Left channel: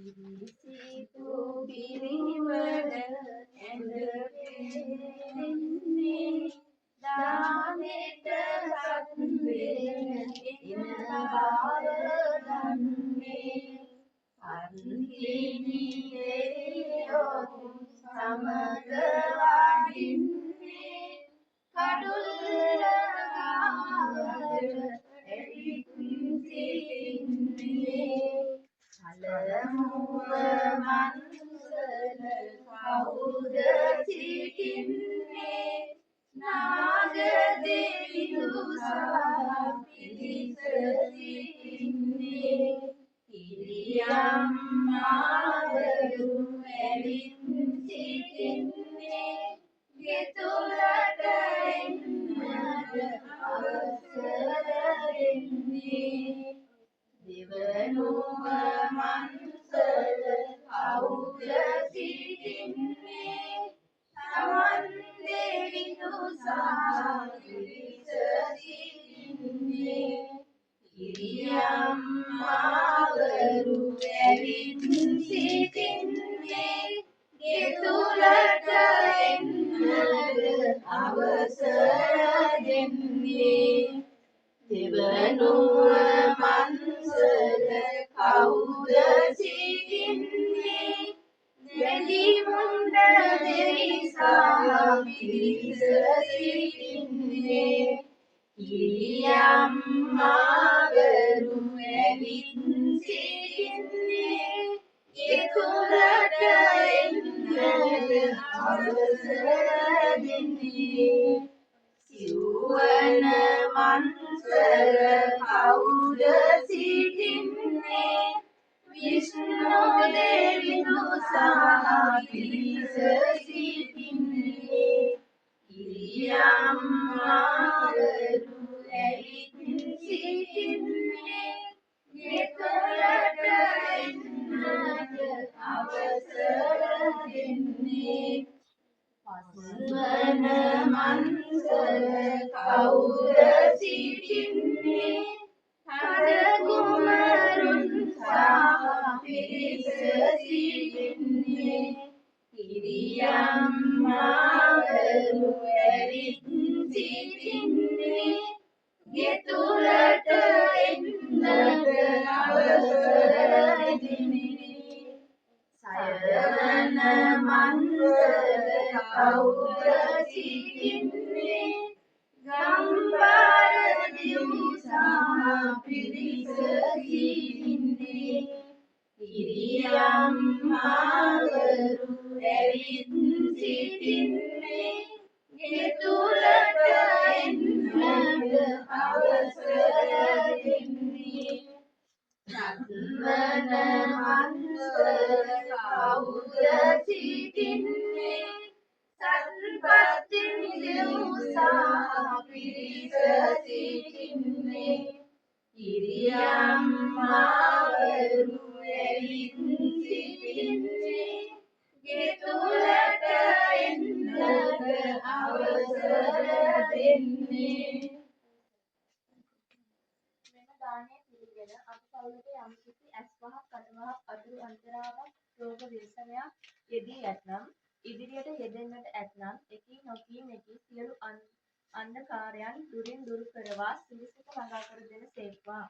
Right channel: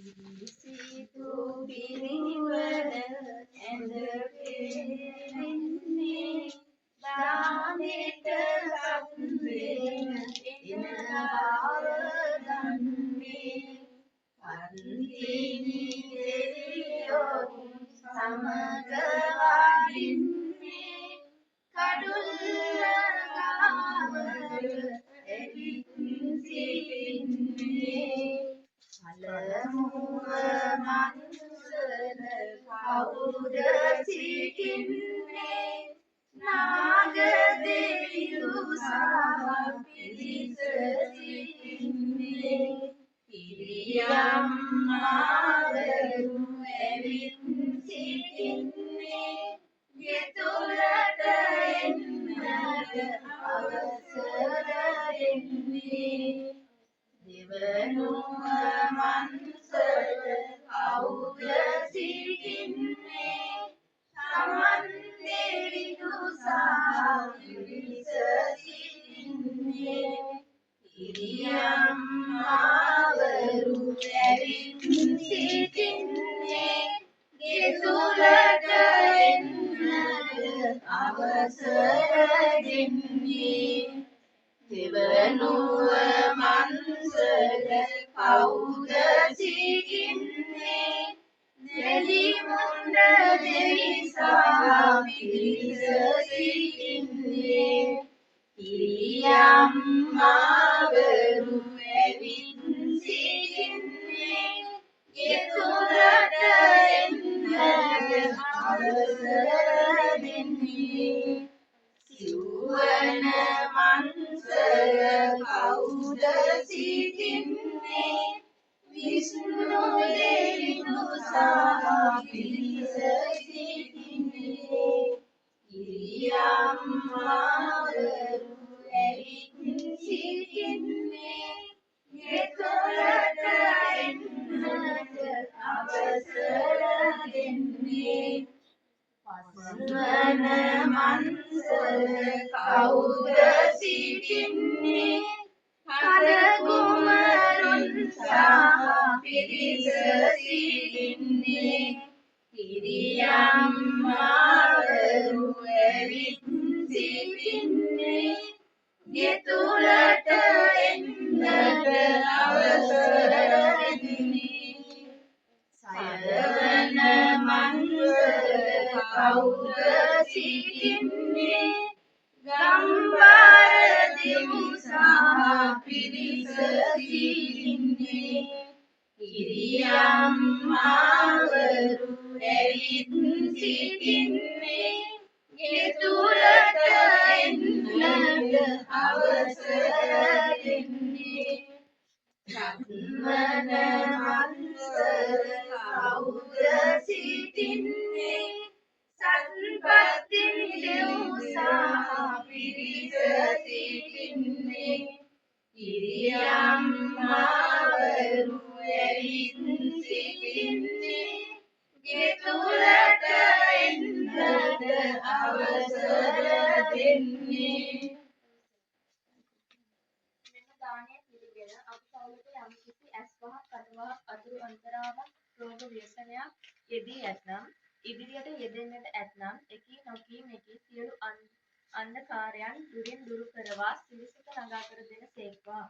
සිතු පිරිවර ඇඳ පෙරෙන්නේ දානෙට සම්දෙන එන බව දන්නේ පන්තිනි දෙවියෝ සමග වඩින්නේ කඩුල්ල ගාවට එවිත් සිටින්නේ පළමුව මන්සල කවුද සිටින්නේ නාග දෙවියෝ සහ පිරිස සිටින්නේ පිරියම් මාවරු ඇවිත් සිටින්නේ ගෙතුලට එන්නට අවසර දෙන්නේ දෙවනුව මන්සල කවුද සිටින්නේ සමන් දෙවියෝ සහ පිරිස සිටින්නේ පිරියම් මාවරු ඇවිත් සිටින්නේ ගෙතුලට එන්නට අවසර දෙන්නේ දෙවනුව මන්සල කවුද සිටින්නේ දෙලිමුණ්ඩ දෙවි සහ පිරිස සිටින්නේ පිරියම් මාවරු ඇවිත් සිටින්නේ ගෙතුලට එන්නට අවසර දෙන්නේ සිව්වන මන්සල කවුද සිටින්නේ විෂ්ණු දෙවියෝ සහ පිරිස සිටින්නේ පිරියම් මාවරු ඇවිත් සිටින්නේ ගෙතුලට එන්නට අවසර දෙන්නේ පස්වන මන්සල කවුද සිටින්නේ කඩ කුමරුන් සහ පිරිස සිටින්නේ පිරියම් මාවරු ඇවිත් සිටින්නේ ගෙතුලට එන්නට අවසර දෙන්නේ සයවන මන්සල කවුද සිටින්නේ ගම්බර දෙවි සහ පිරිස සිටින්නේ පිරියම් මාවරු ඇවිත් සිටින්නේ ගෙතුලට එන්නට අවසර දෙන්නේ සත්වන මන්සල කවුද සිටින්නේ සත්පත්ති දෙව් සහ පිරිස සිටින්නේ පිරියම් මාවරු ඇවිත් සිටින්නේ ගෙතුලට එන්නට අවසර දෙන්නේ මෙම දානය පිළිගෙන අප පවුලට යම්කිසි ඇස්වහක් කටවහක් අතුරු අන්තරාවක් රෝග ව්‍යසනයක් යෙදී ඇතනම් ඉදිරියට යෙදෙන්නට ඇතනම් එකී නොකී මෙකී සියලු අන්ධකාරයන් දුරින් දුරු කරවා සිරිසත ළඟා කර දෙන සේක්වා.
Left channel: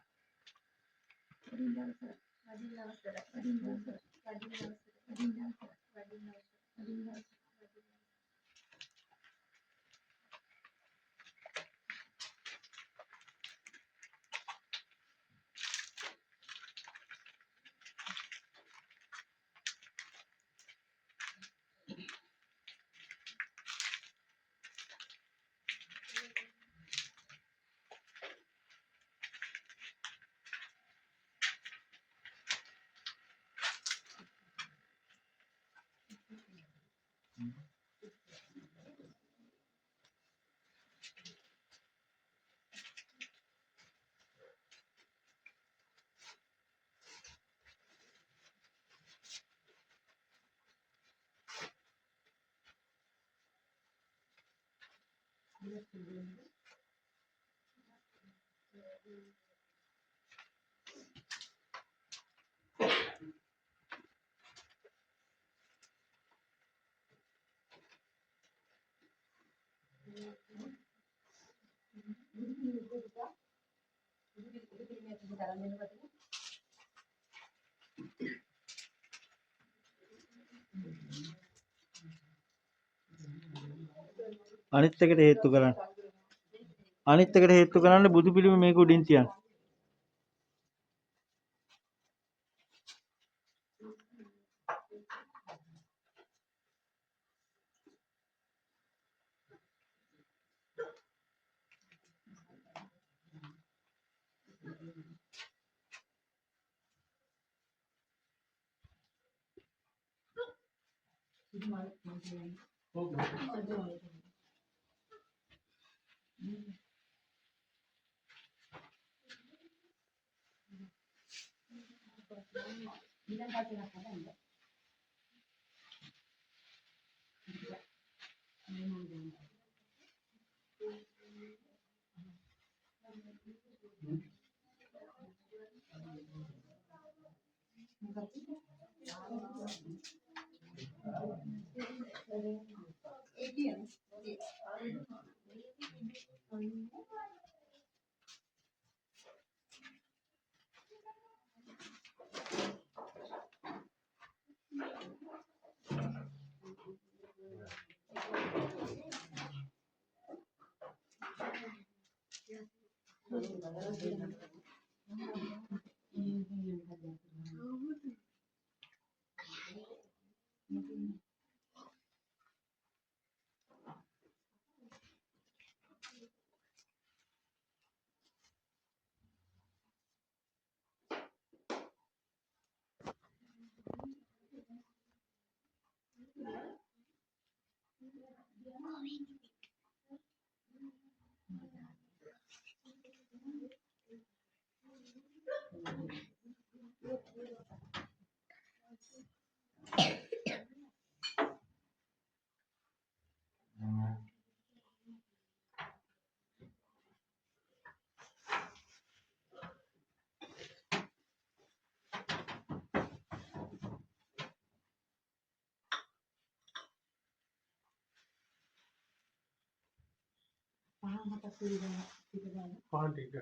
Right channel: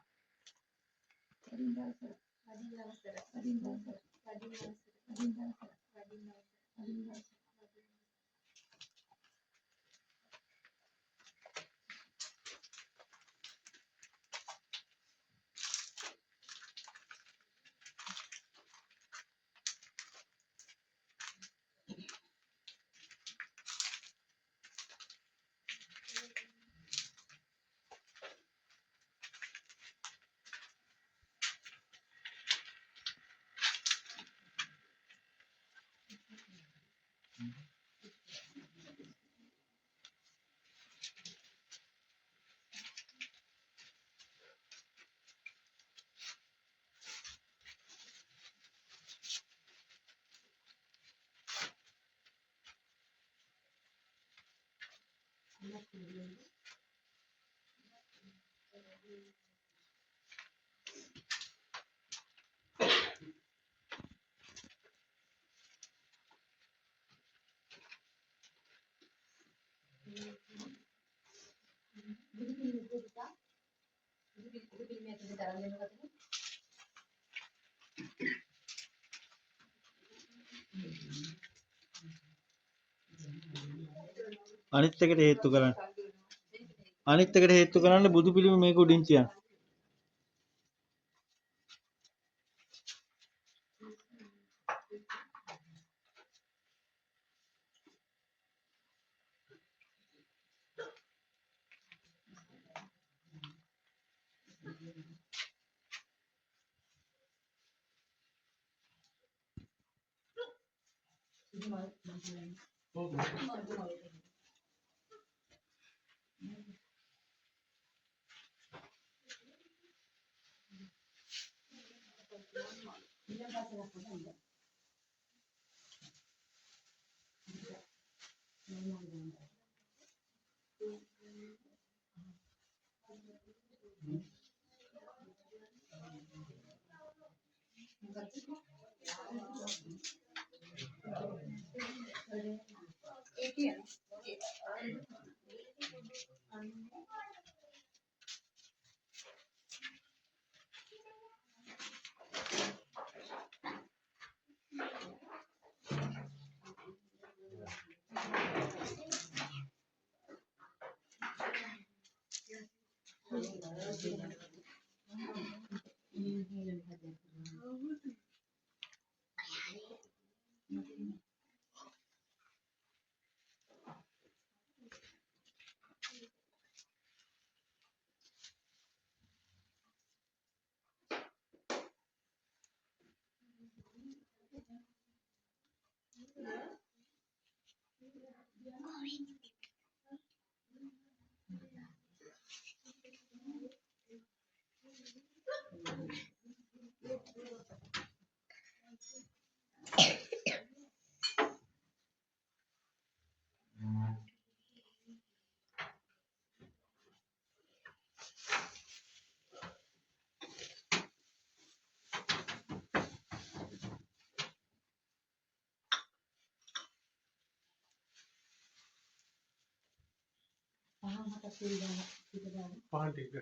අනිත් එකට හේතු කරන්න. අනිත් එකට හේතු කරන්න බුදු පිළිම මේක උඩින් තියන්න. පහන් ටික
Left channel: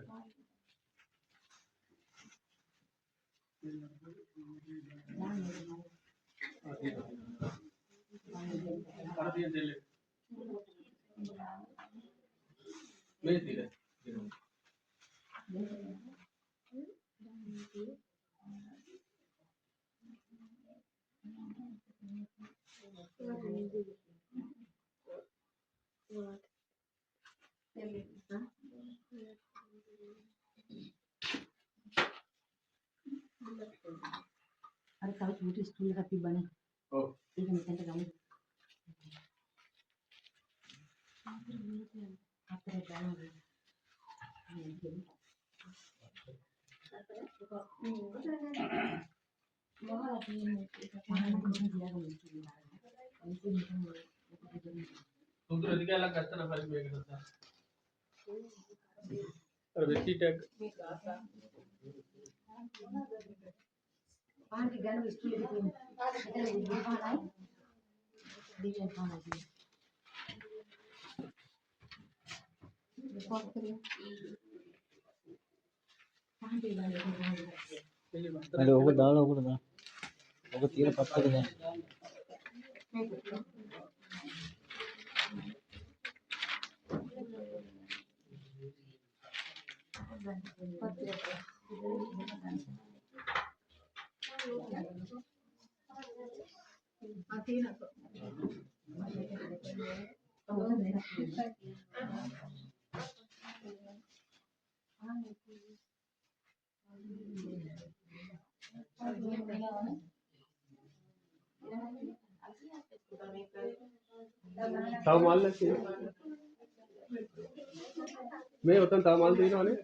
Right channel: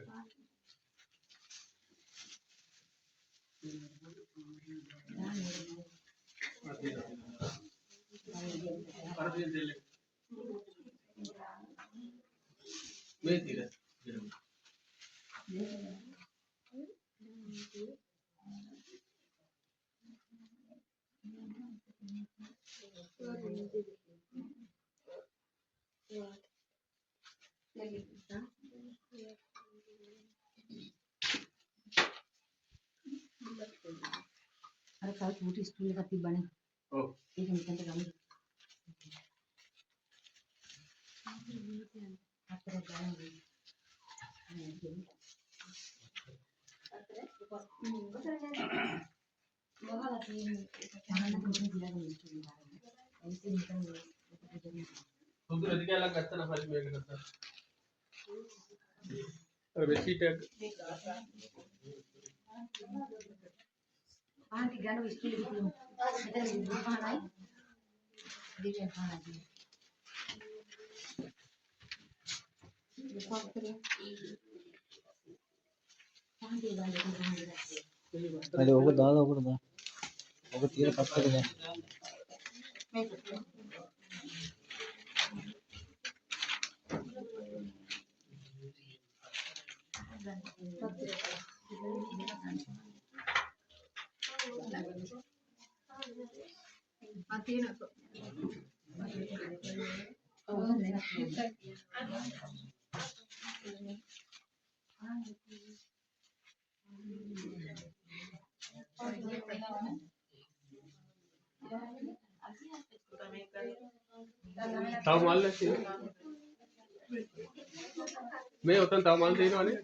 මේ තිර අර කල් පුටි ස්ටූල් එකක් තිබ්බනේ. ඔව් ඒක මෙතනට ගමු. අතර ගමු. මොහොලා තියෙන්නේ. මම නම් ගියාම ස්ටූල් එක ගන්න. ඒක නිකන් සුදු අධිකාරයක් ගත්තා නම් පරිපූර්ණ මේක ගත්තා. අර වෙසිට පහන් ටික ගන්න ස්ටූල් එක තියෙනවා. මෙතන විදුලි පහනයි. දිවියන් පහනයි. පහන් ටික ගන්න. අර ඔක දාලා ඔකට දාන්න. ඔක තියෙන පත්තක දැන්. මේක තව මල් නැති මේ උතන් තව මල් තියෙනවනේ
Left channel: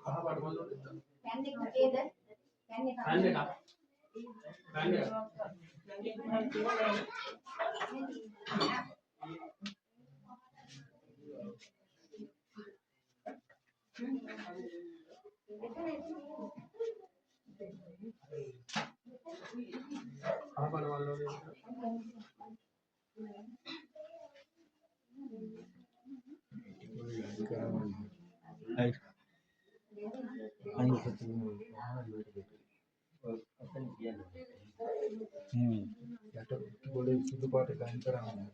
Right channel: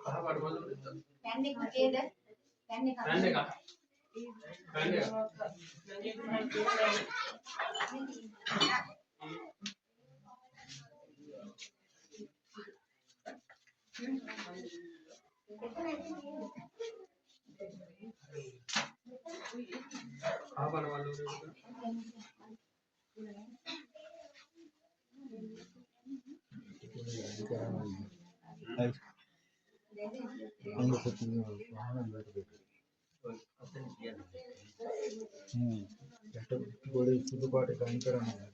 कहाँ पर मालूम है? පැන් එක කේද? පැන් එක खाने का खाने का कहाँ पर मालूम है? අයි අනිත් පැත්තේ යට ගොඩේ සුදු පාට ගයින් කරන්නේ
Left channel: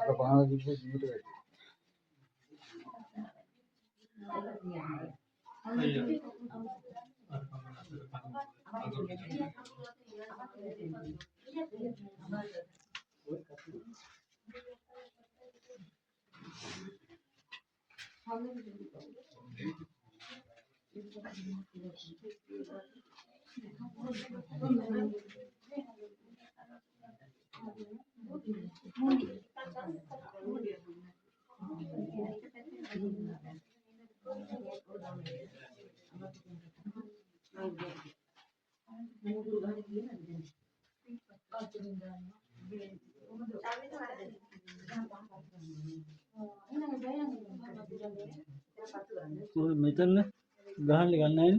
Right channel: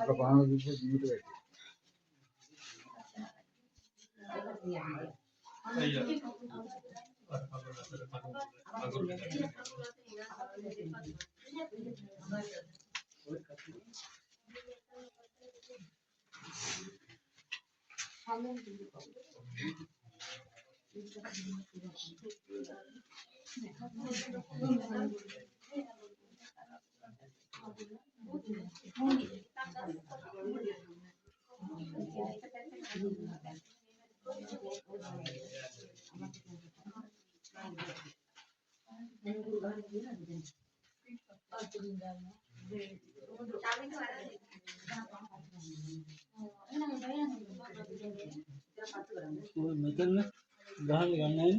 අප පහන දිගේ ජීවිත වැඩි මෙතන ගහන්න ගන්නෑ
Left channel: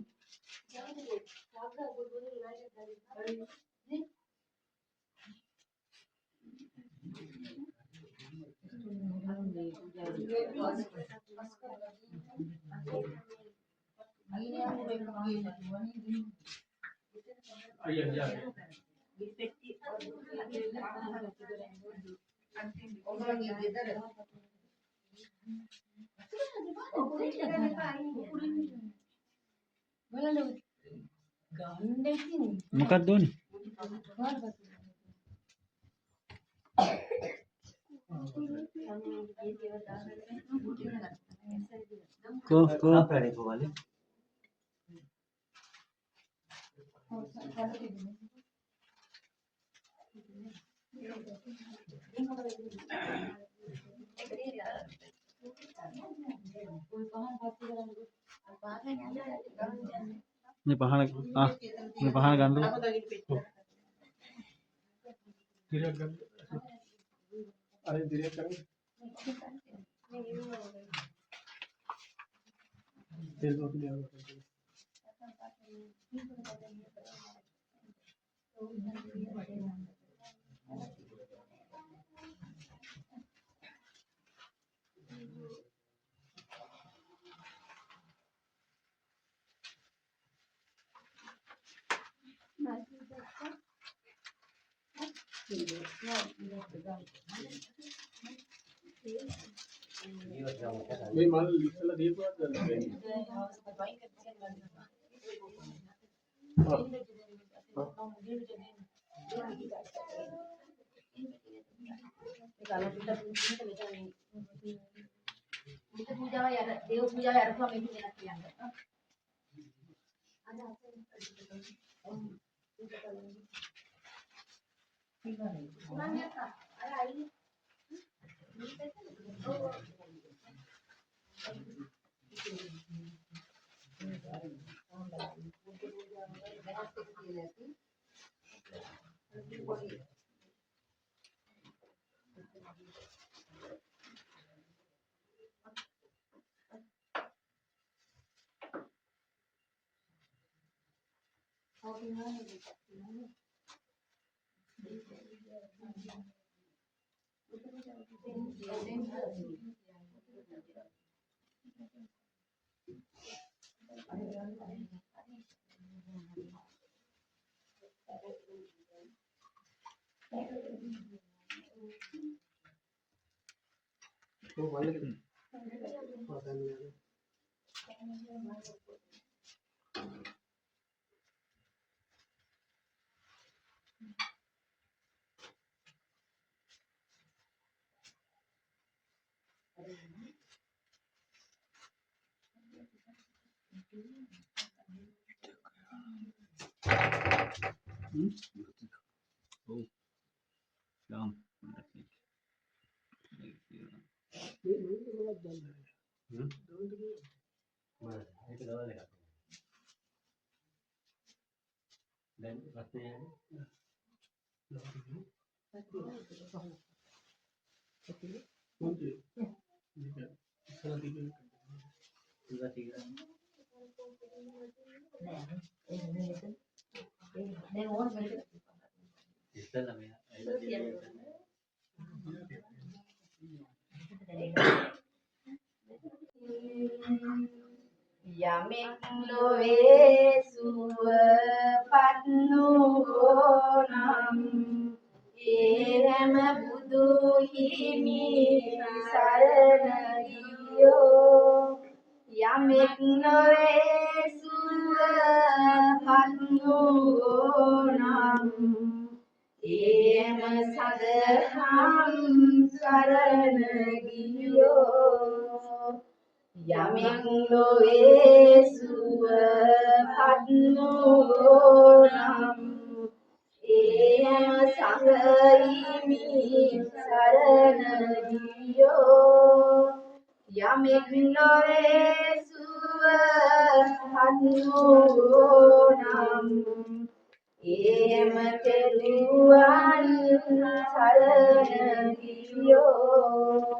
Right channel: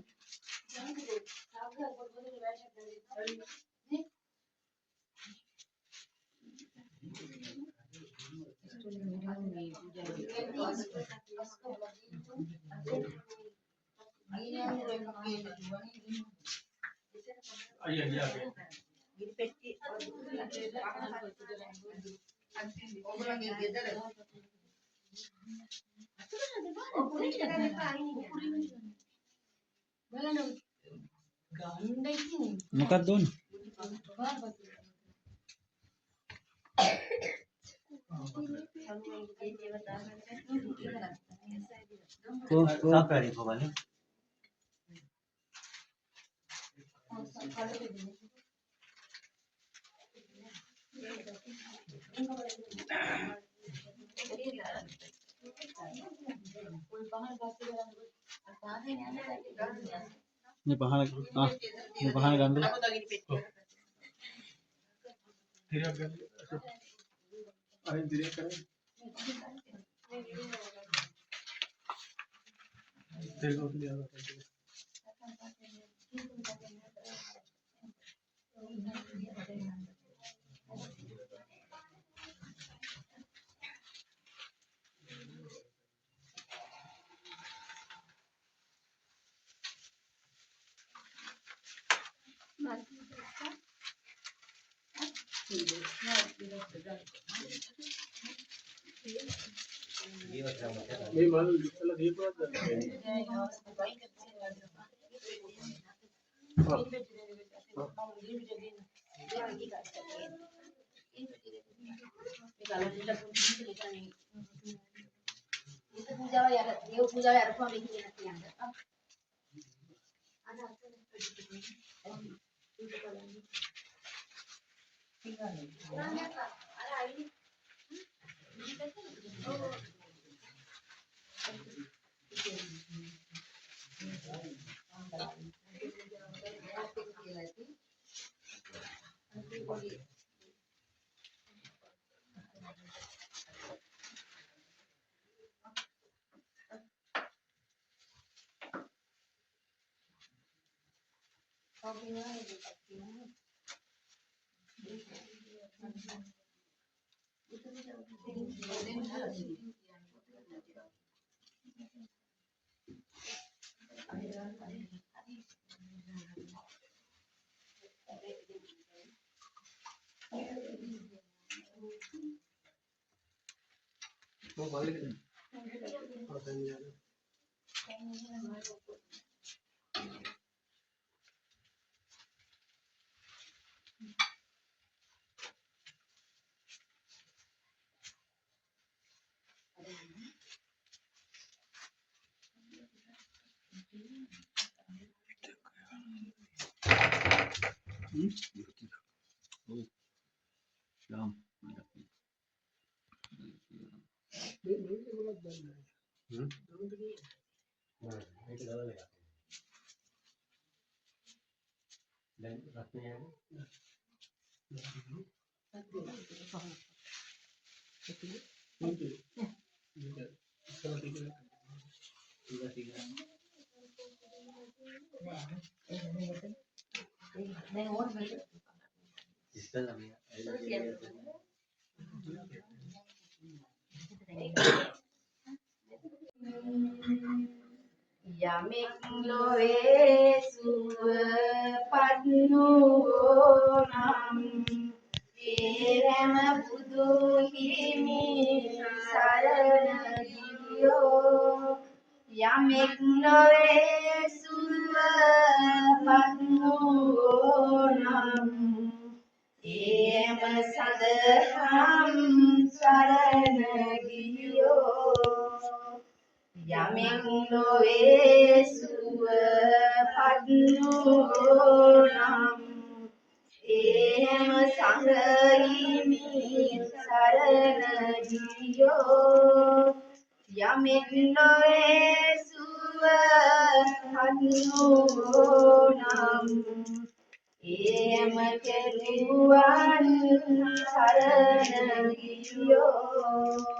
आइए आइए මොකක්ද ඕනේ කො අපරේ කොවලේ මේ පහන මේ පහන ගන්න धीरे कर अरे धीरे करें देखो लिया मैं मान चला दिए तो पूजा यार देव पूजा यार को हमें देना चाहिए तो वाले पता नहीं यार දැන් ඕන වෙලද යමෙක් ලොවේ සුවපත් වූ නම් ඒ හැම බුදු හිමි සරණ ගියෝ යමෙක් ලොවේ සුවපත් වූ නම් ඒම සදහම් සරණ ගියෝ යමෙක් ලොවේ සුවපත් වූ නම් ඒම සංඝහිමි සරණ ගියෝ යමෙක් ලොවේ සුවපත් වූ නම් ඒම තෙරුවන් සරණ ගියෝ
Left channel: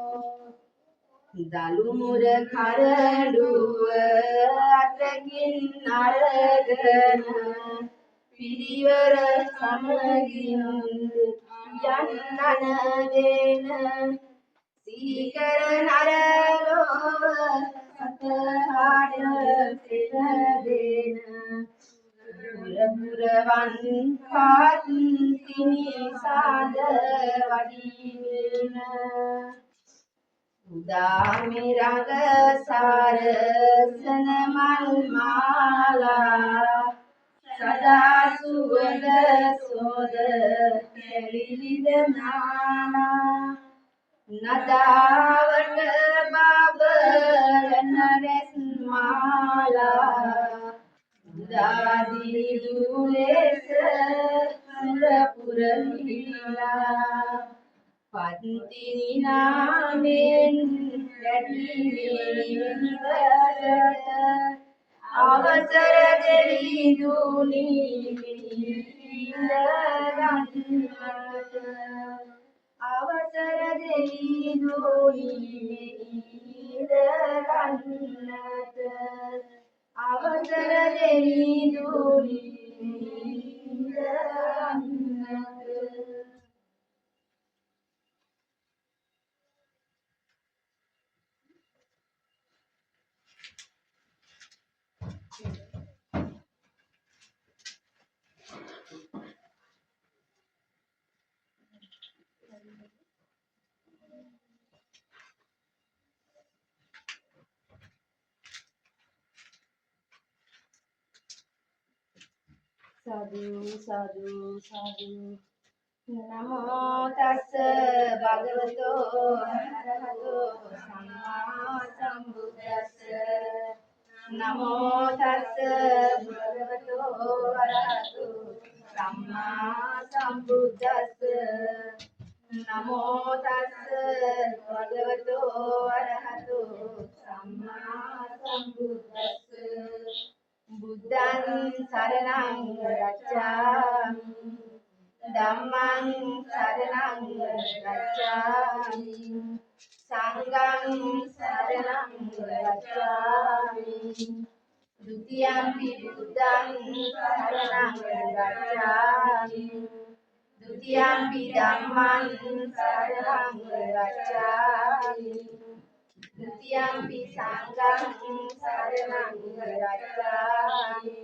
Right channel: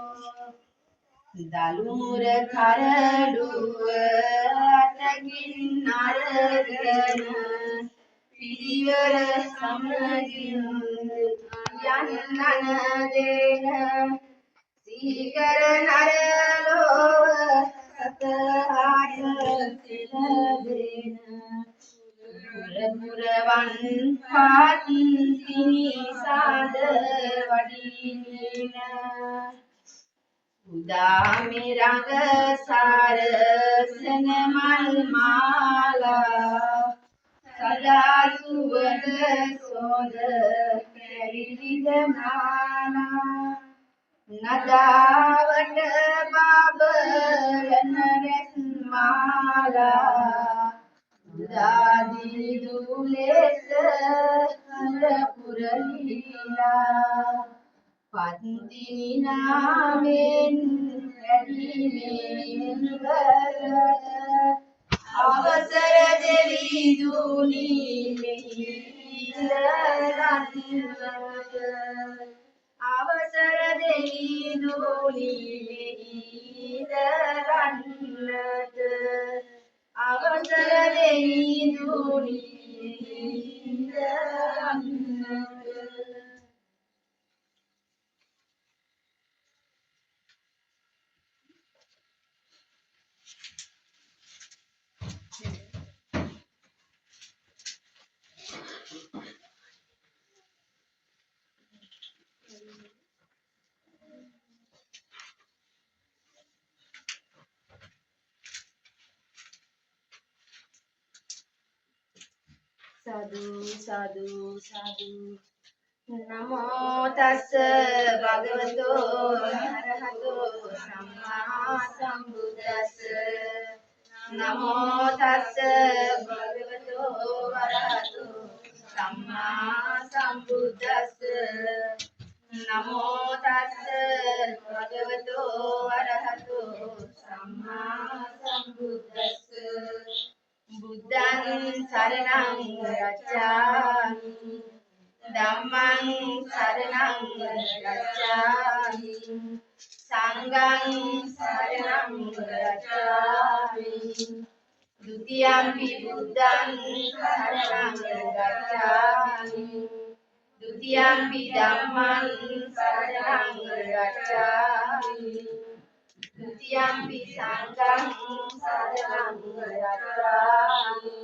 දලුමුර කරඩුව අතකින් අරගෙන පිරිවර සමගින් යන්නන දෙන සීකර නරලොව සතහාට දෙන පුරපුරවන් පාත් තිනිසාද වඩින උදාමි රඟ සාරසන මල් මාලා සදා සුවඳ සෝද කැලිලිද නානා නදාවට බබලන රැස් මාලා උදාදී දුලෙස හඳ පුරහිලා පත්තිනි නාමෙන් වැඩිමේ නිවසට අවසර දෙවි දුනි මෙහි ඉඳගන්නට අවසර දෙවි දුනි මෙහි ඉඳගන්නට අවසර දෙවි දුනි මෙහි ඉඳගන්නට සාදු සාදු සාදු නමෝ තස්ස භගවතෝ අරහතෝ සම්මා සම්බුද්දස්ස නමෝ තස්ස භගවතෝ අරහතෝ සම්මා සම්බුද්දස්ස නමෝ තස්ස භගවතෝ අරහතෝ සම්මා සම්බුද්දස්ස බුද්ධං සරණං ගච්ඡාමි ධම්මං සරණං ගච්ඡාමි සංඝං සරණං ගච්ඡාමි ဒုတိယံ පි බුද්ධං සරණං ගච්ඡාමි ဒုတိယံ පි ධම්මං සරණං ගච්ඡාමි Dutiyampi sanghang saranang gacchami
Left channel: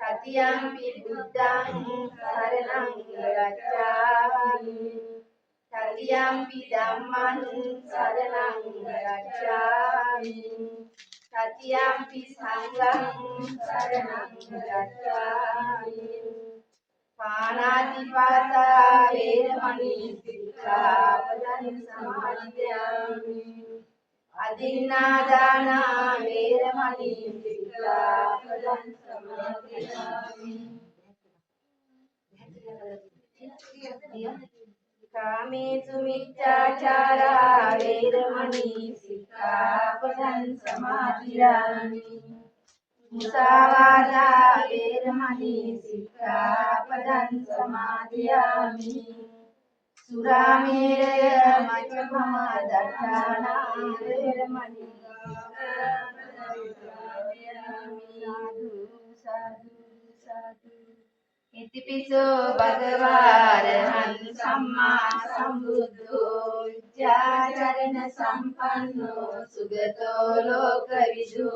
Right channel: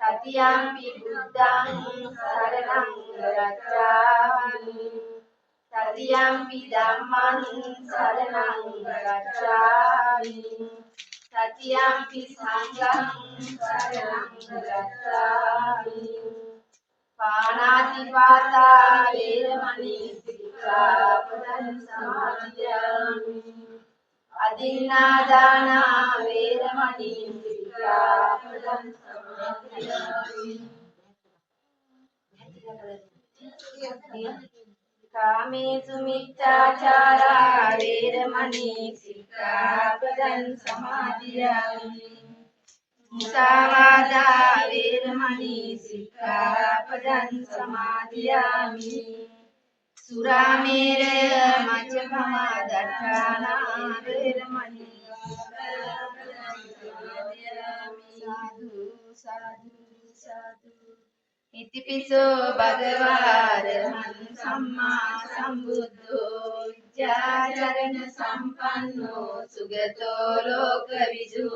Tatiyampi buddhang saranang gacchami Tatiyampi dhammang saranang gacchami Tatiyampi sanghang saranang gacchami Panatipata veramani sikkhapadan samadhiyami Adinadana veramani sikkhapadan samadhiyami Kamesu miccācara veramani සික්ඛාපදං සමාදියාමි මුසාවාදා වේරමණී සික්ඛාපදං සමාදියාමි සුරාමේරය මජ්ජපමා දත්තානා වේරමණී සාදු සාදු සාදු ඉතිපිසෝ භගවාරහං සම්මා සම්බුද්ධෝ විද්‍යාචරණ සම්පන්නෝ සුගතෝ ලෝකවිදු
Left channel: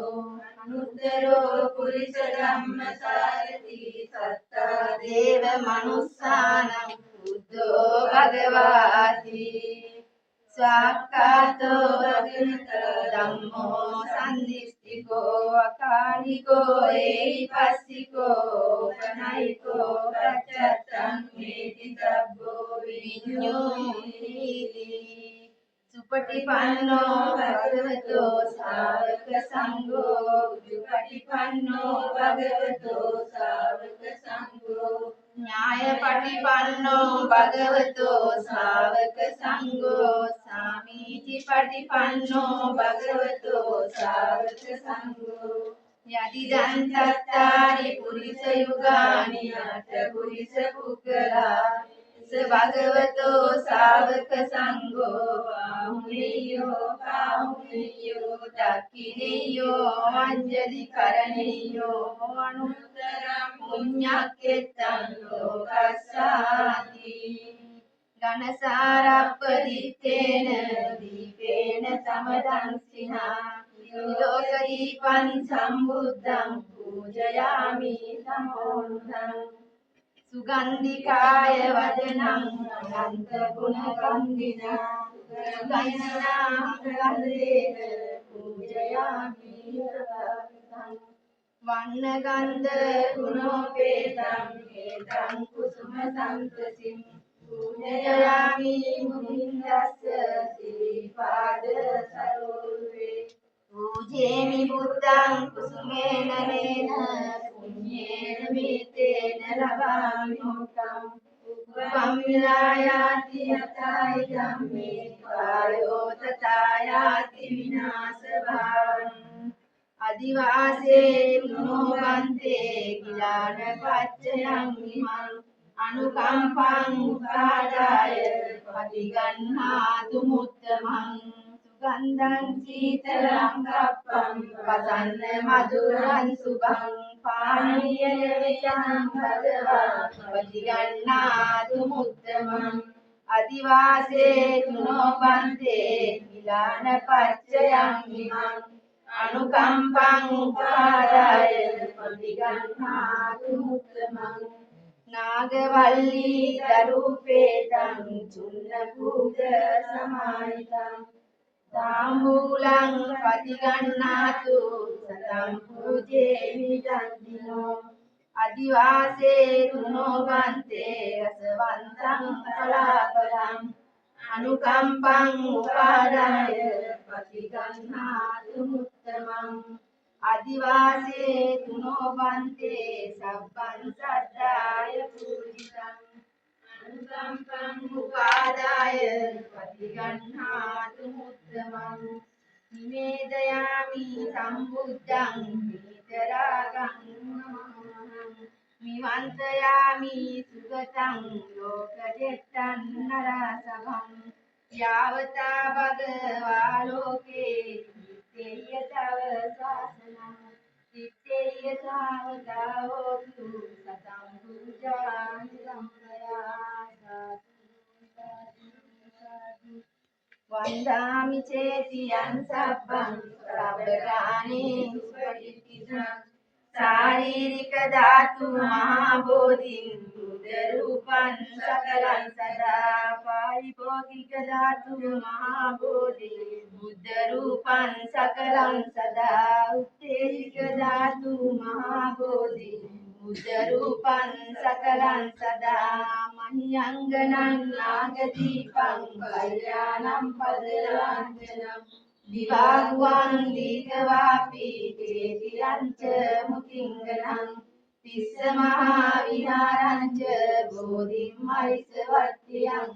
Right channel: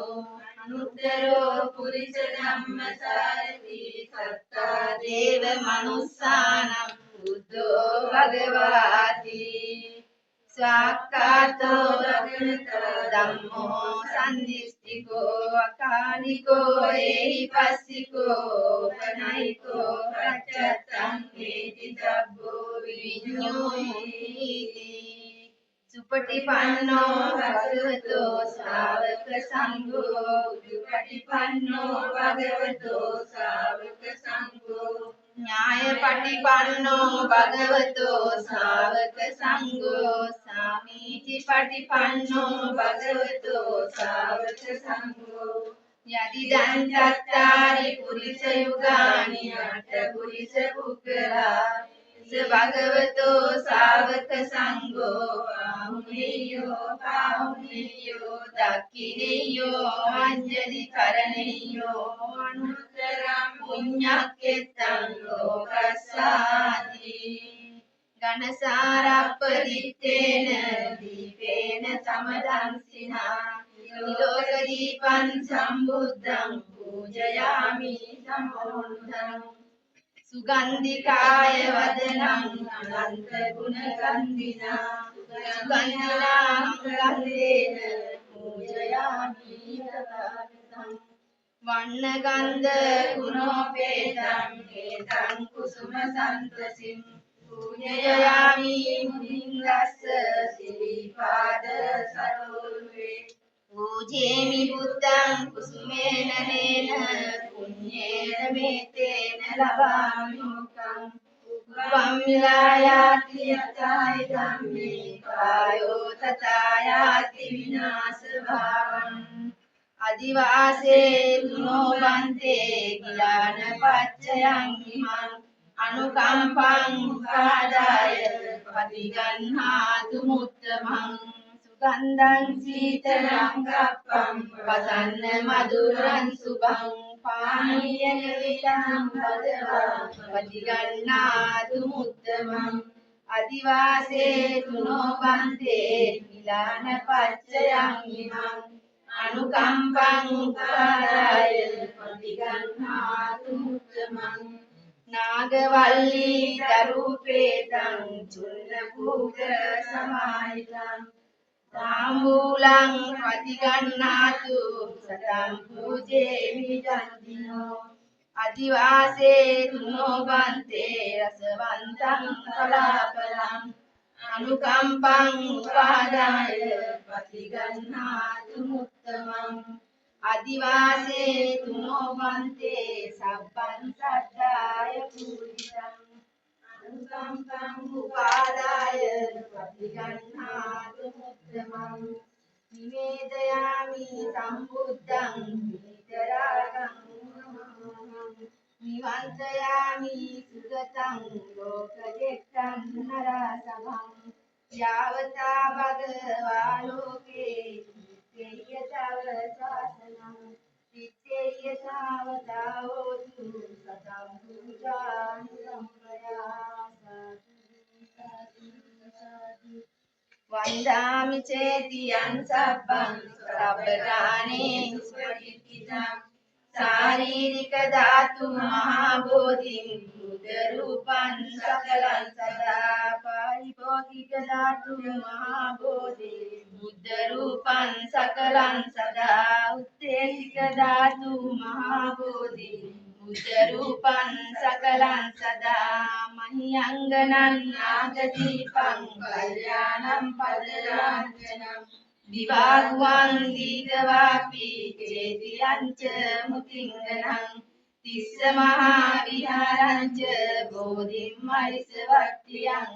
අනුත්තරෝ පුරිස ධම්මසාරති සත්තා දේව මනුස්සානම් බුද්ධෝ භගවාති ස්වාක්ඛාතෝ භගවතෝ ධම්මෝ සම්දිස්තිකෝ අකාලිකෝ ඒහිපස්සිකෝ පනයිකෝ පච්චත්තං හේති තබ්බෝ විඤ්ඤෝති සුපටිපන්නෝ භගවතෝ ශාවක සංඝෝ උජුපටිපන්නෝ භගවතෝ ශාවක සංඝෝ ඥායපටිපන්නෝ භගවතෝ ශාවක සංඝෝ සාමීචි පටිපන්නෝ භගවතෝ ශාවක සංඝෝ යදිදං චත්තාරි පුරිස යුගානි අට පුරිස පුක්ඛලා භගවතෝ ශාවක සංඝෝ පාහුනියෝ දක්ඛිනියෝ අංජලි කරණියෝ අනුත්තරං පුඤ්ඤක්ඛෙත්තං ලෝකස්සාති ඝනසාරප්පදිත්තේන දීපේන සමදංසිනා නිලෝකදීපං සම්බුද්ධං පූජයාමි සමෝන්තං සුගන්ධිකාය වදනං අනන්ත ගුණ ගන්ධිනා සුගන්ධිනා ගන්ධේන පූජයාමි තථාගතං වන්න ගන්ධ ගුණෝපේතං හේතං කුසුම සන්තසින් පූජයාමි මුනිංගස්ස සිරිපාද සරෝරුවේ පූජේමි බුද්ධං කුසුමේන නේන පුඤ්ඤේන මේතේන ලබාමි මුක්ඛං උප්පම් විලායාති යතයි ධම්මේ කායෝ තථායාති විනාශ භාවං අදිවාසේ තුනෝ බන්තේ කිලාන පච්චයං ඉමං අනුකම්පං උපාදාය පටිගන්හාතු මුත්තමං සුගන්ධං සීතලං කප්පං වසන්න මధుරං සුභං පානීය විතං භගවා පටිගන්හාතු මුත්තමං අදිවාසේ තුනෝ බන්තේ කිලාන පච්චයං ඉමං අනුකම්පං උපාදාය පටිගන්හාතු මුත්තමං නාගවල්ලී දරූපේතං චුන්න පූජ සමාහිතං තාම්බූලං පටිගන්නාතු සතං පූජේමි ජන්තිනෝ අදිවාසේ තුනෝ බන්තේ රසවන්තං කලාපලං අනුකම්පං උපාදාය පටිගන්නාතු මුත්තමං අදිවාසේ තුනෝ බන්තේ සබ්බං සද්දාය පූජිතං අනුකම්පං උපාදාය පටිගන්හාතු මුත්තමං නිවේදයාමි සම්බුද්ධං විතරාගං මිවන්තයාමි සුගතං ලෝකජෙත්තං නරසභං යාවතා භගවා ලෝකේ තිත්තේයතව ශාසනං තිත්තේයතාවතා හෝතු සතං පූජාමි සම්පයා සාදු වන්දාමි චේතියං සබ්බං සබ්බකානේ සුපටිච්චිතං शारीरिक धातु महाबोधिं बुद्ध रूपं सकलं सदा पारिभौतिक धातु महाबोधि बुद्ध रूपं सकलं सदा उत्तेजिक धातु महाबोधि बुद्ध रूपं सकलं सदा मह्यंगनं नागदीपं कल्याणं पदराञ्जनम् दिवाग्वान् दीगवापि चेतियञ्च मुतिङ्गनं तिस्स महाविहारञ्च बोधिं मरिसवर्त्यं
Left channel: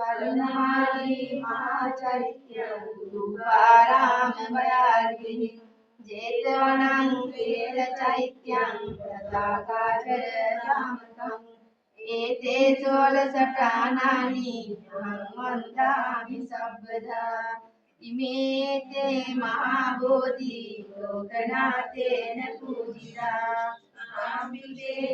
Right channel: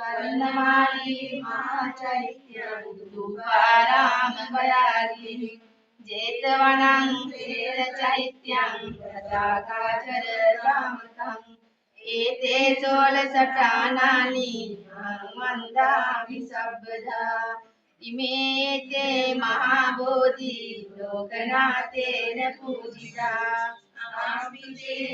ස්වර්ණමාලී මහා චෛත්‍යං ධූපාරාමමයාගිනි ජේතවනං සේන චෛත්‍යං පතාකාචර රාමකං ඒතේ චෝල සඨානානි අහං වන්දාමි සබ්බදා ඉමේතේ මහා බෝධි ලෝකනාතේන පූජිතා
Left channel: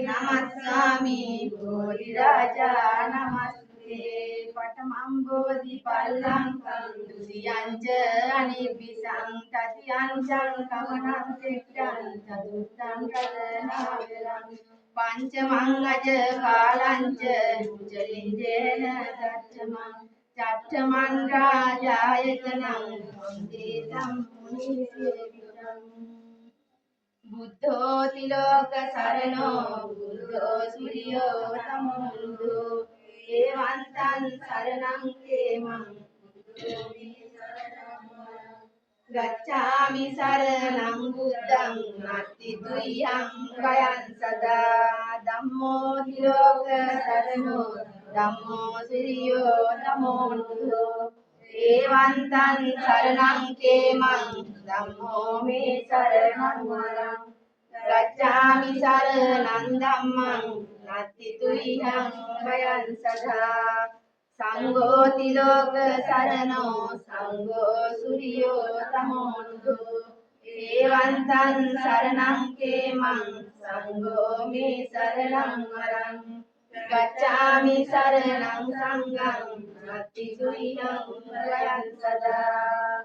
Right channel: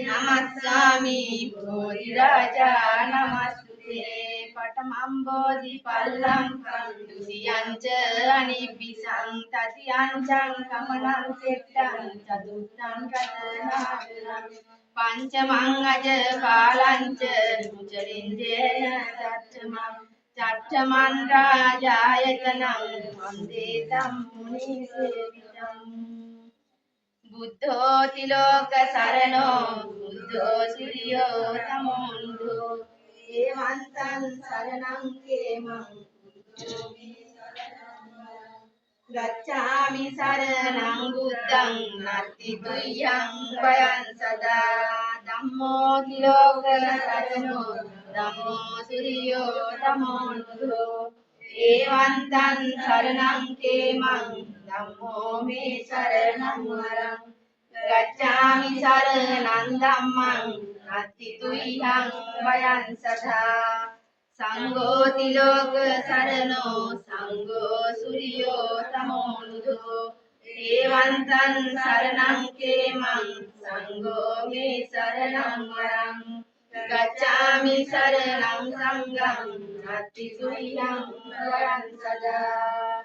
නමස්සාමි බෝධි රාජා නමස්තුතේ පඨමං බෝධි පල්ලංකං ဒ ුතියං ච අනිබ්බිසං තතියං චං කමනං සෙට්ටං චතුත්තං රතනාගරං පංචමං අජ කාලං ච මුචලින්දේන තච්චමං චත්තමන් රාජායතනං වන්දේ තම් මුනි සේවිතං බුද්ධෝ තිලෝක සරණෝ බුද්ධෝ සිරියෝ තමෝන්දු ඒවන්තං සරණං කේමං බුද්ධෝ ගච්ඡාමි සරණං බුද්ධං නත්ති තුයං වයං සදා ධම්මෝ තිලෝක සරණෝ ධම්මෝ සිරියෝ තමෝන්දු ඒවන්තං සරණං කේමං ධම්මෝ මේ සරණං වරං ගච්ඡාමි සරණං ධම්මං නත්ති තුයං වයං සදා සංඝෝ තිලෝක සරණෝ සංඝෝ සුරියෝ තමෝන්දු ඒවන්තං සරණං කේමං සංඝෝ මේ සරණං වරං ගච්ඡාමි සරණං සංඝං නත්ති තුයං වයං සදා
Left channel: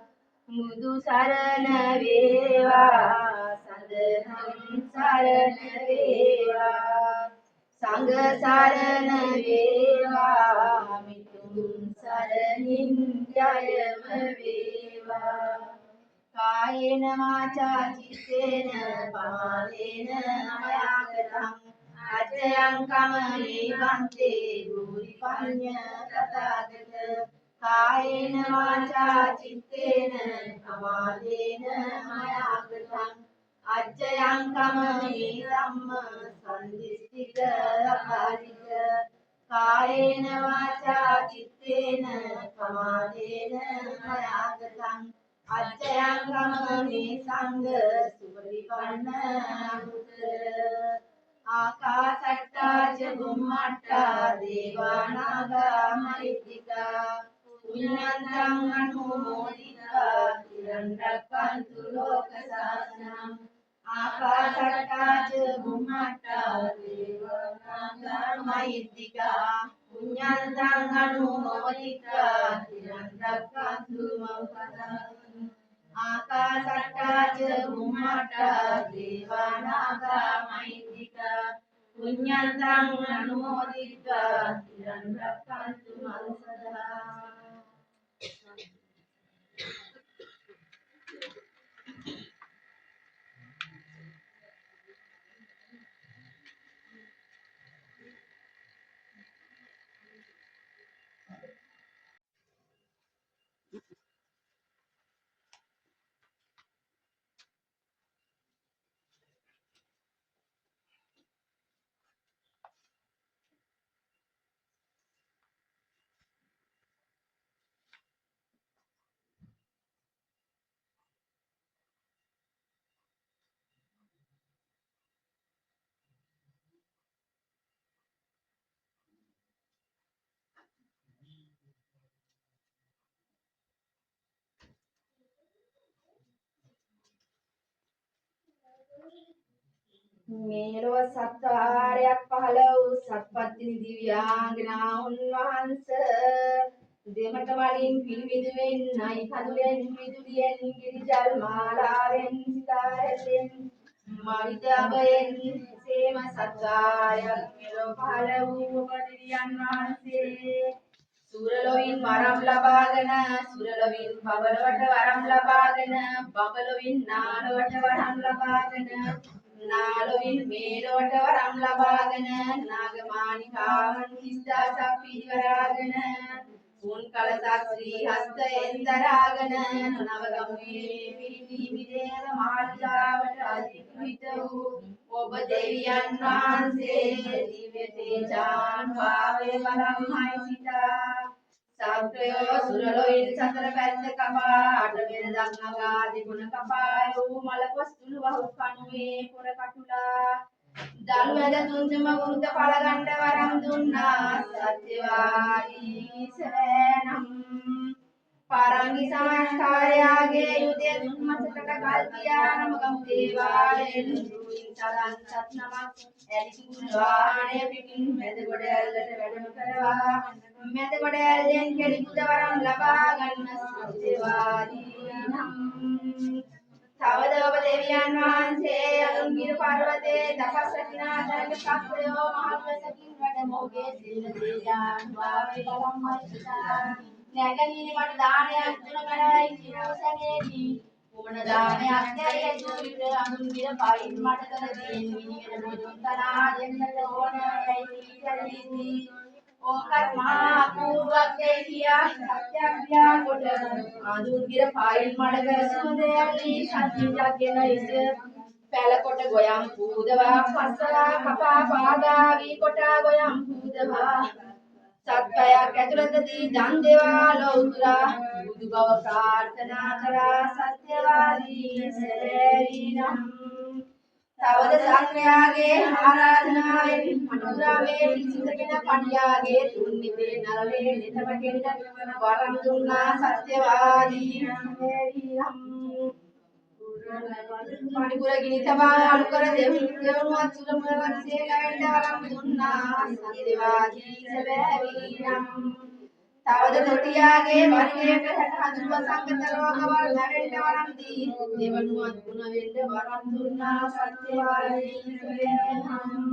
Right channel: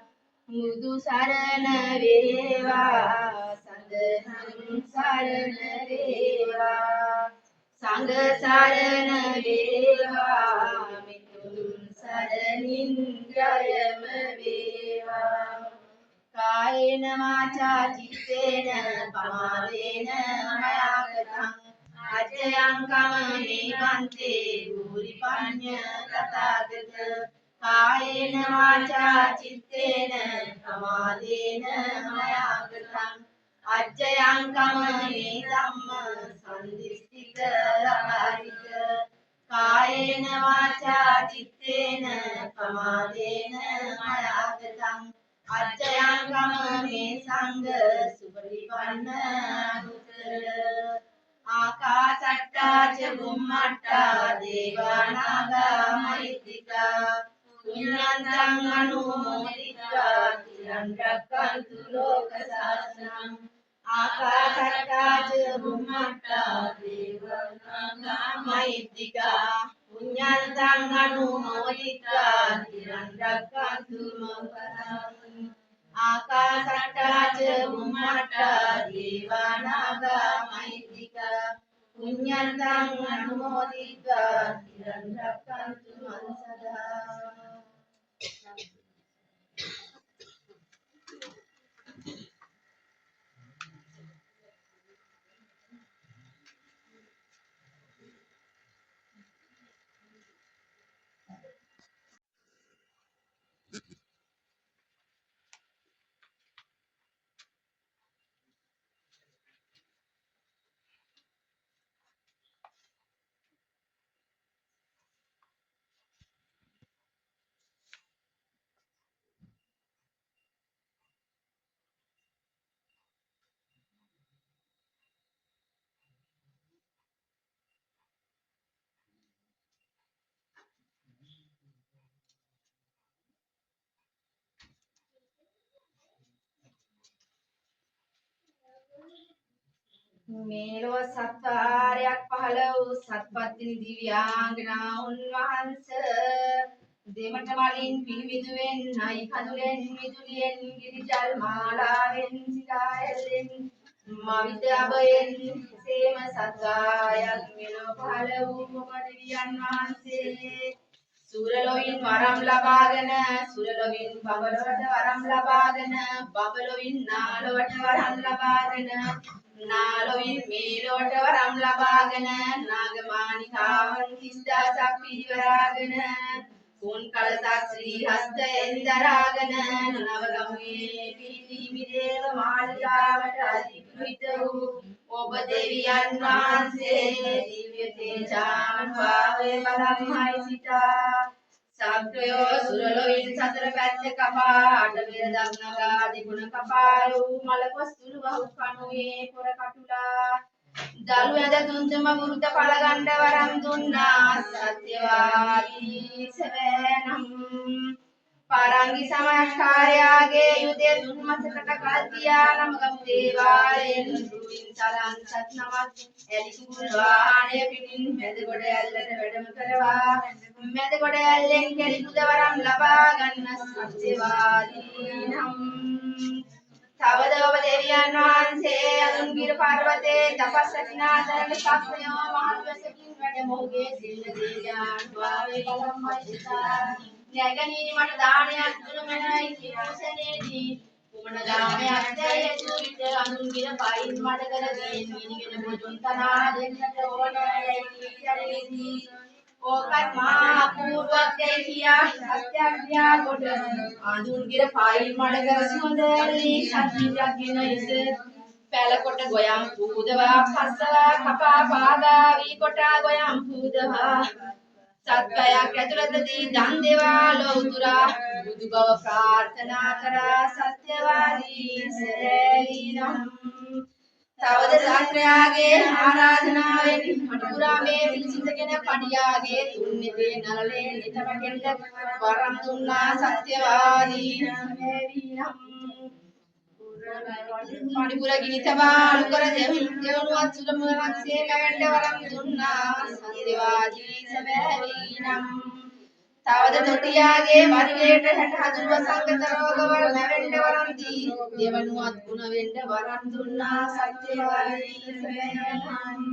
මුදු සරණ වේවා සදහම් සරණ වේවා සංඝ සරණ වේවා මිතුම් සරණින් ජයම වේවා කායේන වාචා චිත්තේන පමාදේන මයාකතං අජයං කමමේ වන්තේ භූරි පඤ්ඤ තථාගත කායේන වාචා චිත්තේන පමාදේන මයාකතං අජ්ජයං කමමේ ධම්ම සම්දිස්තික අපාරික කායේන වාචා චිත්තේන පමාදේන මයාගතං අජ්ජයං කමමේ සංඝ සුපටිපන්න අනුත්තර ආකාසට්ටා ච බුම්මට්ටා දේවානාගා මහිත්‍තිකා පුඤ්ඤන්තං අනුමෝදිत्वा තිරං රක්ඛන්තු ලෝක සාසනං ආකාසට්ටා ච බුම්මට්ටා දේවානාගා මහිත්‍තිකා පුඤ්ඤන්තං අනුමෝදිत्वा තිරං රක්ඛන්තු මං පරං ආකාසට්ටා ච බුම්මට්ටා දේවානාගා මහිත්‍තිකා පුඤ්ඤන්තං අනුමෝදිत्वा තිරං රක්ඛන්තු මං සදා මේලොව සත්කාරයක් පහළ වූ සත්පත්තිනි දිව්‍යාංගනා උන්වහන්ස දෙමට මලින් පිළිවිදුවෙන් නයි කඳුලෙන් විදුලියෙන් ගිරිජල් මාලාවෙන් සිතාරෙල්ලෙන් මවිත අබයෙන් සේම සත්කාරයක් මෙලොව පහළ වූ ඔබ දිව්‍යයන් වහන්සේ සූරලොවින් වරම් ලබාගෙන සූරලොවින් බබලොවට වරම් ලබාගෙන බබලොවින් නාලොවට වරම් ලබාගෙන නාලොවින් මේලොවට වරම් ලබාගෙන නාගමානිකාවන් 30000ක් පිරිවරාගෙන උන් කලසක් ශ්‍රී හස්තයෙන් දරාගෙන නවගමුවේ පිහිටි මිදේව මාලිගාවට අධිග්‍රහිත වූ ඔබ දෙවියන් වහන්සේ දිව්‍ය තේජානුභාවයේ බලම්හයි සිතා සක්‍රයෝ සුරලොයින් සතර පැත්ත කපා අටවෙර දක්නගා දෙගුණ කපායෝ මලකොස්තුළු වහු කනුවේ පොර කටුලා දලු ඇද තුන්තුම වෘත පළගණ්ඩ වරම් දුන්නා සත්‍යවාදී සවැනම් පාරංගි සමාස්කාරයාගේ යුදේ දුන්මසකට කල්තියා නමගම් දේවාලයෙන් රුවින් සලන් සත් නමක් එලිකුල් වාහනය පිටින් මැද ගොඩ ඇල්ලට වැඩම කරවා මැද ගොඩ ඇල්ලෙන් කෙලිකුද වරම් ලබා ගන්න සත්‍යවාදී නම් තවද ඔබ දෙවියන් වහන්සේ අනුන්ගිර පර්වතයේ තපස් රැකිනාතරට සක්‍රයෝ මහල්වසකින් වැඩ මොහුගේ සිල්ල දේජාන් වාවේ බලම්මයි නැගණීනි මට දානයක් දුන මැනවයි කියෝ සැනේදී කුමන දානයක් දැයෙතු විට අනුන්ගිර පයින් මට කර දීන් මිනිගෙන බුදුන් තනා දෙන්නට ඕන යයි කීතරේදී ඕකත් මහා අපූර්වක් යයි කියා සත්‍යක්‍රියා කොට අනුන්ගිර පයින් මට කර සුවඳැල්ලි සත්‍යයක්ගෙන ඉස පැල කොට ගොයම් පූදවා පස්සවා කපා පාගා වී කොටා ගොයම් පූදවා සත්කයක් ඇතුළතදී දන් දේවා ලෞතුරා බුදු බව ප්‍රාර්ථනා කරා සත්‍යවාදී සරේනම් තවද සාත්‍රයාගේ ආරාධනාවෙන් අනුරා මේ පිළිසිතගෙන පඩියාගේ තුන්නිතේ නලලේ නිතමකෙන්ද වරම් දුන්නා සත්‍යවාදී සරේනම් පණිපුර ගිනි තබා අලු කර දෙවනුවත් සුලමරන්සේ මැවෙන්න වරම් දුන්නා සත්‍යවාදී සැබෑවිනම් තවද තොටියාගේ පරිවේට 60 වසංගත රෝගවල මැවෙන්න වරම් දී දෙවනුවත් ගුණ වෙන්න වරම් දුන්නා සත්‍යවාදී සැබෑවිනම්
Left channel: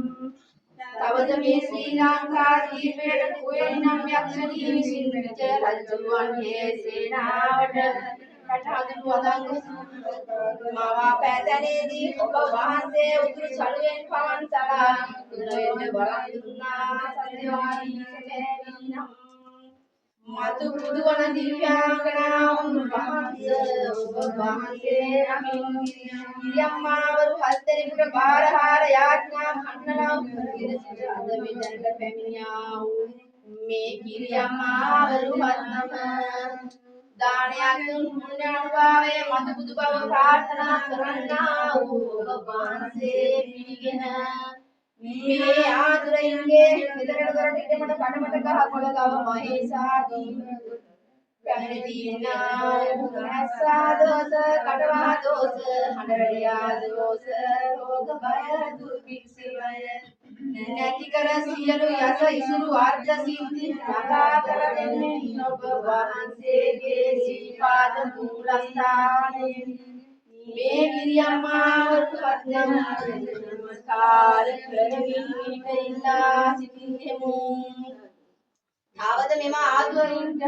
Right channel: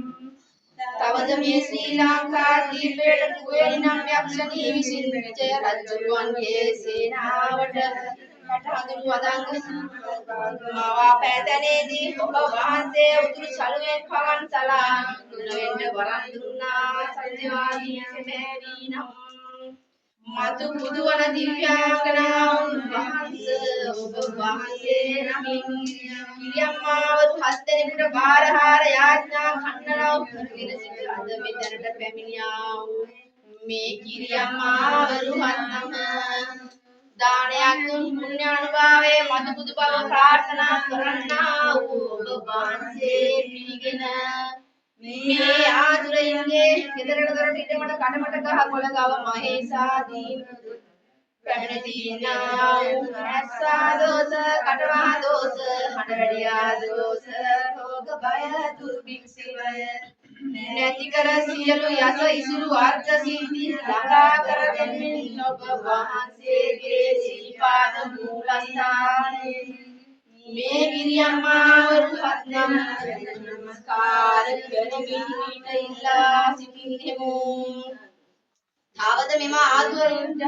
තවද මේ ශ්‍රී ලංකා දීපයට කුවේණි නම් යක්ෂණී විසින් විජය රජුරුවන්ගේ සේනාවට කටහඳුළු වදංග මවා පැතැනේදී ඔබ වහන්සේ උතුරු සළුවෙන් පවන් සලා ගුණ වෙන්න වරම් දුන්නා සත්‍යවාදී සැබෑවිනම් මතු බුදු වන දිව්‍යාංගනාවුන් වහන්සේ ඔබ වහන්සේ නමින් කිරියම්මාවරු 7 දෙනෙකුට බාරහාර යාඥා කන්නලව් කරගෙන සිට අද මෙතනට පැමිණියා වූ මේ කිරියම්මාවරු 7 දානයක් දුන් පුණ්‍ය අනුභවයේ මතු බුදු බව ප්‍රාර්ථනා කරන්නා වූ ඔබ වහන්සේ පිළිගෙන මේ ආදුරයින්ගේ ගෙදරට දොරට ඉදමට කඩමට ගහ කොළ ගව මහේසාදීන් පැමිණ දීනා ඇස්සා දෝස කටවා දෝස හඬ වැඩියා දෝස රෝග බය දුර්භික්ෂවය නැති කර සියලු යස ඉසුරු අර්ථ සිද්ධි ළඟා කර දෙමින් ඔබ වහන්සේගේ සීපාද මූලස්ථානයේ මේ ගිරියම්මාවරු පත්නම් නමස්කාර කරමින් ඉල්ලා සිටින්නෙමු. ආවද මෙම ආදුවරින්ට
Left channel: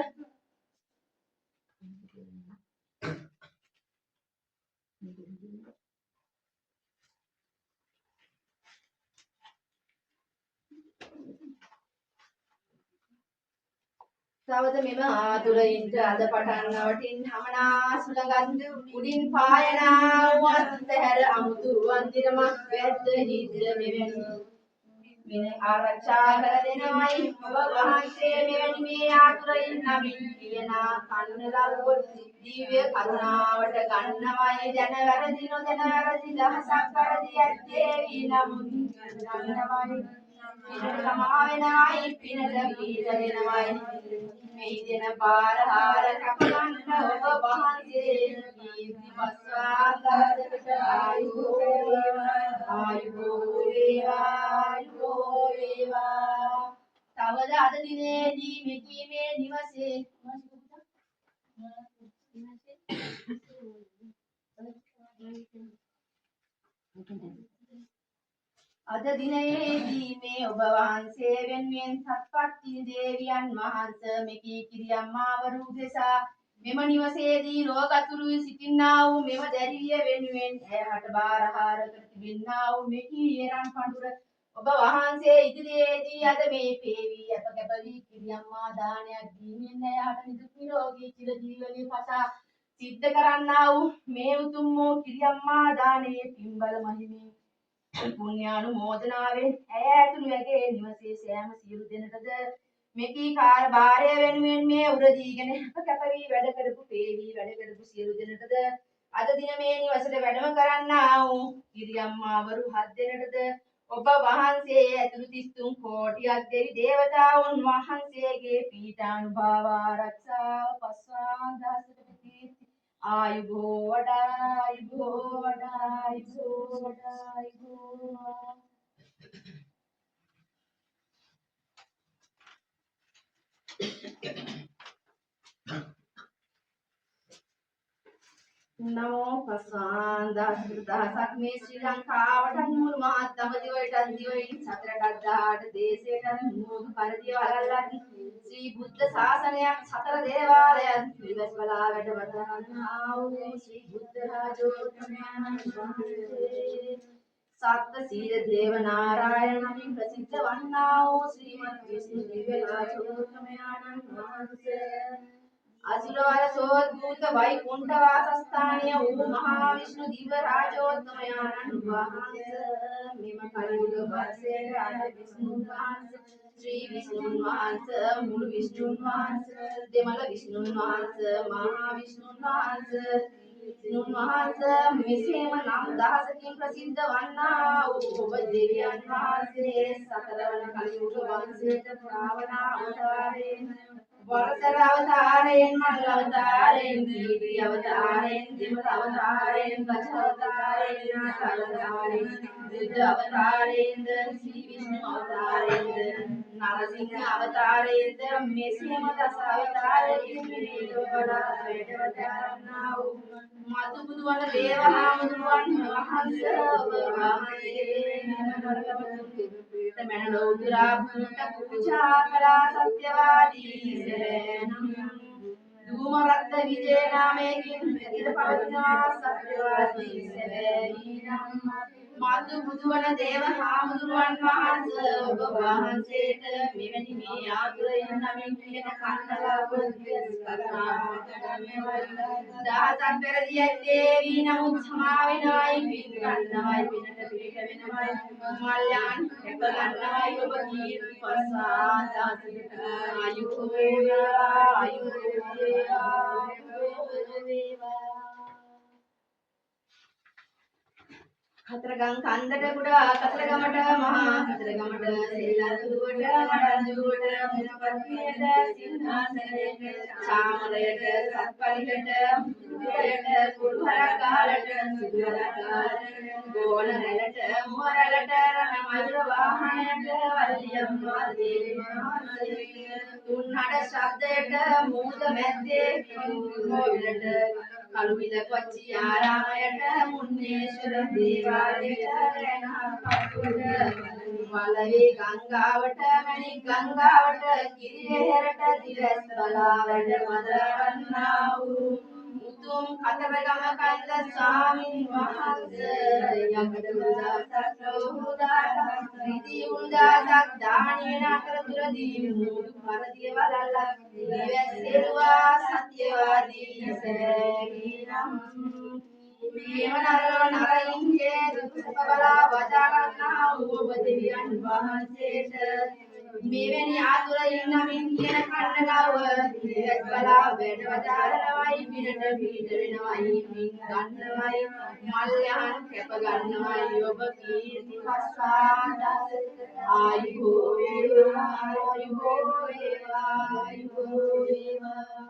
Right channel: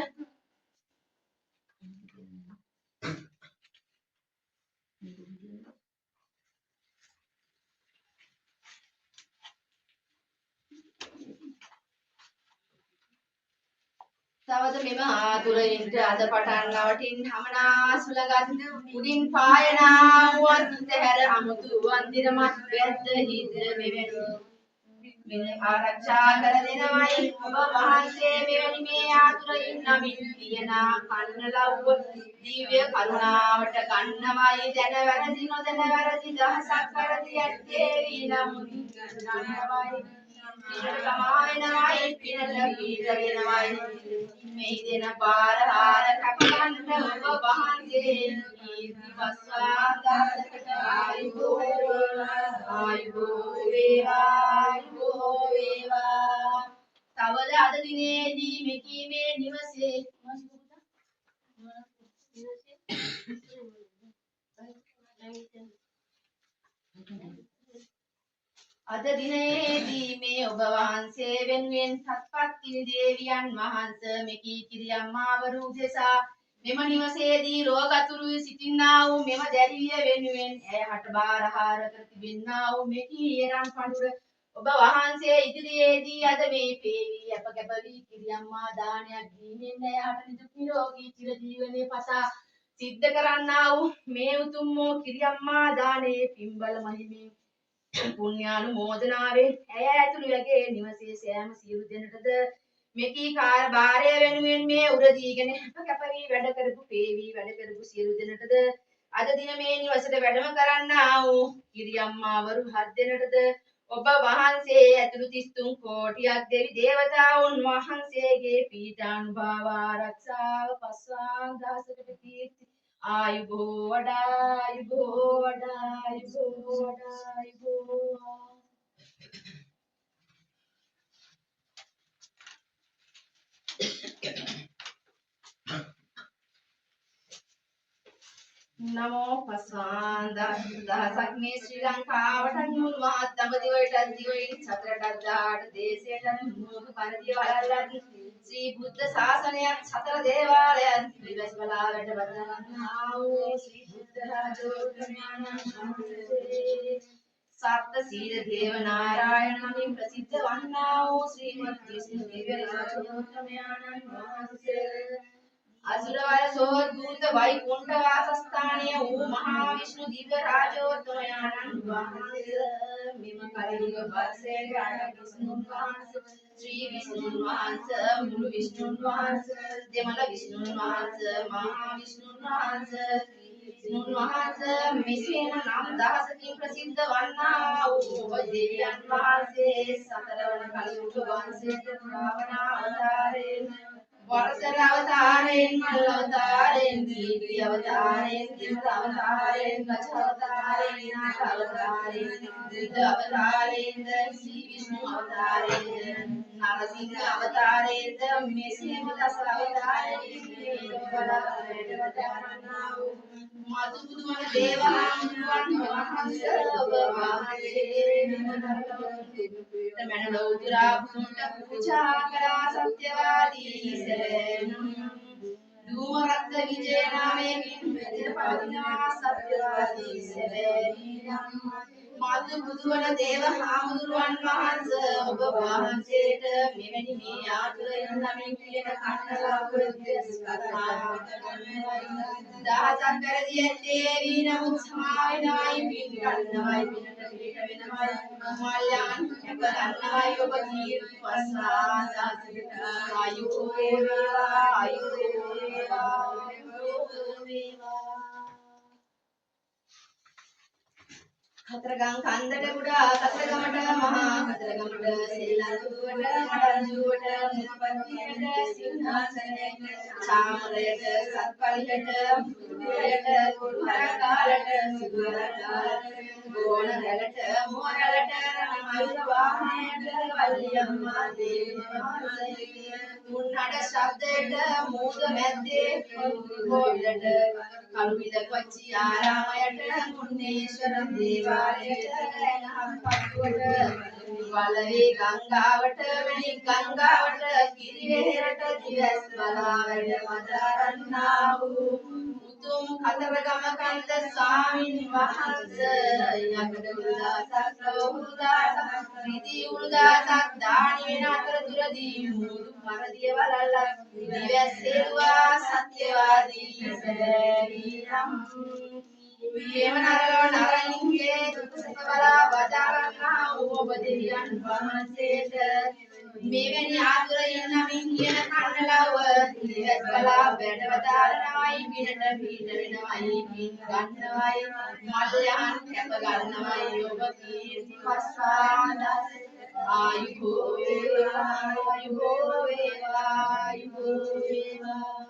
තවද මෙම ආතුරයින්ට අද පටන් නවටින් හමනා සුලගත් උඩින් පායනා වන්ත හැර අමුතු වන්දිරමත් වැද්ද හිද්‍ර මෙවැනි මෙන ආරක්ෂා කර දෙනවයි ඔබ වහන්සේ මෙවැනි මේ ආතුරයින් නමින් කියනා කන්න ලව්ව දිව්‍ය කරුණාවට ගන්නවයි දැන වැරදි නොදැන වැරදි දහසක් වැරදි ඇත්තේ වී නමුත් ගන්නවයි පිනට තමා වෙනවයි පිනට පීඩ වෙනවයි මේ දෙන බාරහාර කපන්න ඔබ වහන්සේ කීර්ති පස්වාදාසකට ආයුබෝ වේවා තවද අද දිනේදී මෙකීමේ නිවසේ අද දිනේදී මේ ඔබ වහන්සේ වෙනුවෙන් සත්පත් කිරි දේවියන් වහන්සේ මෙකී කිරියම්මාවරු උදෙසා මෙම නිවසේදී රෝගතුරු සිටින්නා වූ මෙම දැරිවිය වෙනුවෙන් ඇයට බාරහාර කර තිබෙන්නා වූ මෙකී එරන් පඬුර ඔබ වහන්සේ ඉදිරියේදී අද මේ පේවි අප කැපවි කිරියම්මා දානයක් දීමෙන් ඇයට නිදුක් නිරෝගී චිරජීවනයේ පසා සිද්ධ කරන්නා වූ මේ උතුම් වූ කිරියම්මා දානයේ පින්බල මහිමින් පුණ්‍යානුමෝදනාවෙන් ඇය ඇතුළු යගේ නිවසේ සෑම සියලු දෙනටද මෙකී කාර්යභාරය වෙනුවෙන් මේ උරදීගෙන කැපවී වැඩ කරපු පේවි වැඩ කරපු සියලු දෙනටද අද දින මේ නිවසට වැඩම කරන්නා වූ කිරියම්මාවරු 7 දෙනටද ඔබ වහන්සේ ඇතුළු 33 කෝටියක් දෙවි දේවතාවුන් වහන්සේගේ පීඨානුභාව ආරක්ෂාව පස්වාන් දහසකට කීර්ති ආයුබෝ වඩා ආයුබෝ වඩා ආයුබෝ වඩා ආයුබෝ නමෝ පස්වාන්දාසක් මේ ශ්‍රී ලංකාවට නුණු මහත් දඹදිවයිට දිවයින් සතරටත් 18 දේශයට නුඹ පරිදි වලල්ලත් ශ්‍රී බුද්ධ ශාසනයත් සතර දේවාලයත් විවස් බලා වැඩ වදන්නා වූ ශ්‍රී බුද්ධ රාජෝත්තමයන් වහන්සේ සත්ත සීල දේව නාරායණ නමින් ප්‍රසිද්ධ වන්නා වූ ශ්‍රීමත් විෂ්ණු දිව්‍ය රාජෝත්තමයන් වහන්සේ අසුරවර සෝද්භූත වෛකුණ්ඨ වාසස්ථානීය වූ මහා විෂ්ණු දිව්‍ය රාජෝත්තමයන්න් වහන්සේ මෙම කලියුග වර්ෂයේ අර විෂ්ණුන් වහන්සේ ශ්‍රී විෂ්ණුන් වහන්සේ මුළු විෂ්ණුන් වහන්සේ දෙමළ විෂ්ණුන් වහන්සේ මහා විෂ්ණුන් වහන්සේ විෂ්ණුන් වහන්සේ මෙසේම නම් දහසකින් ප්‍රසිද්ධ වන්නා වූ ඔබ දෙවියන් වහන්සේ සතරවන කලියුග වංශයේ ශ්‍රාවණ අවතාරයෙන් වරසර අවතාරයෙන් මල්ල අවතාරයෙන් දීපි අවතාරයෙන් දෙමළ අවතාරයෙන් ගජ අවතාරයෙන් විනාශ අවතාරයෙන් බුද්ධ අවතාරයෙන් ශ්‍රී විෂ්ණු අවතාරයෙන් නරසිංහ අවතාරයෙන් මෙසේම දස අවතාරයෙන් මේ ලෝකවල වැඩවතාරන්නා වූ මතු බුදුවන දේවහාමුදුරුවන් වහන්සේ ඔබ වහන්සේ මන ලෞතුරා පුණ්‍ය පූජා කරා සත්‍යවාදී ධූමරත්න විජය නාමයෙන් මෙතන පවතිනවා සත්‍යවාදී සැබෑවිනම් මාතු බුදුවන දේව හාමුදුරුවන් වහන්සේ ඔබ වහන්සේට මෙවැනි මේ ආතුරයන් නමින් කියන කන්නලව දිස් දහසක් පෙරදී ඇත්තේ වී නමුත් සමා වෙනවයි පින් ගන්නවයි පිනට පිට වෙනවයි මල්යන් කැප ගන්නවයි ඔබ කීර්ති පස්සාදාසකට ආයු වේවා ආයු වේවා කතරගම් කන්දට කුඩා කතරගමට මහා කතරගමට සෙල්ලන්තුවට මඩංජුවට මුපත්තියට සිංහාසනයට චාමරයට සත්පලියට මුදුරයට කුරුහරකාලට සුදුරකාලට ගෝණ රැළට මුව රැළට රණ මයුර වාහනයට වල්ලියම්මා දේවමාසයේ තුන්හඩ ශබ්දයට මූද මැද්දේ කෝවිලට කළුවිල කොච්චි ආරාමයට මුන්නේශ්වර දේවාලයට රැණහප්පුවට වලවේ ගංගාවට මණික් ගංගාවට කිරිවෙහෙරට දිවස් බලා වැඩ වදාරන්නා වූ උතුම් කතරගම කන්ද ස්වාමින් වහන්සේ යකඩ උදාසක් ලෝහුදාසක් රිදි උදාසක් දානි වෙන අතරතුරදී මුදු පරදිය වලල්ලක් දිවැස්සෙරුවා සත්‍යවාදී සැබෑවිනම් මේව නරලව නරින්ගේ දුක් සුඛ බලා වදාරන්නා වූ ඔබ දෙවියන් වහන්සේට මෙවැනි ආතුරයින් නමින් කියන කන්නලව දිවස් බලා වැඩ වදාරනවයි පිනට පිට වෙනවයි පින් ගන්නවයි මල්යන් කැප ගන්නවයි ඔබ කීර්ති පස්සාදාස ආයුබෝ වේවා ආයුබෝ වේවා ආයුබෝ වේවා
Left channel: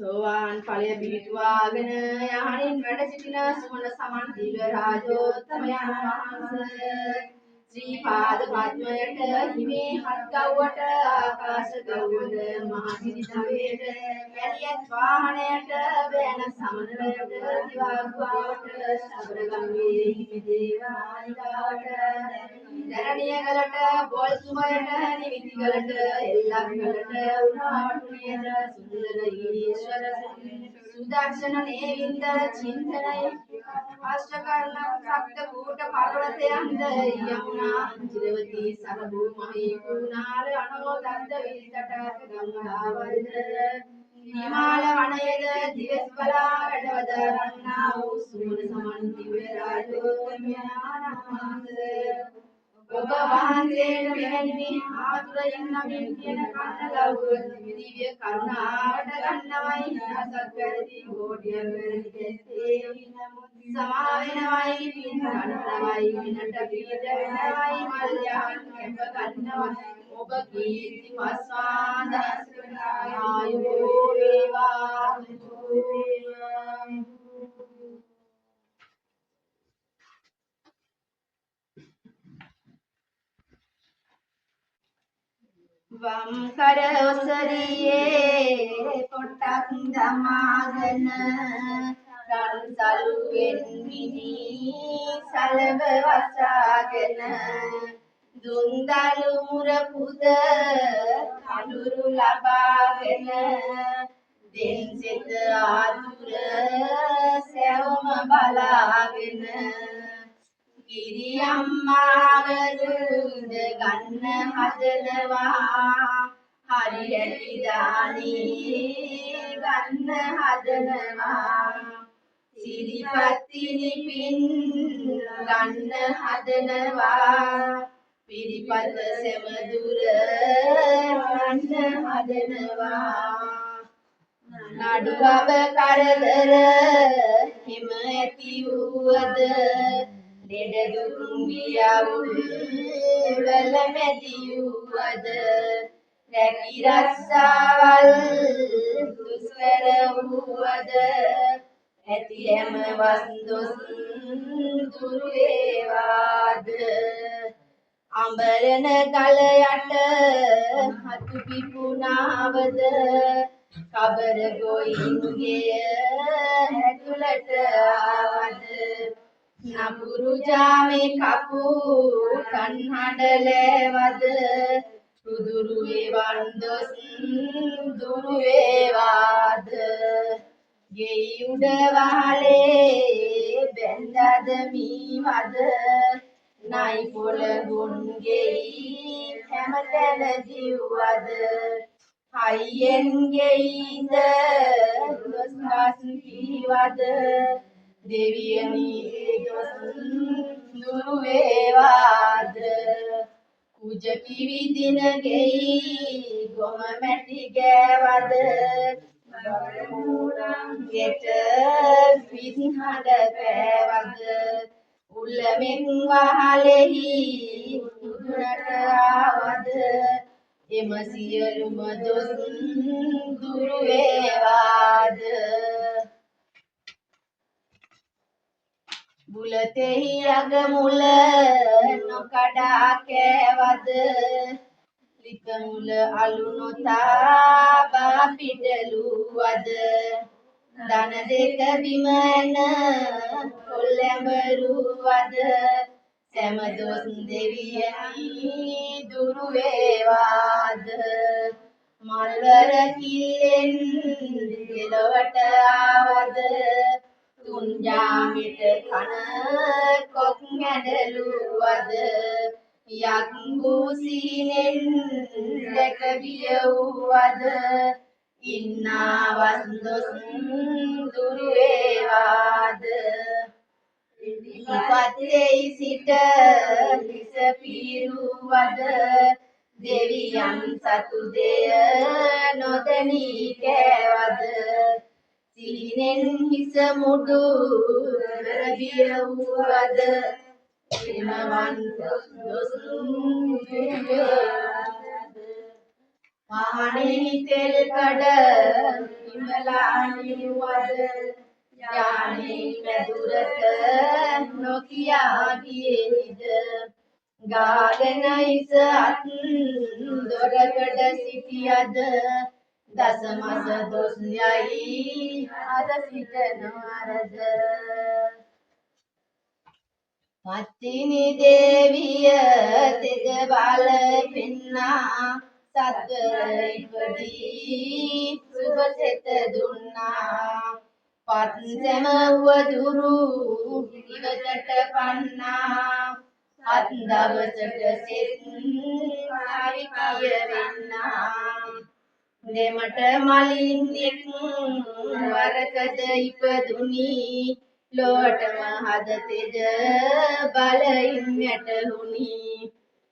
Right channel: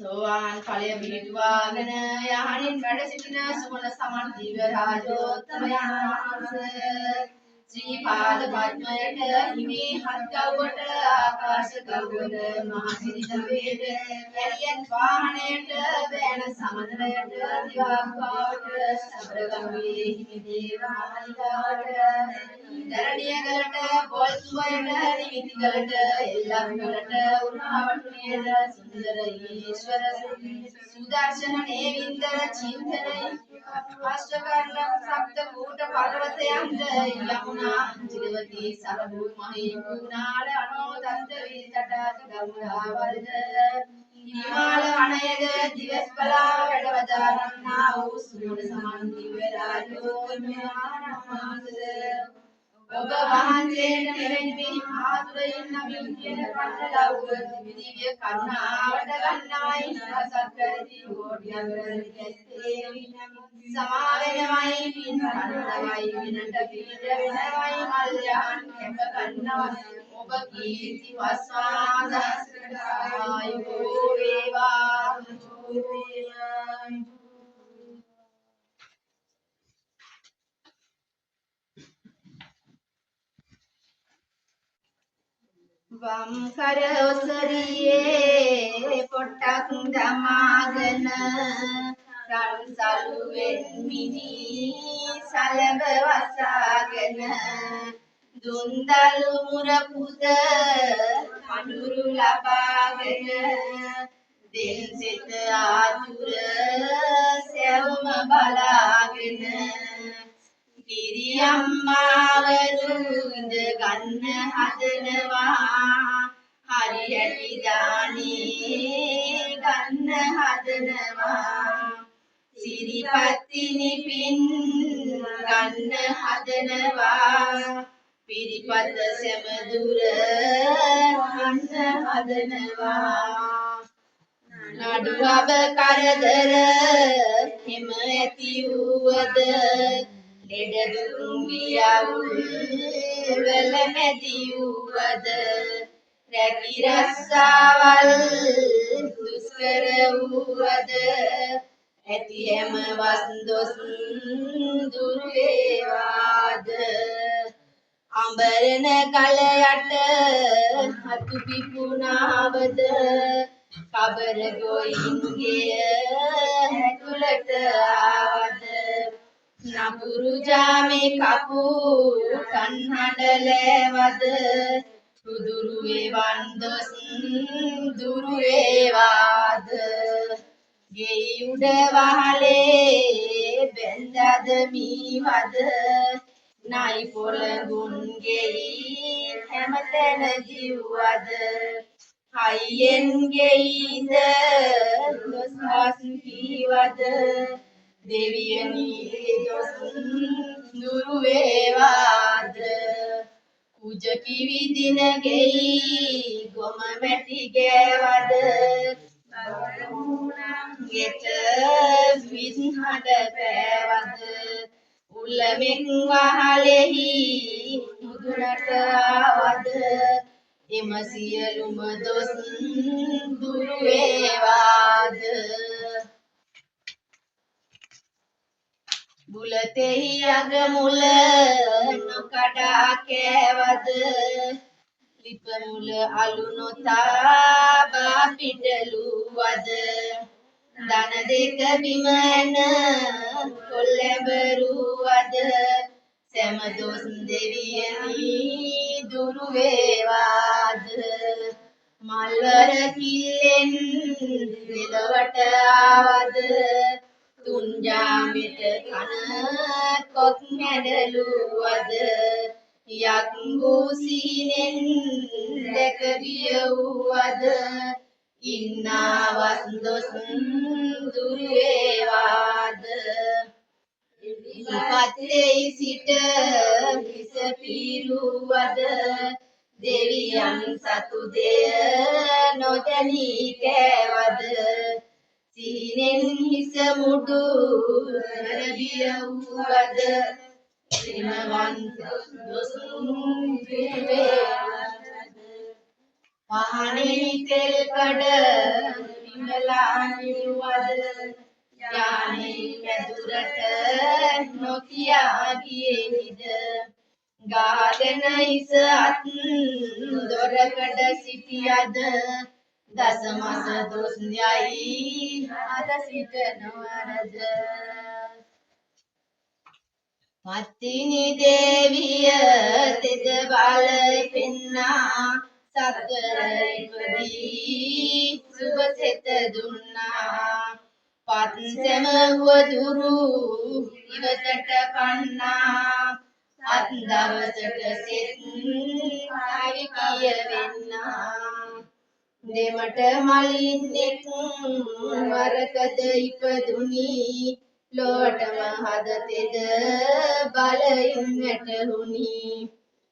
සෝවාන් ඵලය පිළිතුවාගෙන යහනින් වැඩ සිටින සුමන සමන් දිව්‍ය රාජෝත්තමයන් වහන්සේ ශ්‍රී පාද පද්මයට හිමේ හත් ගව්වට ආකාශ ගව්වට මහසිරි දවයට එළියත් වාහනයට බෑන සමනලයට දිවාග්වාවට සබරගම්ගේ හිමි දේවාලිකාවට දරණියගලට බොල්තුමයට නිවිතිගලට එල්ලම්ගලට උරාවටුනියට සුන්දර ඊශ්වර සුදර්ශන නේවින්දර චින්තනයි අෂ්ටකර්ණ සප්ත කූට පර්වතයන්ද යමුනා ජිරවතී සරබු මහී කුණාල අනෝදන්ත විතටක ගංගාවල්ද හිමාල වනයේද දිවස් බලා වැඩවදාරන්නා වූ සූර සමන් දිව්‍ය රාජෝත්තමයන් වහන්සේ ඔබ වහන්සේට මෙවැනි පින් ආතුරයෙන් නමින් කියන කන්න ලව්ව දිව්‍ය කරුණාවට ගන්නවයි රසක් කරති කෝටියක් කරති කැත්තේ සමා වෙනවයි පින් ගන්නවයි විනට පිට වෙනවයි මල් යහන් කැප ගන්නවයි ඔබ කීර්ති වස්වා දහස්කට ආයුබෝ වේවා වම් කර ඔසරියේ පොට්ටක් දමාගෙන රන් සලුවෙන් මිනි සලඹ වසාගෙන දුන්දලු මුර පුද කඳුරු ලබාගෙන දෙන්සිත ආතුර සැවම බලාගෙන කිරියම්මාවරු ඉඳ ගන්න හදනවා හරි ඇටි දානේ ගන්න හදනවා සිරිපත්තිනි පින් ගන්න හදනවා පිරිපත සැමදුර ගන්න හදනවා නඩුවබ කරදර හිම ඇති වූවද ලෙඩ දුක් ගියවුල් වල මැදි වූවද රැකි රස්සාවල් දුෂ්කර වූවද ඇති හැම වස්දොස් දුරු වේවාද අඹරන කල යට හතු පිපුණාවද කබර ගොයින්ගේ ඇතුළට ආවද නපුරු ජාමේ කපු කන්හඩලෑවද සුදුරු වේවන් දොස් දුරු වේවාද ගෙයි උඩ වහලේ බැඳද මීවද නයි පොළඟුන් ගෙයි හැමතැන දිව්වද හයියෙන් ගෙයිද දොස් හස් කීවද දෙවියනි දොස් දුරු වේවාද කුජ කිවි දින ගෙයි ගොම මැටි ගෑවද ගෙට විස්හඬ පෑවද උල්ලමෙන් වහලෙහි මුදුනට ආවද එම සියලුම දොස් දුරු වේවාද බුලතෙහි අග මුල නොකඩා කෑවද ලිප මුල අලු නොතාබා පිටලුවද දන දෙක බිම ඇන කොල්ලැඹරුවද සැම දොස් දෙවියනි දුරු වේවාද මල්වර කිල්ලෙන් දෙලොවට ආවද තුන්ජාමෙට කන කොක් හැඩලුවද යක්ගු සීනෙන් දැක බිය වූවද ඉන්නා වස්දොස් දුරු වේවාද ඉපතේ සිට හිස පීරුවද දෙවියන් සතු දෙය නොදැනී කෑවද සීනෙන් හිස මුඩු රබිය වූවද එමවන් දොස් පහනේ තෙල් කඩ විමලා නිවද යානේ මැදුරට නොකියා ගියේද ගාගෙන ඉස අත් දොරකඩ සිටියද දසමස දොස් යයි අද සිට නොවරද පත්තිනි දේවිය තෙද බල පෙන්නා සතර ඉපදී සුබ සෙත දුන්නා පත් සැම වදුරු ඉවතට පන්නා අත් දවසට සෙත් කවි කියවෙන්නා දෙමට මලින්නෙක් වරකද ඉපදුනි ලෝටම හදතෙද බලයින් වැටහුණි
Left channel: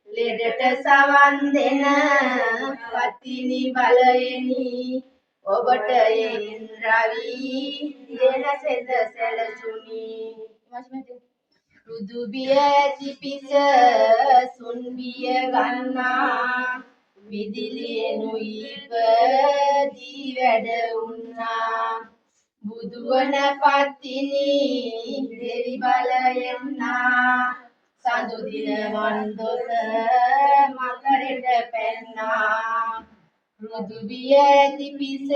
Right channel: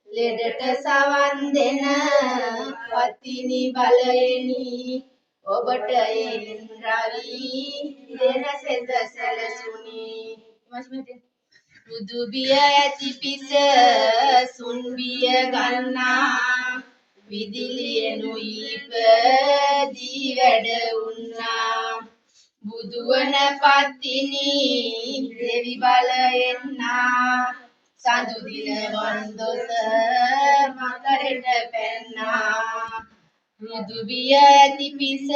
ලෙඩට සවන් දෙන පතිනි බලයෙනි ඔබට එන් රවි දෙන සෙත සැලසුනි රුදු බිය ඇති පිස සුන් බිය ගන්නා විදිලියනු ඉපදී වැඩ උන්නා බුදුවන පත්තිනි දෙවි බලයෙන්නා සඳු දින වන්දොස මකරට පැන්නා රුදු බිය ඇති පිස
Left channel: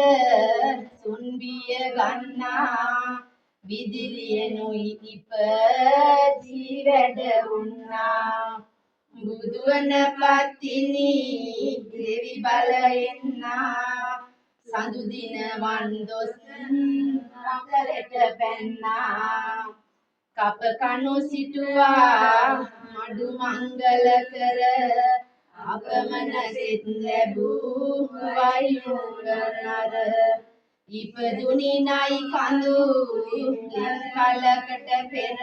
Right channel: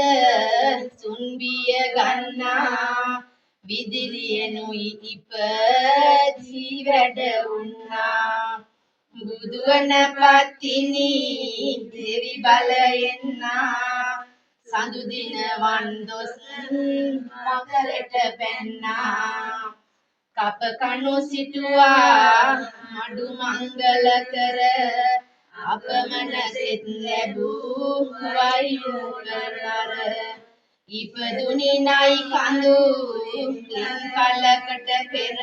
සුන් බිය ගන්නා විදිලියනු ඉපදී වැඩ උන්නා බුදුවන පත්තිනි දෙවි බලයෙන්නා සඳු දින වන්දොස් මකරට පැන්නා කප කණු සිටුවා මඩු මංගල කර අපමණ සෙත් ලැබූ වයු කරනර ඉපදුනි නයි කඳු කලකට පෙර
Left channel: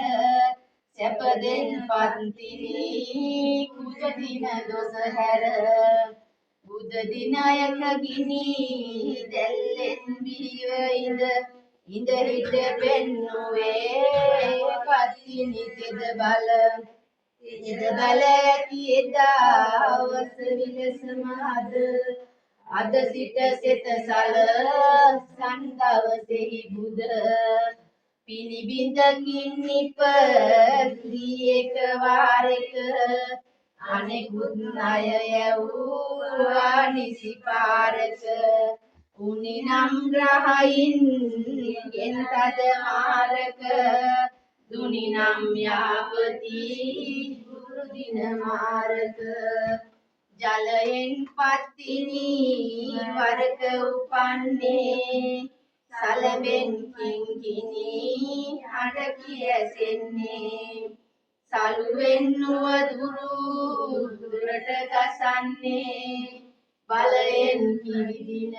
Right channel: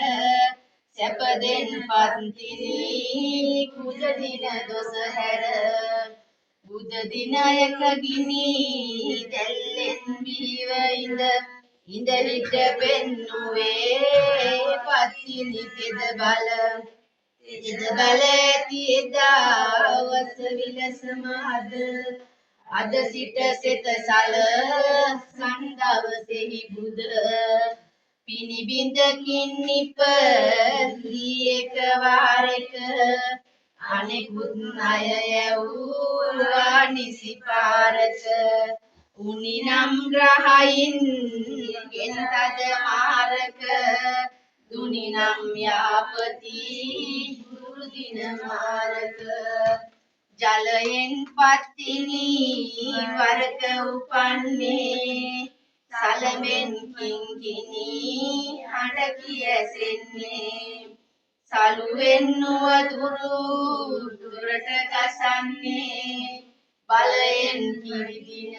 සැපදෙන් පත්තිනි කුජ දින දොස හැර බුද දිනයක ගිනි දැල්ලෙන් බිහිව ඉඳ හිට පෙන්නුවේ පත්තිනි තෙද බල ඇති එදාවස විලසම අද සිට සෙත සල සන්දවසෙහි බුද පිනිබිඳකින් නිපදී එක වාරෙක අනෙකුත් අය යැවූවා නිසි පාරක උනිනම් ග්‍රහයින් ගෙන් තද මාරක දුනිනම් යාපති දුර්දින මාරක ජලයෙන් පත්තිනි වරක උපන්නේ සලබෙන් කිංකිණි හඬ කියසෙන්නේ සලුවෙන් නුවදුරු දුරට ගසන්නේ බලයෙන් කිරිදින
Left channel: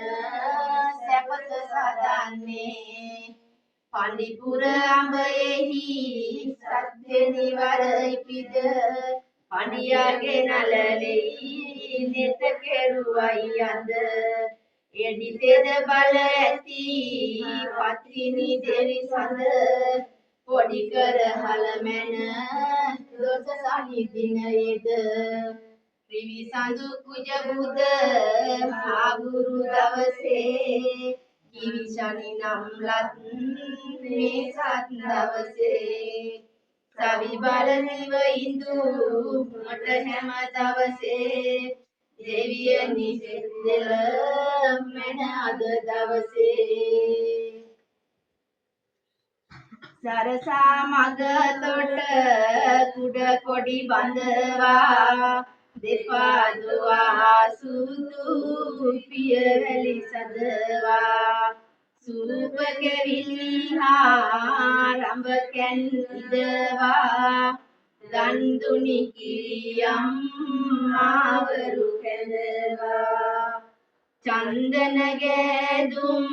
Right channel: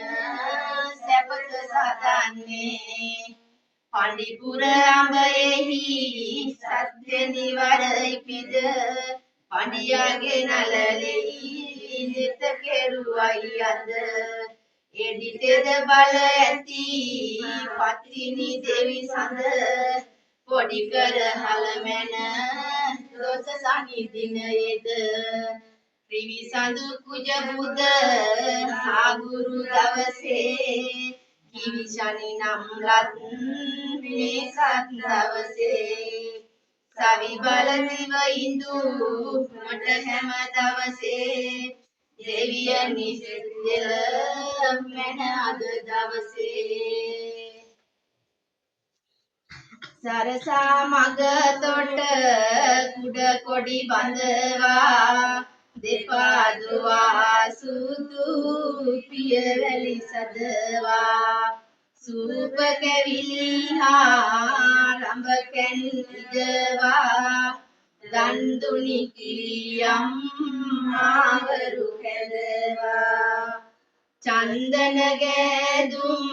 සැපත සදන්නේ පඬිපුර අඹයෙහි සත්වෙනි වර ඉපිද පඬියාගේ නලලෙහි නෙත කෙරුවයි අද එඩිතෙද බල ඇති පත්තිනි දෙවි සඳ පොඩි කර හලමැන දොස සනිදිනයේද ත්‍රිවිසඳු කුජ බුද ආගුරු දවසේ කිවි ශනි නම් ලත් මේ සත් දවසේ සවි බල දිව ඉඳු මට හැම දවසේ දෙවියනි දෙල මෙන අද දවසේ සරසා මග තොට කුඩ කොඩි බඳවා දෙපා දුවා සුදු පියවැලි සදවා සූප කැවිලි හා රඹ කැන් ඉදවා දන්දුනි කිරියම් මාවරු කැඳවා චන්දන ගෑදුම්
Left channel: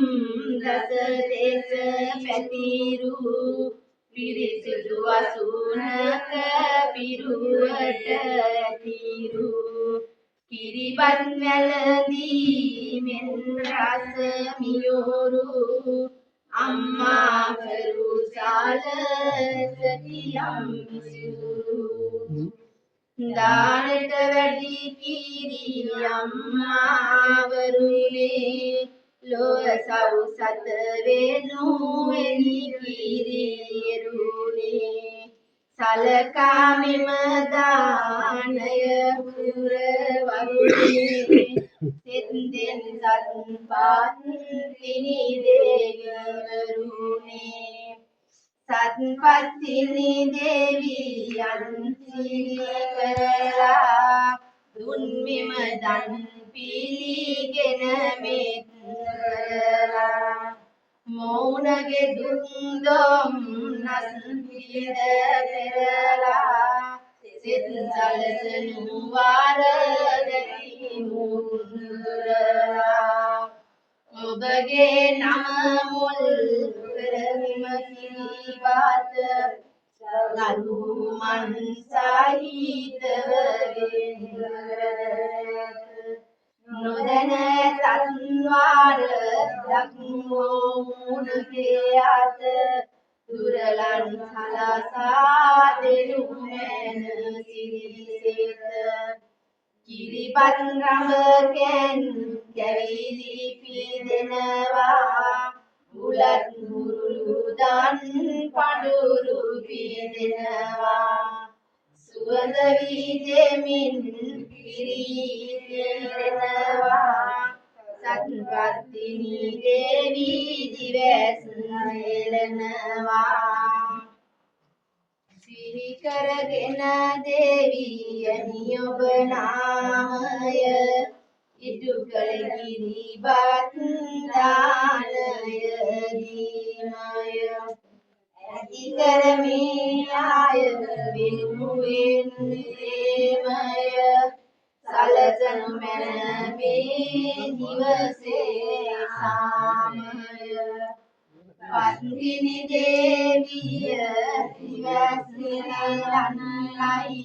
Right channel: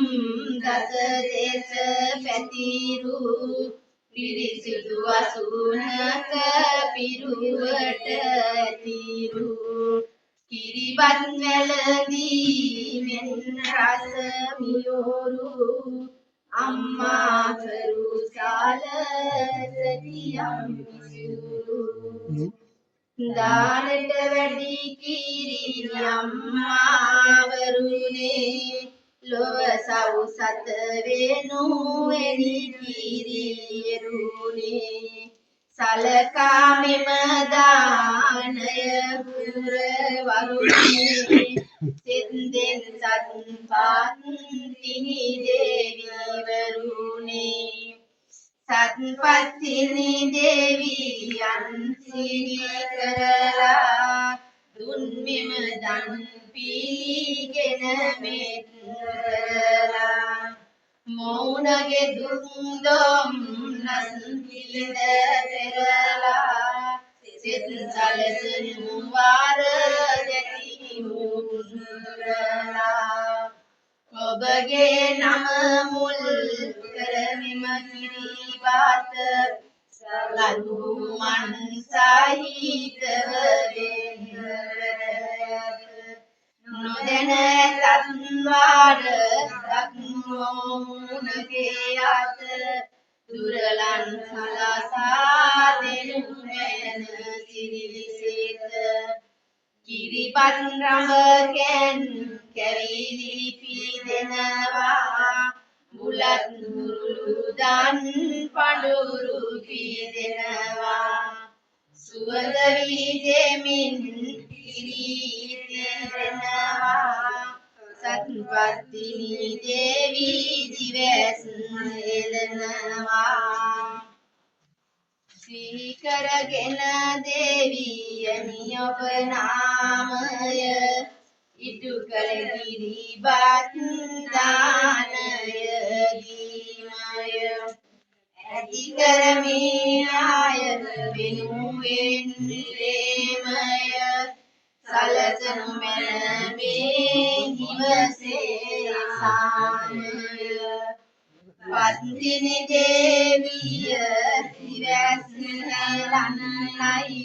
දස දේශ පැතිරු පිරිසිදු අසුනක පිරුවට ඇතිරු කිරිබත් වැළඳී මෙන් රස මියෝරු අම්මා පරුසාල සතියම් විසුරු දානට වැඩි කිරි අම්මාවරුනේ ලොව සවුසත වෙනු එනි කිරිරුනේ සලකා මෙම දානය පුර වරුනේ සෙන්දෙන් සත්පත් තිනි දේවීවරුනේ සත්පත්තිනි දේවියන් සිරි කරලා දුන් මෙම දන් පිළිගෙන මෙත් කරලා මෞනගේ දුක් දොම් නස් පිළිද පෙරලා සිත සලසනු වාර දැති මුදුරලා ඔබගේ නම මුල් කරමිම කිරිබාත සලු මන් සහිතව වේ නොදැන තත්වාර දක්මෝ මුණගේ අත දුරලන් සලසා දෙනු මැන සිරිසෙත කිරිපත් රඹකැන් කැවිලි පිදෙනවා බුලත් බුරුදන් පඳුරු පිදෙනවා සුවඳ විදෙමින් පිරිදෙනවා සත්පත්තිනි දේවී දිවැස් නෙලනවා සිහි කරගෙන දේවියනි ඔබ නාමය ඉටු කළ ගිරිබත් දානය දීමය ඇති කරමින් ආය වෙනුවෙන් ප්‍රේමය සලසනු මැන මේ දිවසේ සාමය පත්තිනි දේවිය දිවැස් නෙලන්නයි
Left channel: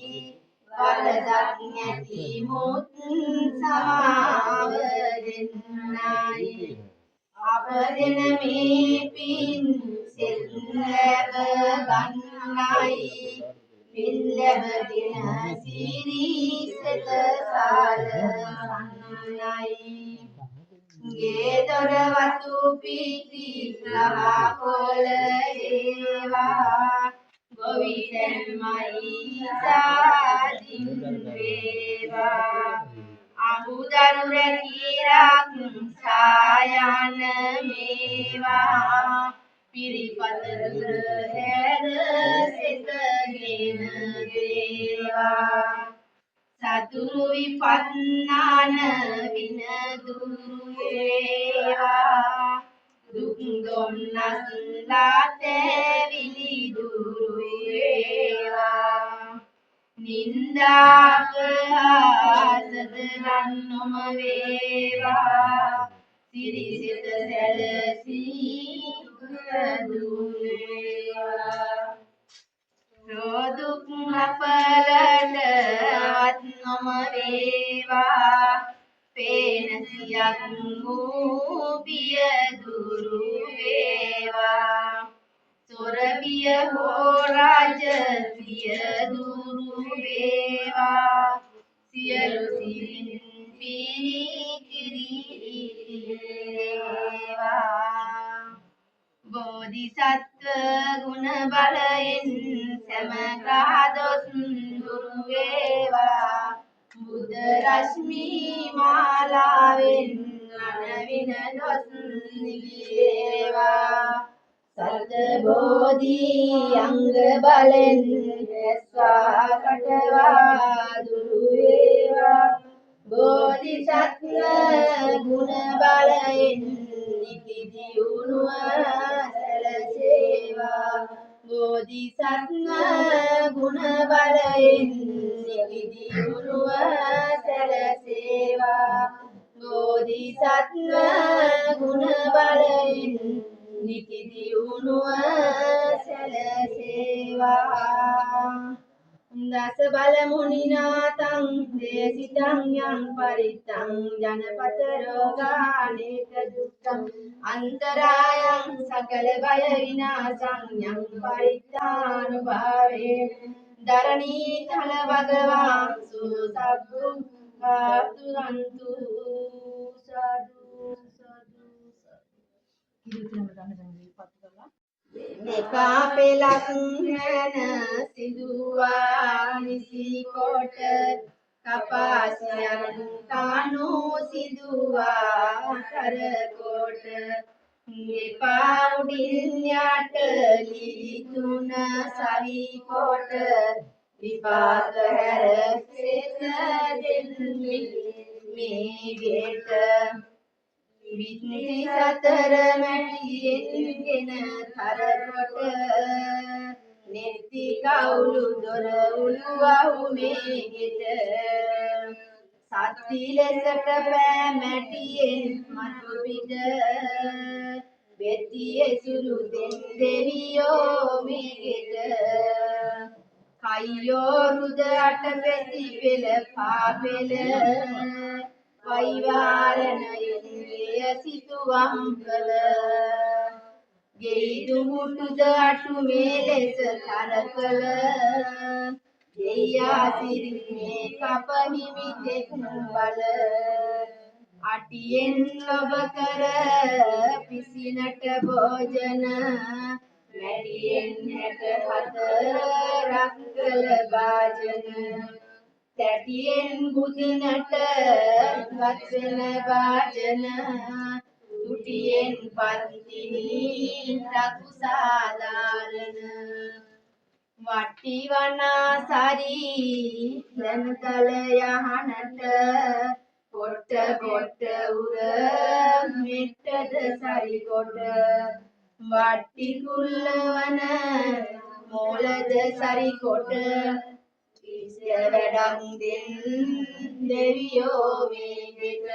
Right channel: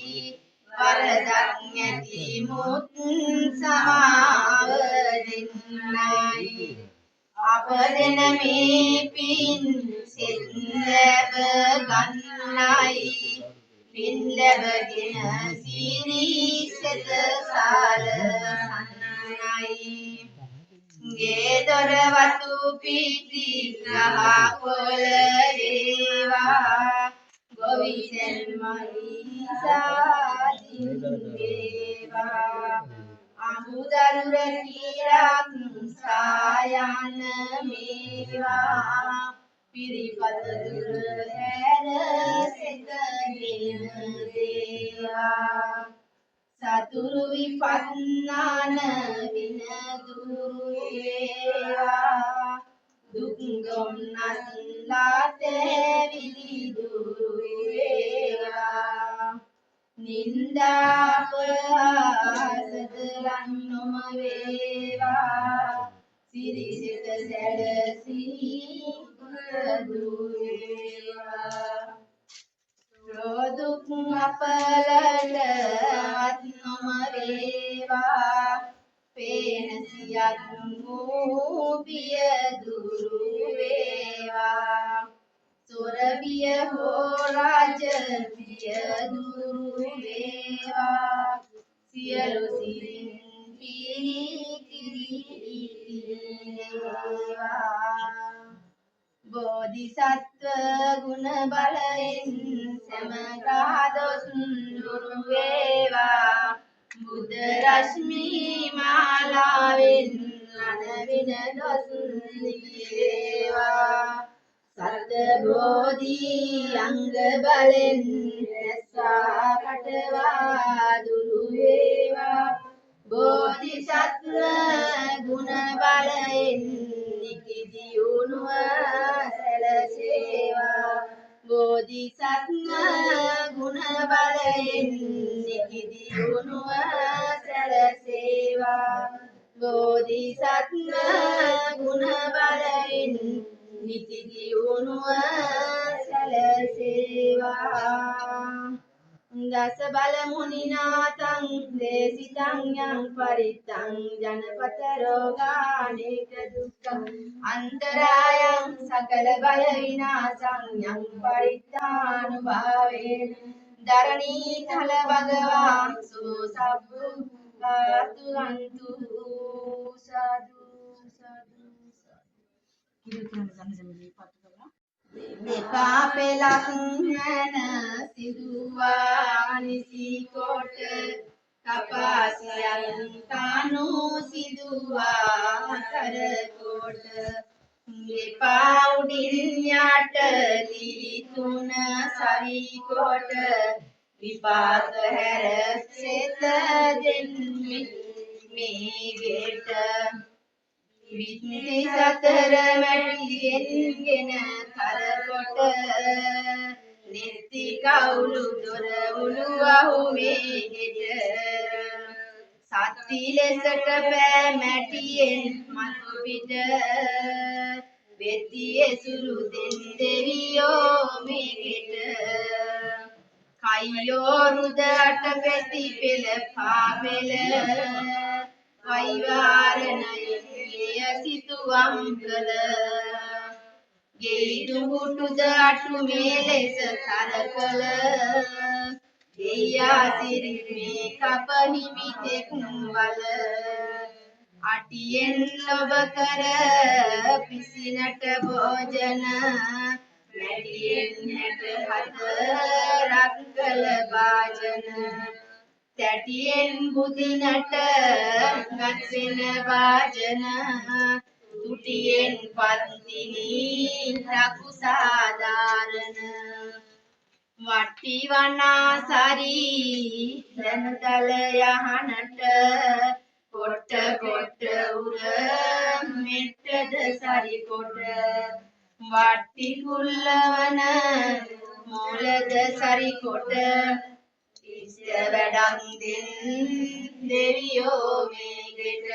වරදක් නැති මුත් සමාව දෙන්නයි අප දෙන මේ පින් සෙත් ලැබ ගන්නයි පින් ලැබගෙන සිරි සෙත සලසන්නයි ගේ දොර වතු පිටි ගහ කොළ ඒවා ගොවිතැන්මයි සාදින් වේවා අමුදරු රැකිරක් සායන මේවා පිරිපත දුර හැර සෙතගෙන දේවා සතුරු විපන්නාන වින දුරු වේවා දුක් දුම්නස් ලාතැවිලි දුරු වේවා නින්දාපහාසදලන් නොම වේවා සිරිසිත සැලසී දුරු වේවා රෝදුක් අපලටවත් නොම වේවා පේනසියක් වූ පිය දුරු වේවා සොරබිය හෝ රාජ පිය දුරු වේවා සියලු සිරින් පිරි වේවා බෝධිසත්ව ගුණ බලයෙන් සමගා දොස් දුරු වේවා බුද්ධ රශ්මි මාලාවෙන් අනවින දොස් නිවේවා සත බෝධි අංග බලෙන් රැස්වා පටවා දුරු වේවා බෝධිසත්ව ගුණ බලයෙන් නිතිදියුණුව සැලසේවා බෝධිසත්ව ගුණ බලයෙන් නිතිදියුණුව සැලසේවා බෝධිසත්ව ගුණ බලයෙන් නිතිදියුණුව සැලසේවා දස බල මුනිනාතං දේසිතං යං පරිත්තං ජනපත රෝගානේක දුක්ඛං අන්තරායං සකල බල විනාශං යං පරිත්තානුභාවේන ධරණී තල භගවාන් සුසබ්බුක්ඛාතු අන්තු සාදු සාදු දෙපා පෙලක් මැන සිදුවා නිසි කොට කපාසියන් කනු සිදුවා කර කොට දෙපා උඩින් යට දිවි තුන සවි කොට විපාක හැර සෙත දෙන්නේ මේ ගෙට විත්ති සතර මැටියෙන්ගෙන කරකොට නෙත්ති කවුළු දොර උළුවහු මේගෙට සත්ති ලෙසට පෑ මැටියෙන් මතු පිට වෙත්ති එසුරු දෙන් දෙවියෝ මේගෙට කයියෝ රුද අටපෙති පෙළ පාපෙළ වෛවාරණයෙන් විය සිතුවම් කළ ගෙයි දුඹුටුද අටු මේ ලෙස තරකල ගෙයා සිරිත් මේ කප හිමිතෙක් බල අටියෙන් ඔබ කර පිසිනට භෝජන මැටියෙන් 64ක් කළ භාජන තැටියෙන් බුදිනට ගත් වෙන භාජන තුටියෙන් පන්තිනි රකු සාධාරණ වට්ටි වනාසරි දැනතල යහනට කොට්ට කොට්ට උර මෙට්ටද සරි කොට වට්ටි කුල්ලවන මෝලද සරි කොට ඉස්ස වැඩක් දෙන් දෙවියෝ මේගෙට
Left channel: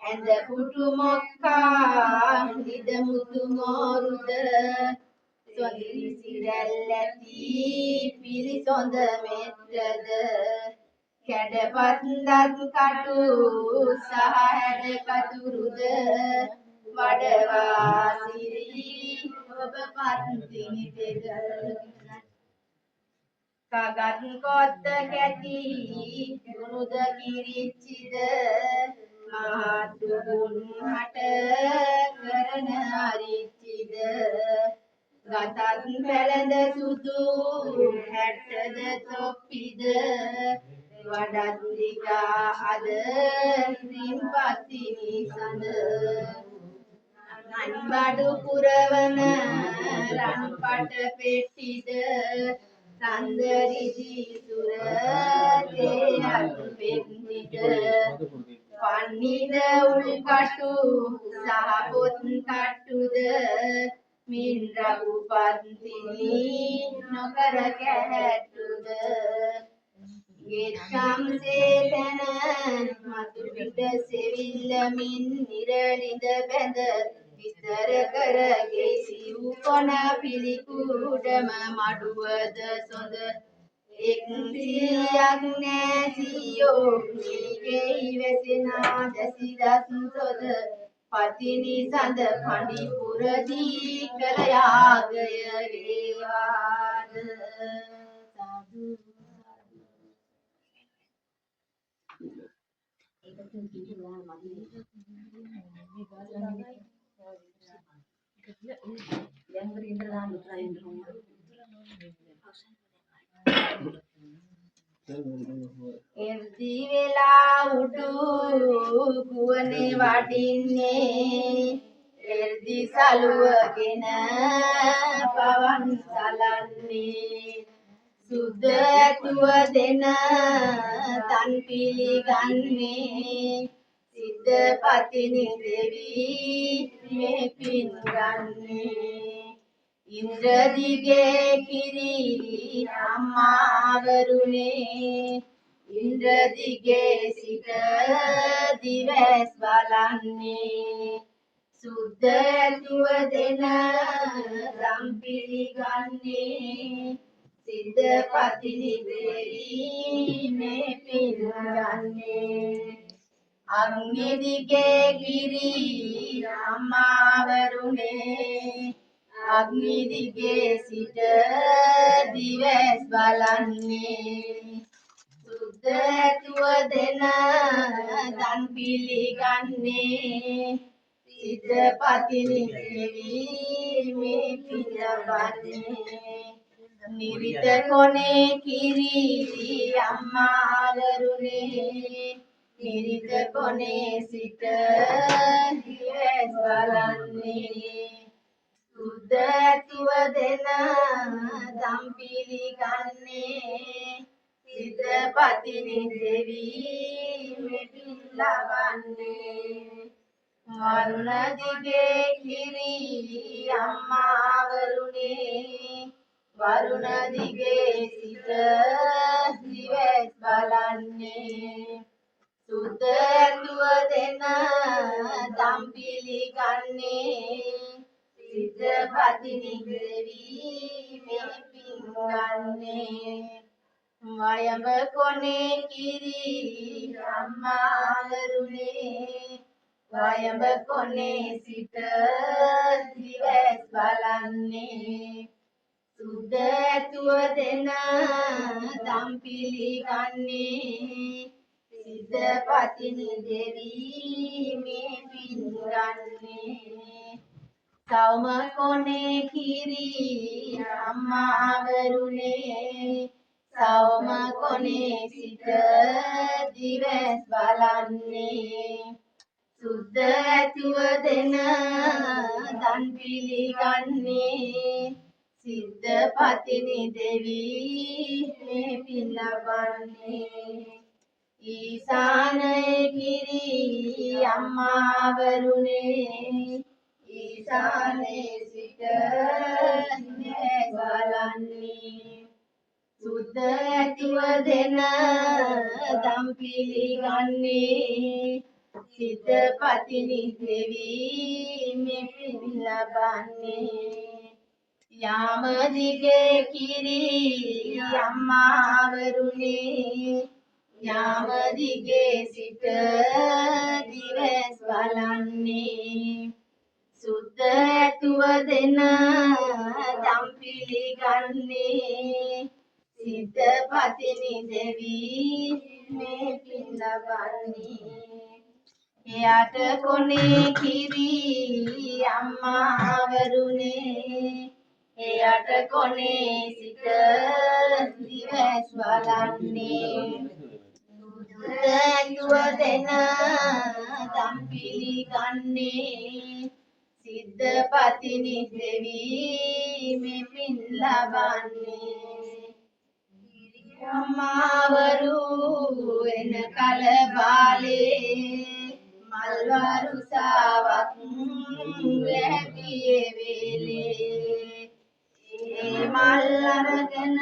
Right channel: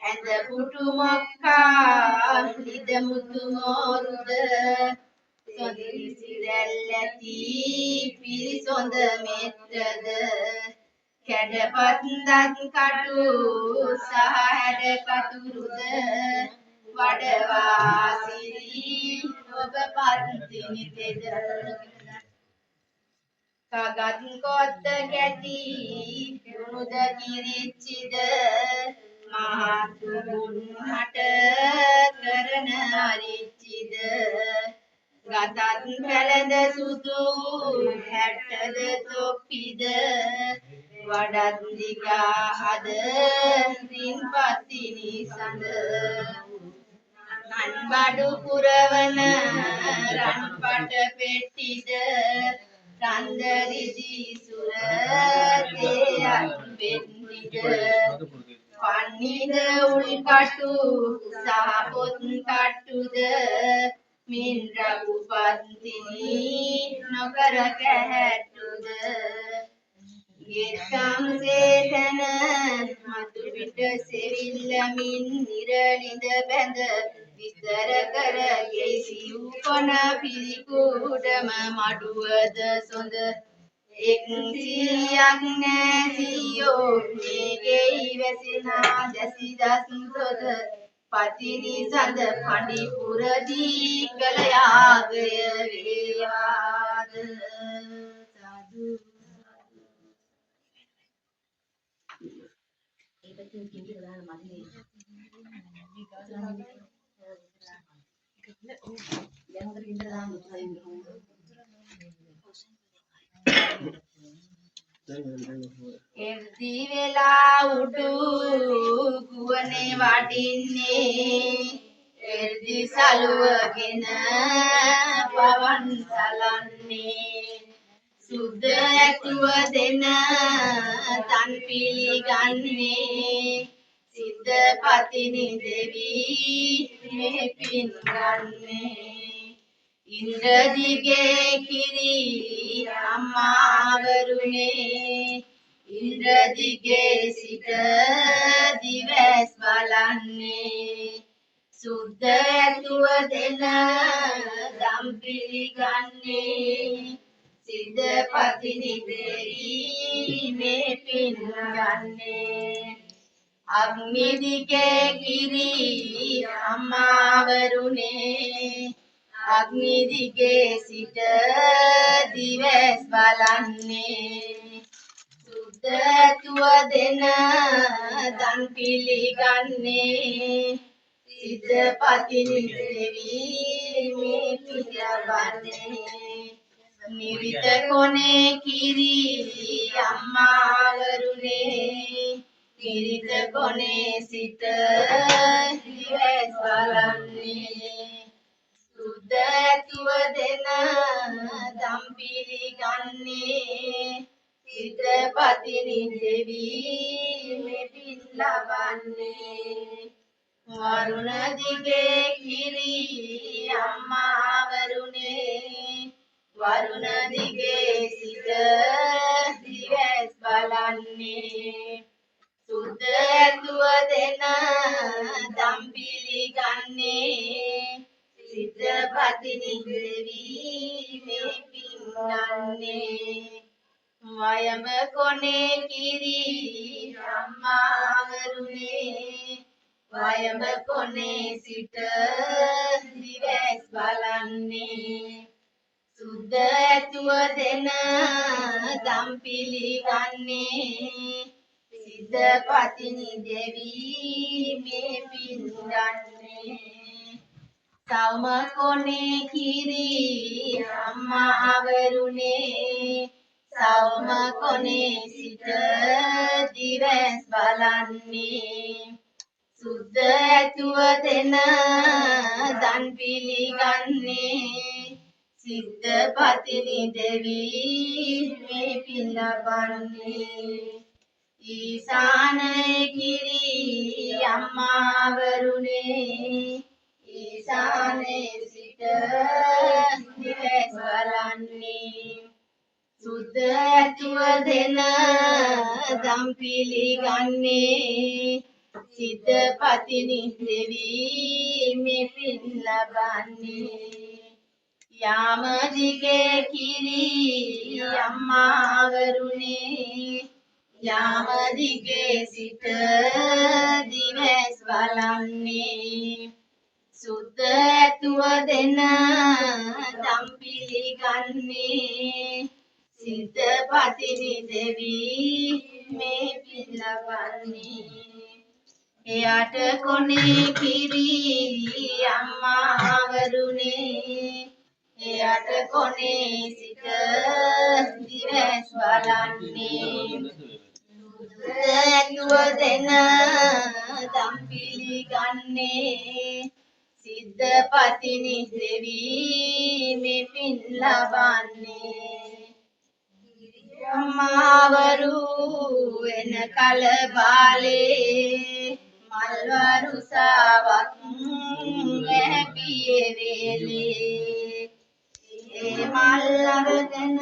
ඇඳ පුටු මොක්කා නිද මුතු මෝරුද සොඳිසි රැල්ලති පිරිසොඳ මෙට්ටද කැඩපත් දත් කටු සහ හැඩ කතුරුද වඩවා සිරි ඔබ පත්තිනි තෙද කගත් කොත්ත කැටි දුනුද කිරිච්චිද මහත් ගුණට කරන අරිච්චිද ගතත් පැළඳ සුදු හැට්ටද තොප්පිද වඩත් දිගා අද දින් පත්තිනි සඳ අන්බඩු පුරවන රන්පට පෙට්ටිද රන්දරිදි සුර තේයත් පෙට්ටිද පන්නිද උල්කටු සහ පොත් කට්ටුද මින් රඝු පත්තිනි නොකර කැහැට්ටුද ගෙත්තම් සේතන මතු පිට සෙවිල්ල මින් නිරනිද බැඳ විස්තර කර ගෙසිව් කොන පිළිකුඩම මඩුවද සොඳ එක් සියක් නැසියෝ මේ ගෙයි වැසෙනා දැසිදස් සොද පතිනි සඳ පඬි පුරදී කළ යාගය වේවාද සාදු ඒකෙන් කිව්වලා මදි යංගර ඉන්ද්‍රලා මුත්‍රා ඉන්ද්‍රහොම එර්දි වෙලා උඩු ගුවනේ වඩින්නේ එර්දි සලුවගෙන පවන් සලන්නේ සුද්ධ ඇතුව දෙන තන් පිළිගන්නේ සිද්ධ පතිනි දෙවි මේ පින් ගන්නේ ඉන්ද්‍රදිගේ කිරි අම්මා වරුනේ ඉන්ද්‍රදිගේ සිට දිවස් බලන්නේ සුද්ධ ඇතුව දෙන දම් පිළිගන්නේ සිද්ධ පතිනි දෙවි මේ පින් ගන්නේ අග්නිදිගේ කිරි අම්මා වරුනේ අග්නිදිගේ සිට දිවස් බලන්නේ සුද්ධ ඇතුව දෙන දන් පිළිගන්නේ සිද්ධ පතිනි දෙවි මේ පින් ලබන්නේ නිරිත කොනේ කිරි අම්මා වරුනේ නිරිත කොනේ සිට දිවස් බලන්නේ සුද්ධ ඇතුව දෙන දම් පිළිගන්නේ සිද්ධ පතිනි දෙවි මේ පින් ලබන්නේ වරුණ දිගේ කිරි අම්මා වරුනේ වරුණ දිගේ සිට දිවස් බලන්නේ සුද්ධ ඇතුව දෙන දම් පිළිගන්නේ සිද්ධ පතිනි දෙවි මේ පින් පින්නන්නේ වයඹ කොනේ කිරි අම්මාවරුනේ වයඹ කොනේ සිට දිවැස් බලන්නේ සුද්ධ ඇතුව දෙන දම් පිළිගන්නේ සිද්ධ පතිනි දෙවී මේ පින්ගන්නේ සෞම කොනේ කිරි අම්මාවරුනේ සෞම කොනේ සිට දිවැස් බලන්නේ සුද්ධ ඇතුව දෙන දන් පිළිගන්නේ සිද්ධ පතිනි දෙවී මේ පින් ලබන්නේ ඊසානයේ කිරි අම්මාවරුනේ ඊසානයේ සිට දිවැස් බලන්නේ සුද්ධ ඇතුව දෙන දම් පිළිගන්නේ සිද්ධ පතිනි දෙවී මේ පින් ලබන්නේ යාම දිගේ කිරි අම්මාවරුනේ යාම දිගේ සිට දිවැස් බලන්නේ සුද්ධ ඇතුව දෙන දම් පිළිගන්නේ සිද්ධ පතිනි දෙවී මේ පින් ලබන්නේ එයට කොනේ කිරි අම්මාවරුනේ එයට කොනේ සිට දිවැස් බලන්නේ සුද්ධ දෙන දම් පිළිගන්නේ සිද්ධ පතිනි දෙවී මේ පින් ලබන්නේ අම්මාවරු එන කල බාලේ මල්වරු සාවක් වැපියේ වේලේ ඒ මල් අරගෙන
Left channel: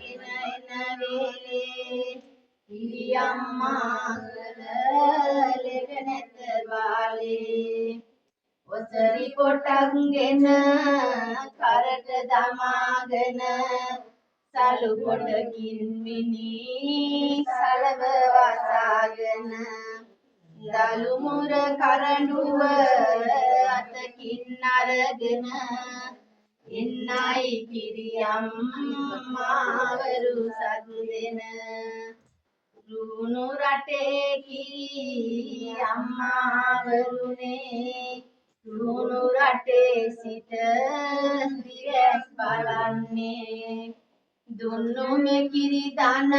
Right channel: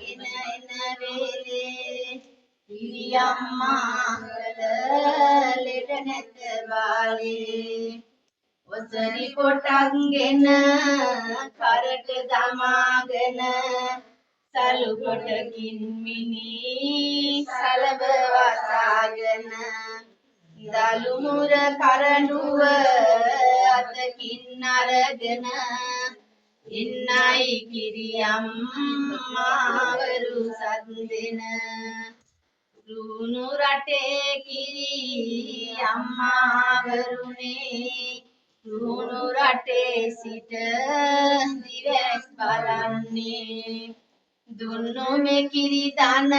ගෙන එන වේලේ පිරියම්මා කල ලෙඩ නැත බාලේ වසරි පොටක් ගෙන කරට දමාගෙන සලු පොටකින් මිනි සලබ වසාගෙන දලු මුර කරඬුව අතකින් අරගෙන ඉන්නයි කිරියම්මාවරු සත් දෙන රුණු රටේ කිරි අම්මාවරුනේ රුණු රටේ සිට දිවැස් බලන්නේ දුන්නු මෙකිරි දන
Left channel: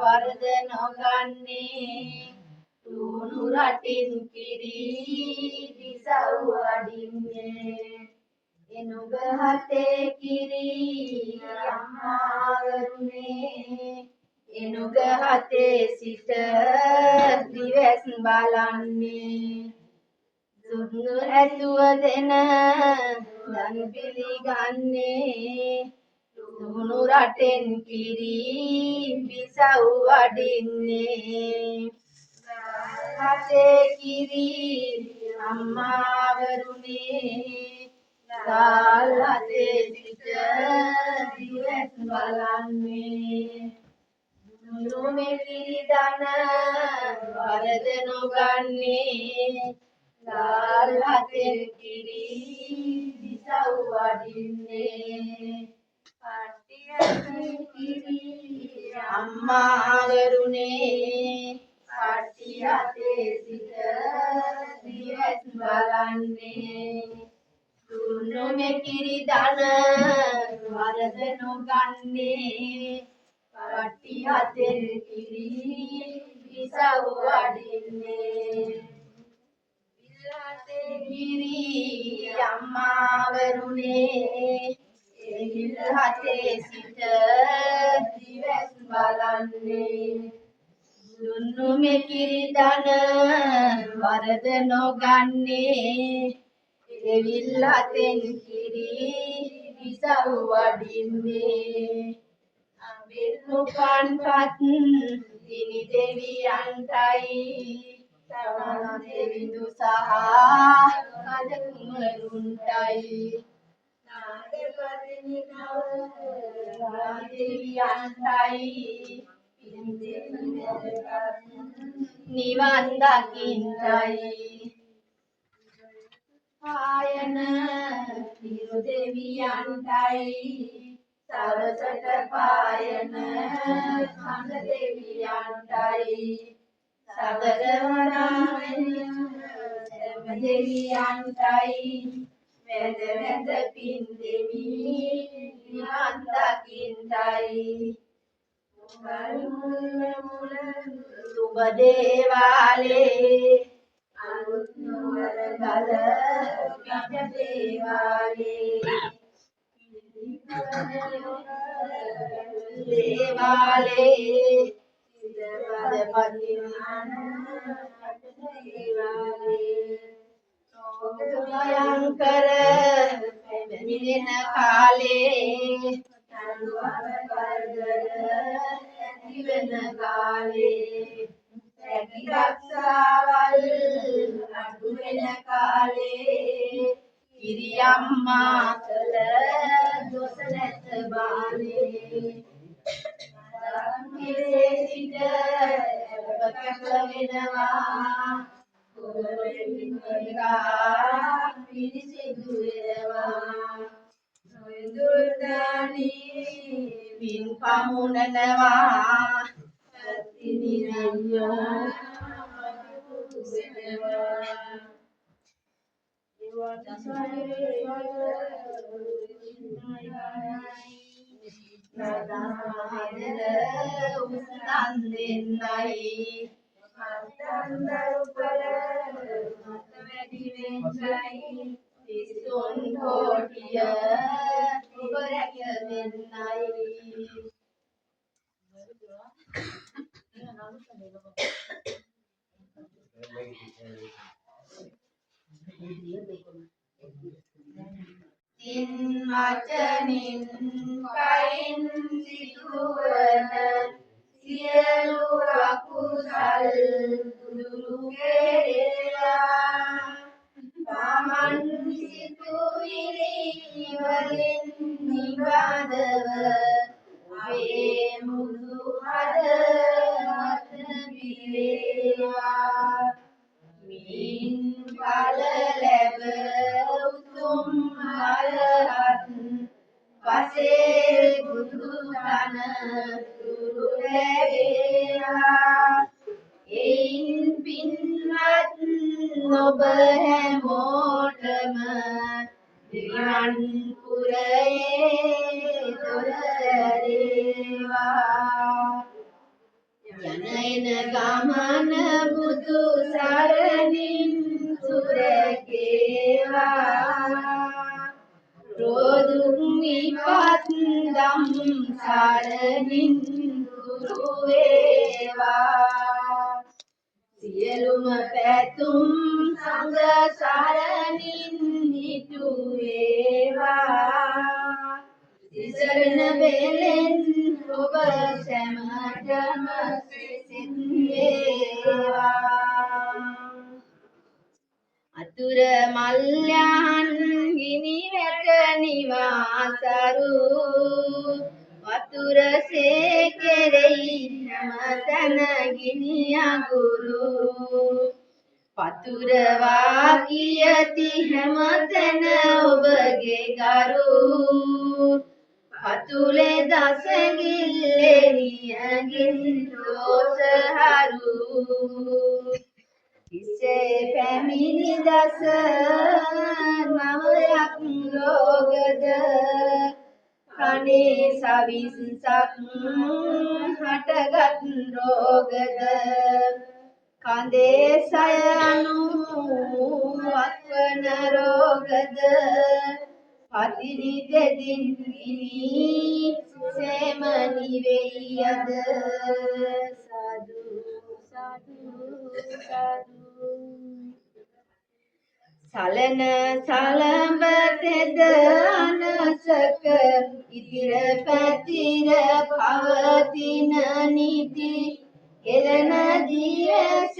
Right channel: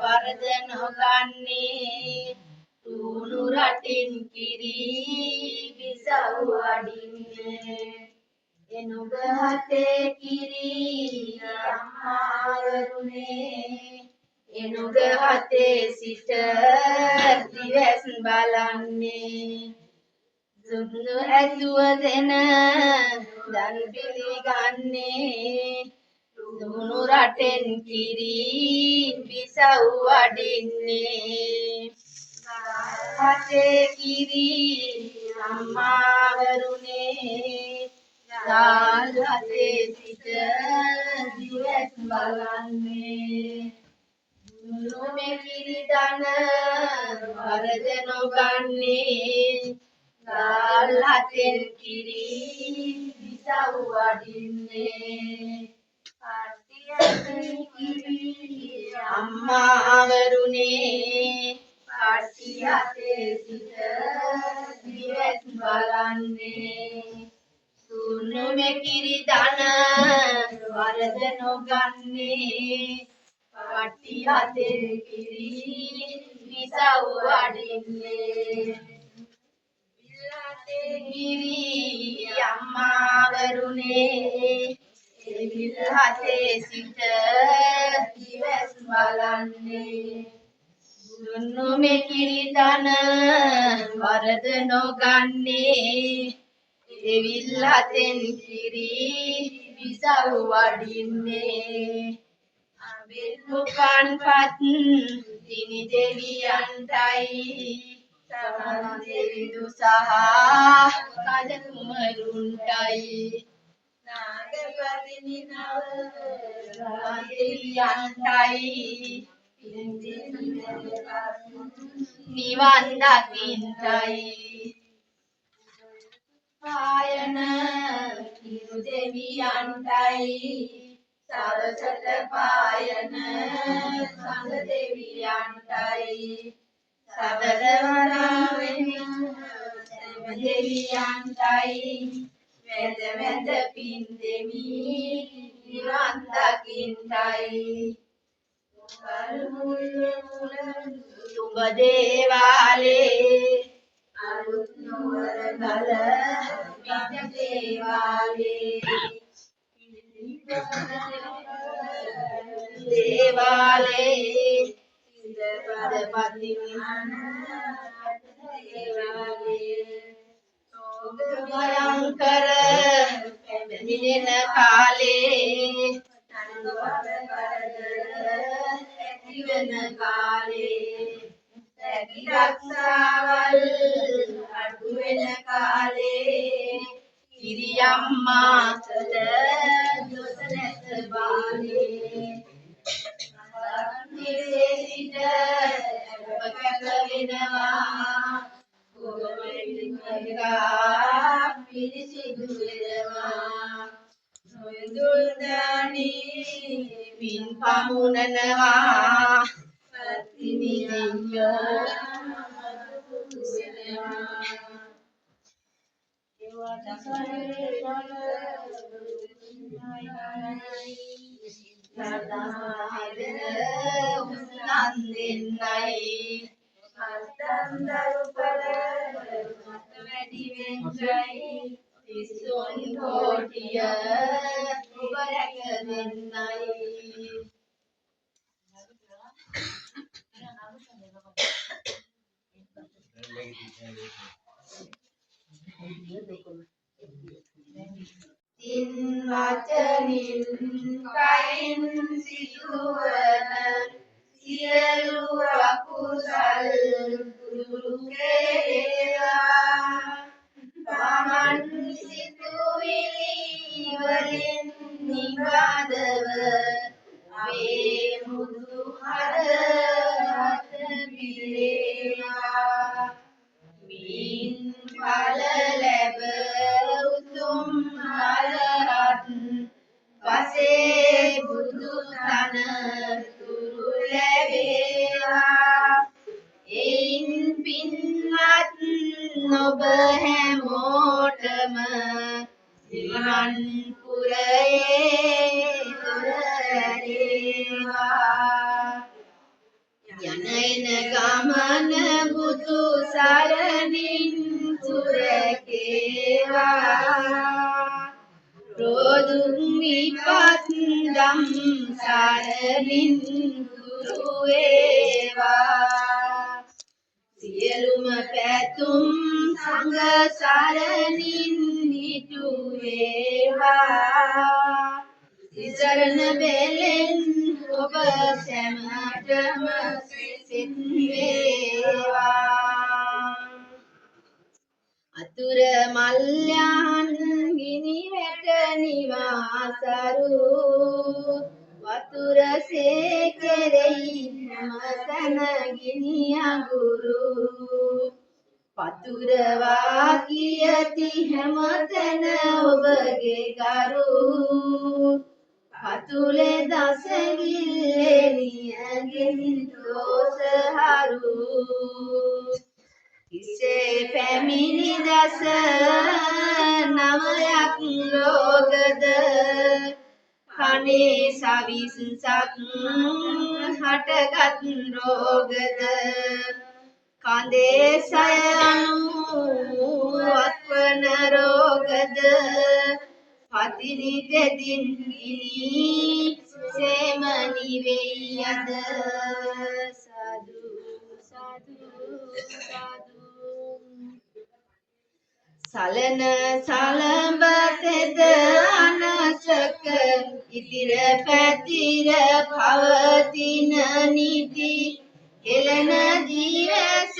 වරද නොගන්නේ රුණු රටින් කිරි විසව් අඩින්නේ එනුග හතේ කිරි අම්මාවරුනේ එනුග හතේ සිට දිවැස් බලන්නේ දුන්නු ඇතුව දෙන දන් පිළිගන්නේ දුනු රටෙන් කිරි විසව් වඩින්නේ හතේ කිරි අම්මාවරුනේ ගල් හතේ සිට දිවැස් බලන්නේ දුනු මෙකිරි දන වරද නොගන්නේ ගල් හතෙන් කිරි විසව් වඩින්නේ අම්මාවරුනේ පාටි හතේ සිට දිවැස් බලන්නේ දුන්නු මෙකිරි දන වරද නොගන්නේ පාටි හතේ කිරි විසව් වඩින්නේ විල්හතේ කිරි අම්මාවරුනේ විල්හතේ සිට දිවැස් බලන්නේ දුන්නු මෙකිරි දන වරද නොගන්නේ විල්හතෙන් කිරි විසව් වඩින්නේ අබිල්පුපන් පත් දිනි දෙවියන්ටයි සමන් දෙවිඳු සහ කජ කුමරුන්ටයි නාග පතිනි නවයන්ටයි නිවන් දකින්ටයි පායන හිරු දෙවියන්ටයි සවසට පායන සංඝ දෙවියන්ටයි සතරවරාවෙන් සෑම දෙවියන්ටයි වැඳ වැඳ පින් දෙමි නිවන් දකින්ටයි තුඹ දේවාලේ අලුත් නුවර ගල පිට දේවාලේ දේවාලේ සිදපද පතිනිහන දේවාලේ භයංකර පැමිණෙන කාලේ තනුවර කරදර ඇතිවෙන කාලේ රැකි රක්ෂාවල් අඩු වෙන කාලේ කිරියම්මා කළ දොස නැත බාලේ සංකේතේ සිට අපකැප වෙනවා ගොඩවැලිකා පිරිසිදු වෙනවා නොයදුල් දානි පින් පමුණනවා පතිනි අයියා තින් වචනින් කයින් සිදුවන සියලු අකුසල් දුරු කෙරේවා තමන් සිතුවිලි වලින් නිබඳව වේමුදු හදවත පිරේවා මින් ඵල ලැබ උතුම් අරහත් පසේ බුදු තන තුරු ලැබේවා එයින් පින්වත් නොබ හැමෝටම නිවන් පුරයේ දොර ඇරේවා යන එන ගමන බුදු සරණින් සුරකේවා රෝදුක් විපත් දම් සරණින් දුරු වේවා සියලුම පැතුම් සංඝ සරණින් නිතු වේවා තිසරණ බෙලෙන් ඔබ සැමටම සිත් වේවා අතුර මල්යන් ගිනි වැට නිවාසරු වතුර සේකෙරෙයි හැමතැන ගිනි අඟුරු පතුර වාකියති හැමතැන ඔබගේ ගරු පතුලේ දසගිල්ලේ නියගින් දෝසහරු ඉසේ පැමිණි දස නවයක් ලෝකද කනේ සවිසක් හටගත් රෝගද කඳේ සයනු අත්වන රෝගද පතිනි දෙදින් ගිනි සේමනි වෙයද සාදු සාදු සාදු සලන සලඹ තෙද අනසක ඉතිර පැතිර පවතින නිති කෙලන ජීවස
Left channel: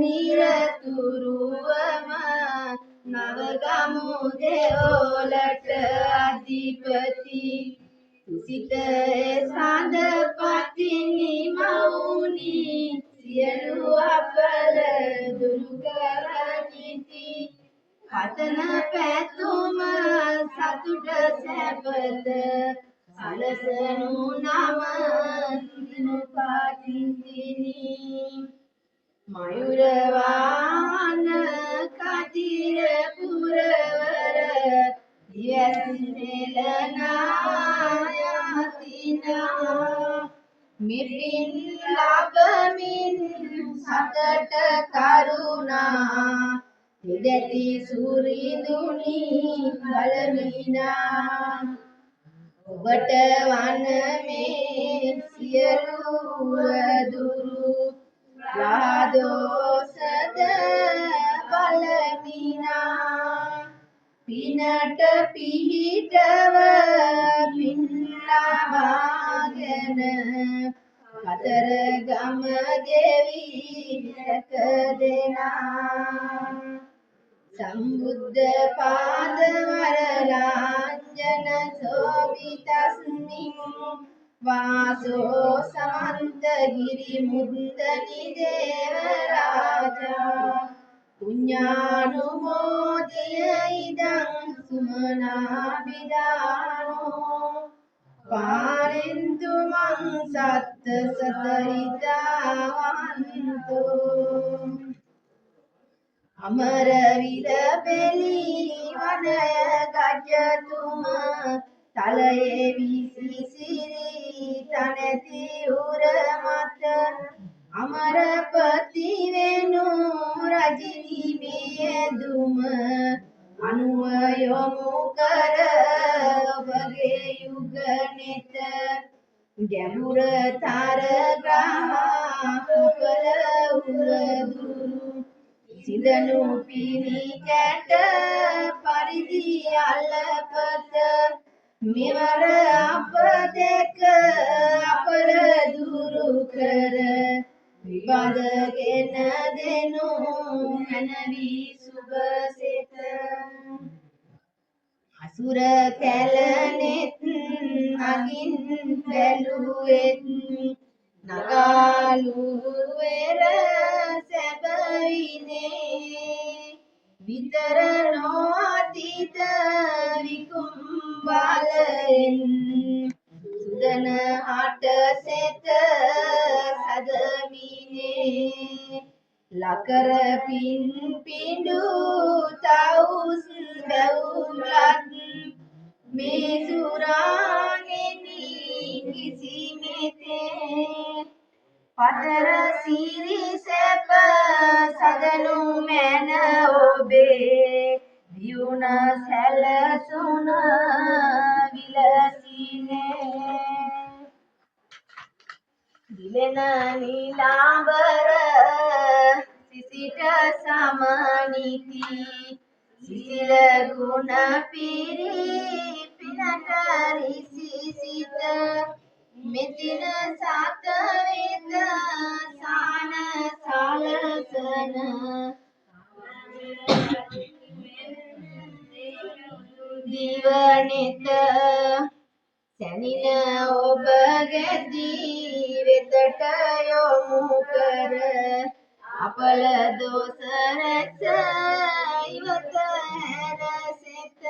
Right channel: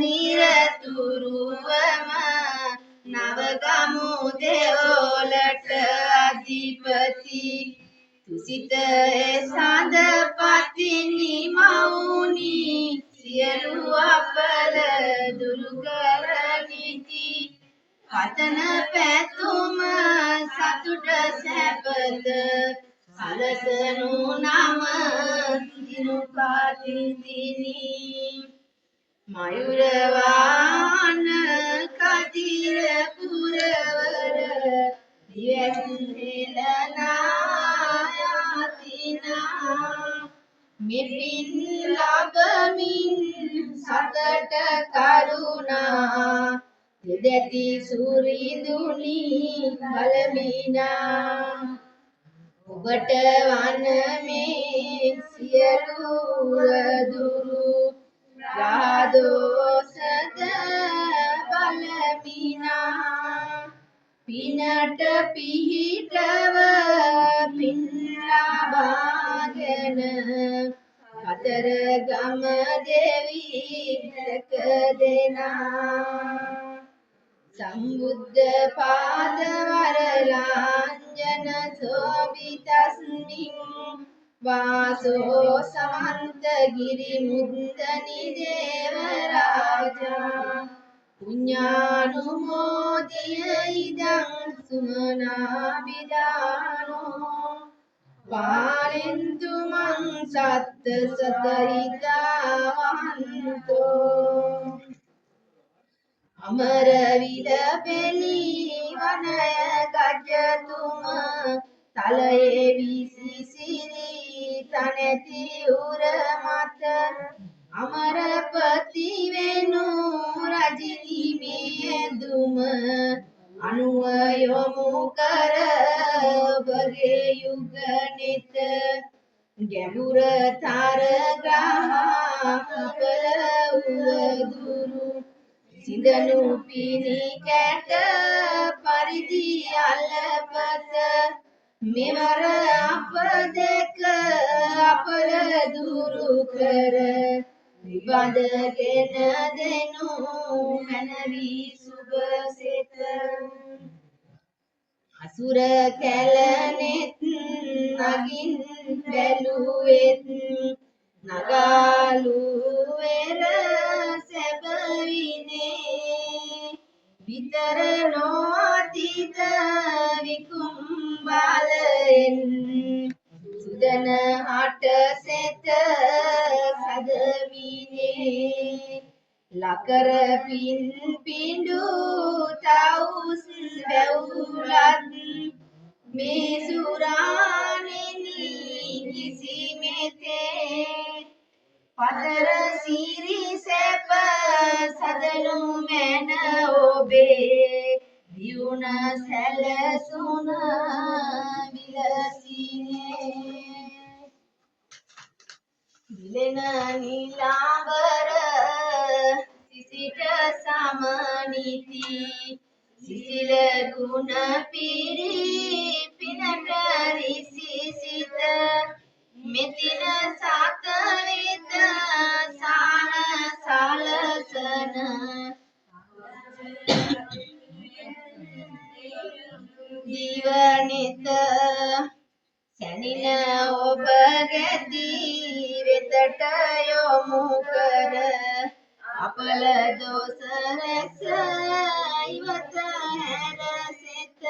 නිරතුරුවම නවගමු දෙවොලට අධි අධිපති තුසිත සඳ පතිනි මවුනි සියලු අපල දුරු කරනිති පතන පැතුම සතුට සැපත සලසනු නම දිනු පාතිතිනි මයුරවාන කදිර පුරවර දියසෙලනායතිනා මෙපින් ලබමින් සතට කරුණා දෙදැති සුරිඳුනි බලමිනා ඔබට වන මේ සියලු දුරු රාදෝසද බලමිනා පිනට පිහිටව පින් ලබාගෙන අතර ගම දෙවි දැක දෙනා සම්බුද්ධ පාද වරලාංජන සෝවිතස්මින් වාසෝ සමන්ත ගිරි මුද්දනි දේව රාජා පුඤ්ඤානුමෝදිය ඉදං සුමනා විදානෝ පාරින්තු මං සත්ත සතරිතා වහන්තෝ අමර විරබෙලි වනය ගජතුම තලයේ විසිසිරි තනති උර මත අමරපති වෙනු රජිනි මියදුම අනුව යොමු කර ඔබගේ යුග නෙත ගැඹුර තරග්‍රහ උවදුරු සිදනු පිණි කැට පරිදි අල්ලපත මෙවර අප දෙක අපල දුරු කර විබඳගෙන දෙනු මනවි සුබසෙත අසුර කැලනෙත් නගින් බැලුවෙත් නගාලු වෙර සැබවිනේ විතර නොඅතිත විකුම්බලෙන් සුදන හට සෙත සදමිනේ ලකර පින් පිඬු තවුස් බැවුලත් මේ සුරානෙනි කිසි මෙතේ පතර සිරි සැප සදනු මැන ඔබේ දියුණ සැලසුන විලසිනේ දිලෙන නිලාවර සිසිට සමනිති සිසිල ගුණ පිරි පිනට රිසිසිත මෙතින සත වෙත සාන සලසන දිවනිත සැනින ඔබ ගැදී වෙතට යොමු කර අපල දෝස රැස ඉවත හැර සෙත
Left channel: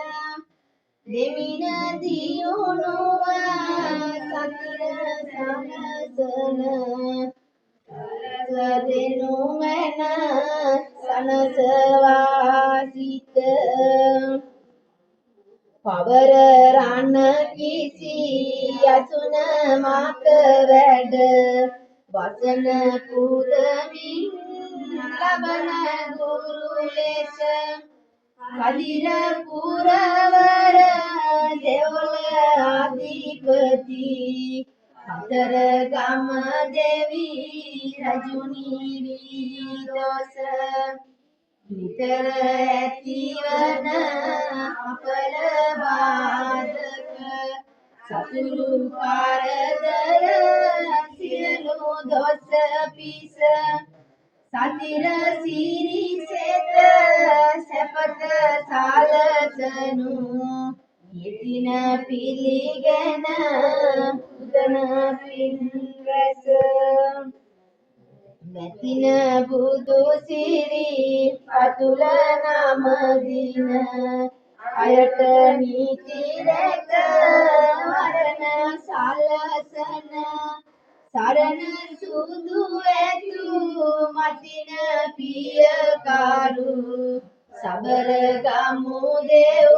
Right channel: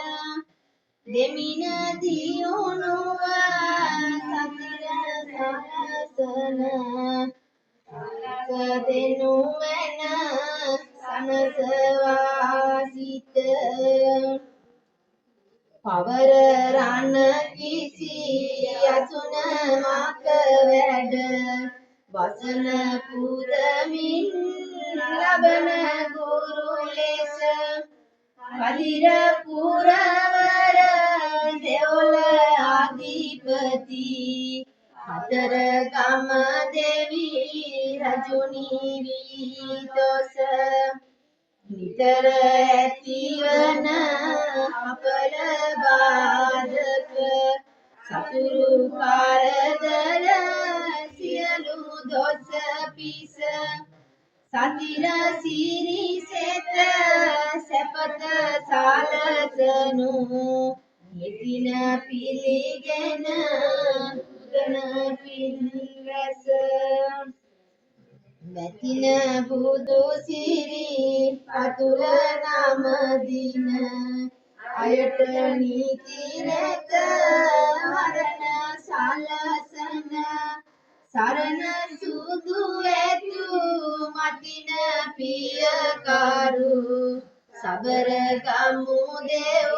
දෙමින දියුණුව සතිර සනසන සදෙනු මන සනසවාසිත පවර රණ කිසි යසුන මක වැඩ වසන පුදමින් ලබන ගුරු ලෙස කදිර පුරවර දෙවොල අධිපති අතර ගම දෙවි රජුනි විදොස නිතර ඇතිවන අපල බාධක සතුරු කරදර සියලු දොස් පිස සතිර සිරි සෙත සැපත සලසනු යෙතින පි තින බුදු සිරි පතුල නම දින අයට නීති රැක වරණ සලසන සරණ සුදු ඇතු මතින පිය කරු සබර ගමු දෙව්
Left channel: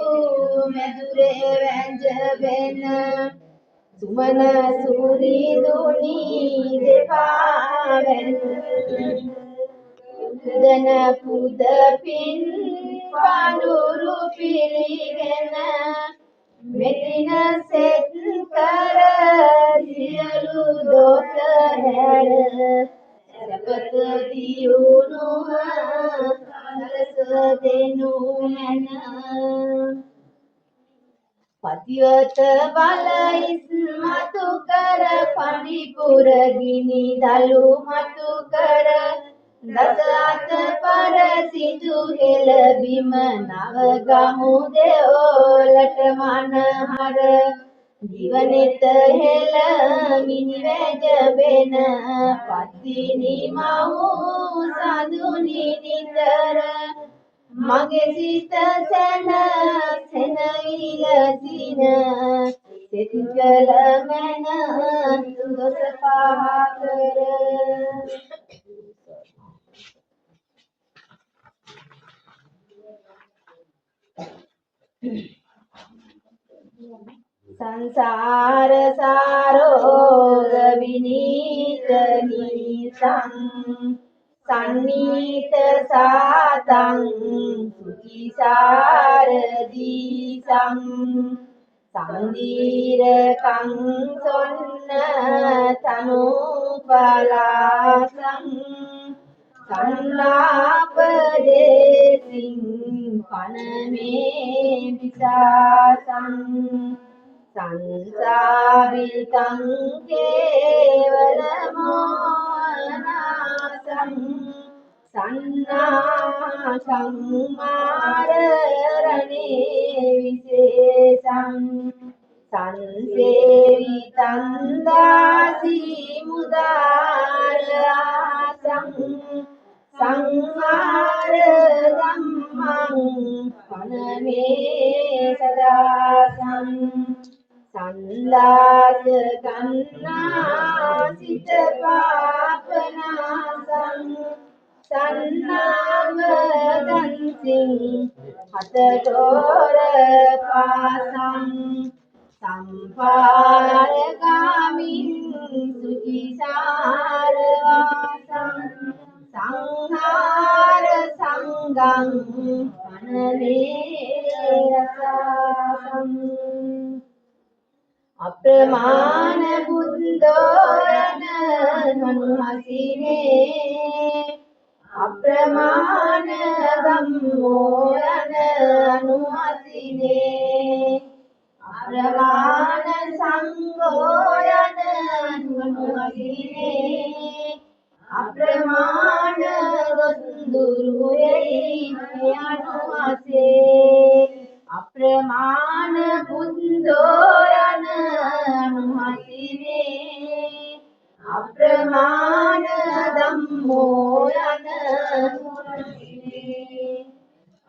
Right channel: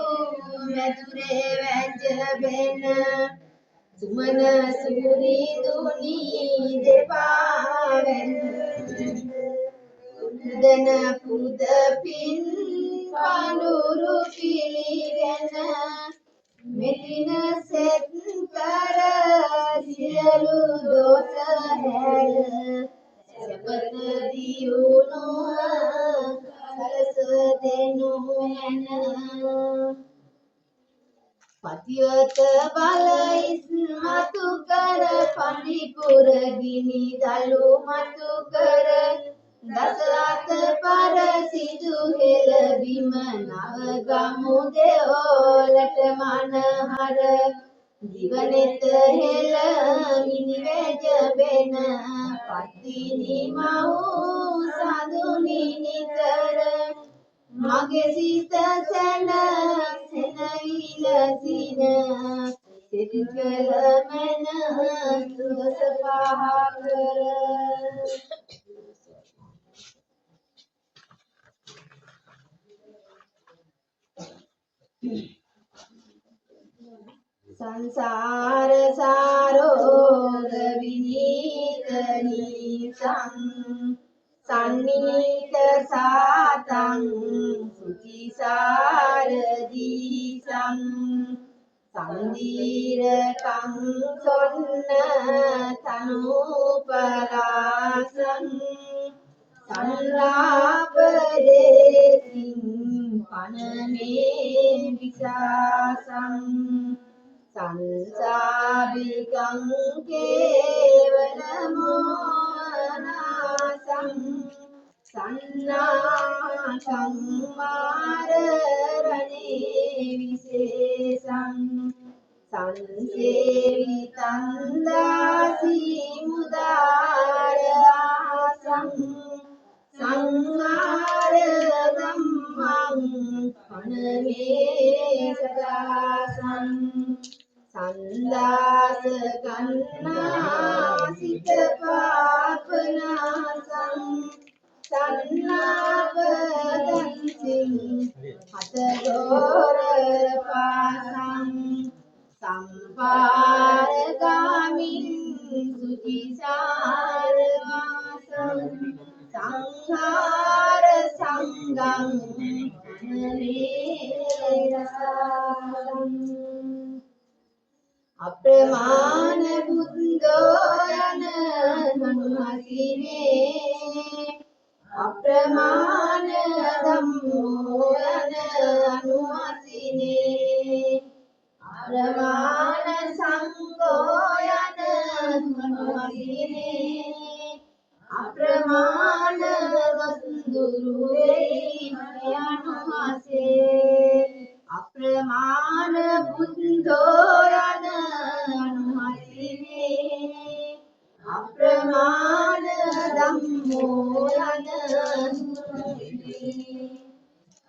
මැදුරේ වැංජබෙන සුමන සූරි දුනි දෙපා වැඳ පුද පින් පඳුරු පිළිගෙන මෙතින සෙත් කර සියලු දෝෂ හැර සපත දියුණුව සලස දෙනු මැන පතිවත බල ඉස්මතු කර පරිපුර ගිනි දලු මතු කර දස අත පර සිටු හෙළ බිම නව ගමු දෙවොලට මනහර දිවනෙත හෙළ මිනි වැජබෙන පත්තිනි මව් සඳුනි නිතර මගේ සිත සැන සෙනවිලසින සිත කළ මැන සුවස පහකර සංසාර සාරෝග විනීත නීසං සන්නීත සාතං සුචිසාර දීසං සම්දීරකං සොන්න තනුපලාසං සංලාපදේසින් පනමේ විසාසං සංසාවිකං කේවල මොනාසං සන්නාසං මාරරණේ විශේෂං සංසේවිතං දාසී මුදාරාසං සංහාර ධම්මං පනමේ සදාසං සන්දාස ගන්නා සිත පාපනාසං සන්නාව දන්සිං හතගෝර පාසං සම්පාරගාමින් සුචිසාර වාසං සංහාර සංගං අනලේ රසං අප්‍රමාණ බුද්ධයන මනුහසිනේ අප්‍රමාණ ධම්මෝ යන අනුහසිනේ අප්‍රමාණ සංඝෝ යන මනුහසිනේ අප්‍රමාණ දුරු වේ අනුහසේ අප්‍රමාණ බුද්ධෝ යන අනුහසිනේ අප්‍රමාණ ධම්මෝ යන අනුහසිනේ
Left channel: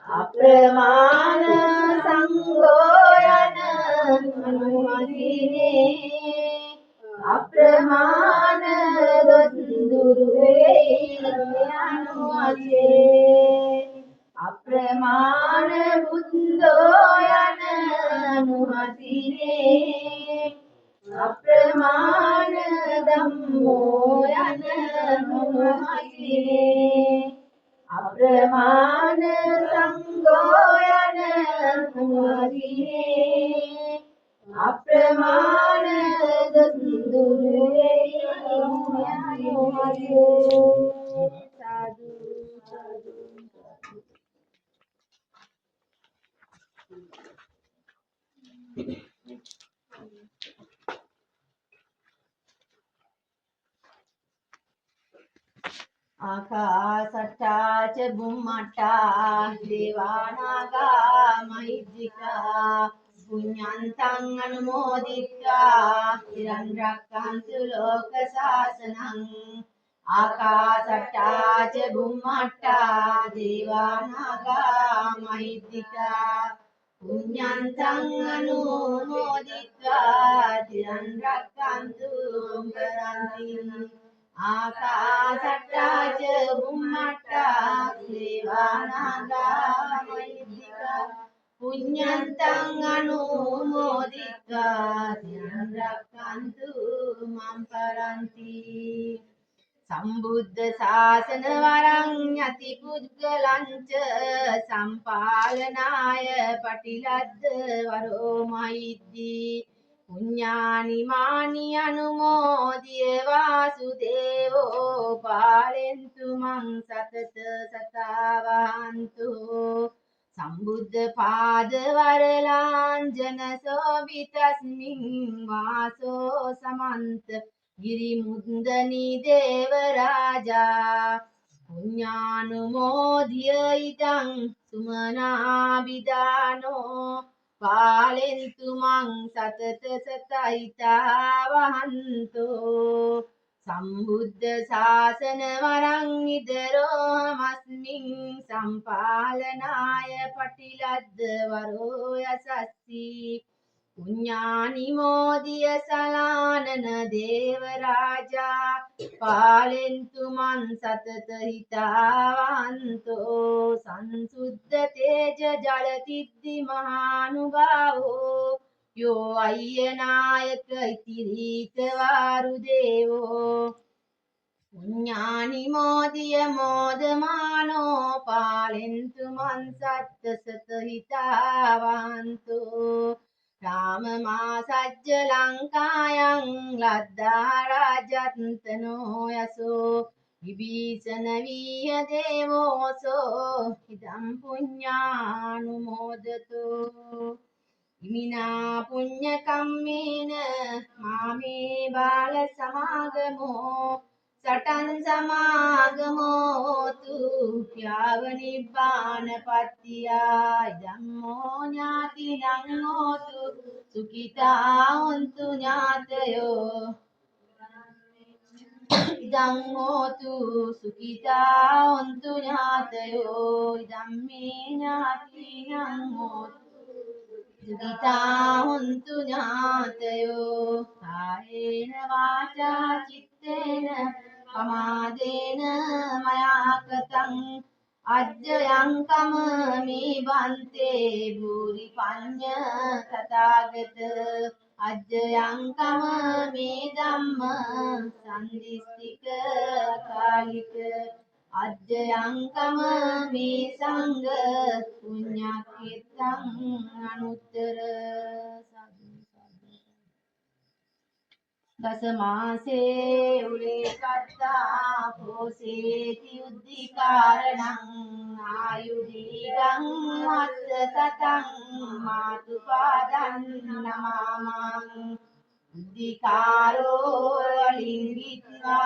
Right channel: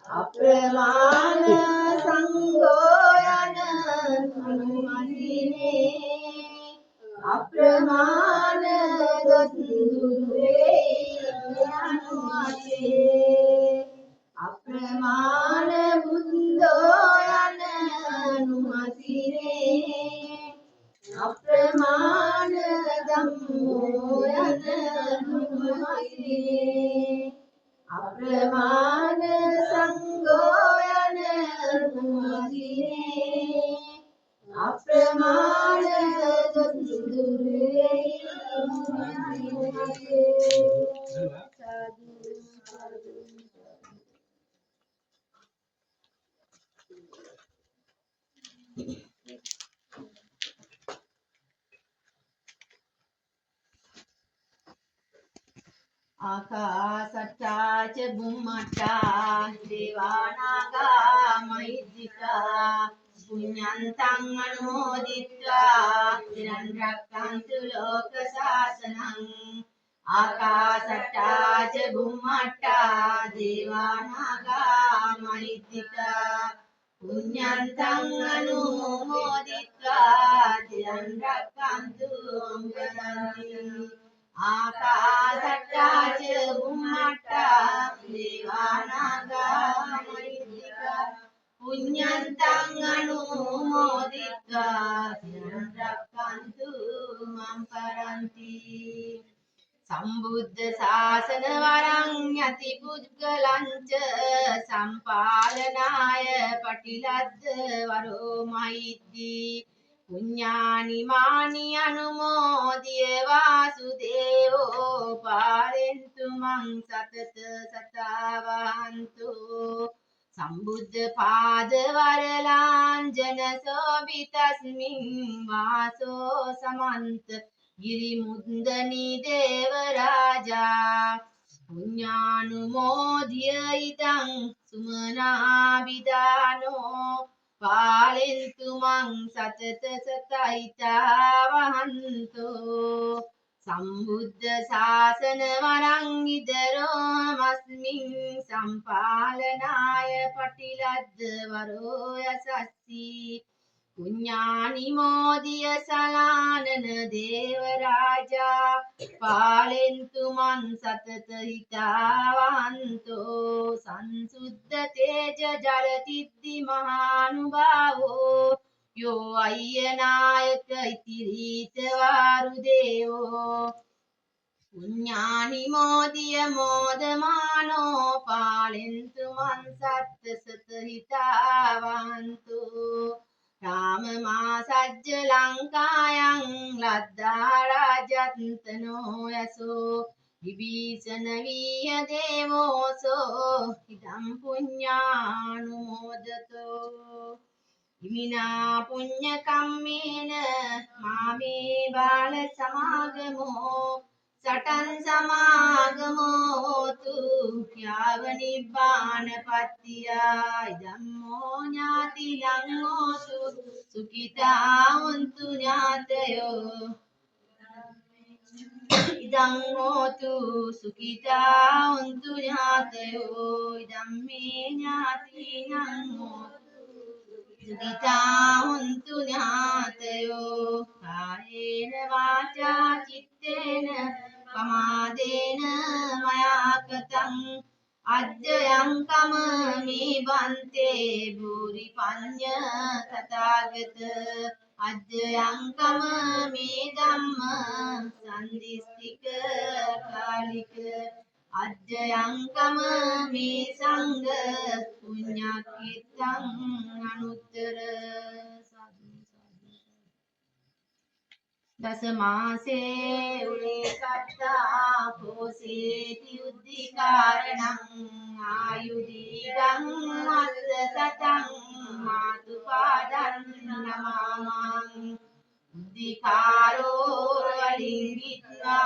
අප්‍රමාණ සංඝෝ යන අනුහසිනේ අප්‍රමාණ දුරු වේ අනුහසේ අප්‍රමාණ බුද්ධෝ යන අනුහසිනේ අප්‍රමාණ ධම්මෝ යන අනුහසිනේ අප්‍රමාණ සංඝෝ යන අනුහසිනේ අප්‍රමාණ දුරු වේ අනුහසේ සාදු සාදු ආකාසට්ටා ච බුම්මට්ටා දේවානාගා මහිද්దికා පුඤ්ඤන්තං අනුමෝදිත්වා තිරන් රක්ඛන්තු ලෝක සාසනං ආකාසට්ටා ච බුම්මට්ටා දේවා නාග මහිද්దికා පුඤ්ඤන්තං අනුමෝදිत्वा චිරන් රැක්කන්තු පරන්ති ආකාසට්ටා ච බුම්මට්ටා දේවා නාග මහිද්దికා පුඤ්ඤන්තං අනුමෝදිत्वा චිරන් රැක්කන්තු මම් පරන්ති සම්බුද්ධ ශාසන වරං යති පුද්ගලංච සම්පාලනාය පටිලද්ද වරෝ මහිද්දී පුඤ්ඤානි මානි අනුමෝදිය වාසුදේවෝ පාලෙන්තු මං සතත සතාවන්තු සම්බුද්ධ පාද වරලාංජන සෝවිතස්මින් වාසෝ සමන්ත ගිරිමුද්දනී දේවරාජා පුඤ්ඤානුමෝදිය ඉදං සුමනාබිදානෝ පාලෙන්තු මං සතත සතයිතා වහන්තෝ සම්බුද්ධ ශාසන වරං ඉදරෝ මස්මින් සම්පාලනාය පටිලද්ද වරෝ යසස්සී පුඤ්ඤානි මෝදිය සලානන දේවරාජා පාලෙන්තු මන් සතත හිතාවන්තෝ සංසුද්ධ තේජ ජලතිද්දි මහානුභාවෝ යෝ අය්‍යනායක ඉතිරීත වාරුදේවෝ පුඤ්ඤානි මෝදිය මෝදමානෝ පාලෙන්තු මන් සත්ත සත හිතාවන්තෝ राम मा सज्ज लंकायं लद्दा राजन्तनो यशो विभीषण वीय देवोसो इदं पुण्यानुमोदतो इमिना पुण्य कम्मेन मामे बाल समागमो सटन समागमो तु याव निब्बान पत्तिया धम्मो ज्ञातिनं होतु सुखिता होन्तु ज्ञातयो इदं होतु सुखिता होन्तु ज्ञातयो इदं मे ज्ञातिनं होतु सुखिता होन्तु ज्ञातयो कायेन वाचा चित्तेन पमादेन मया कृतं अद्ययं कममि बन्ते भूरि पञ्च तथागत अद्ययं कममि धम्म सन्दिस्तिक कालिक अद्ययं कममि संग पुण्यकीर्तं अनुत्तर दशमासे उरे कट्टा पोसेति उद्दिकारणं आयुधीरं वत्स सतं मातुपादं नमामं उद्दिकारो वलिङ्गित्वा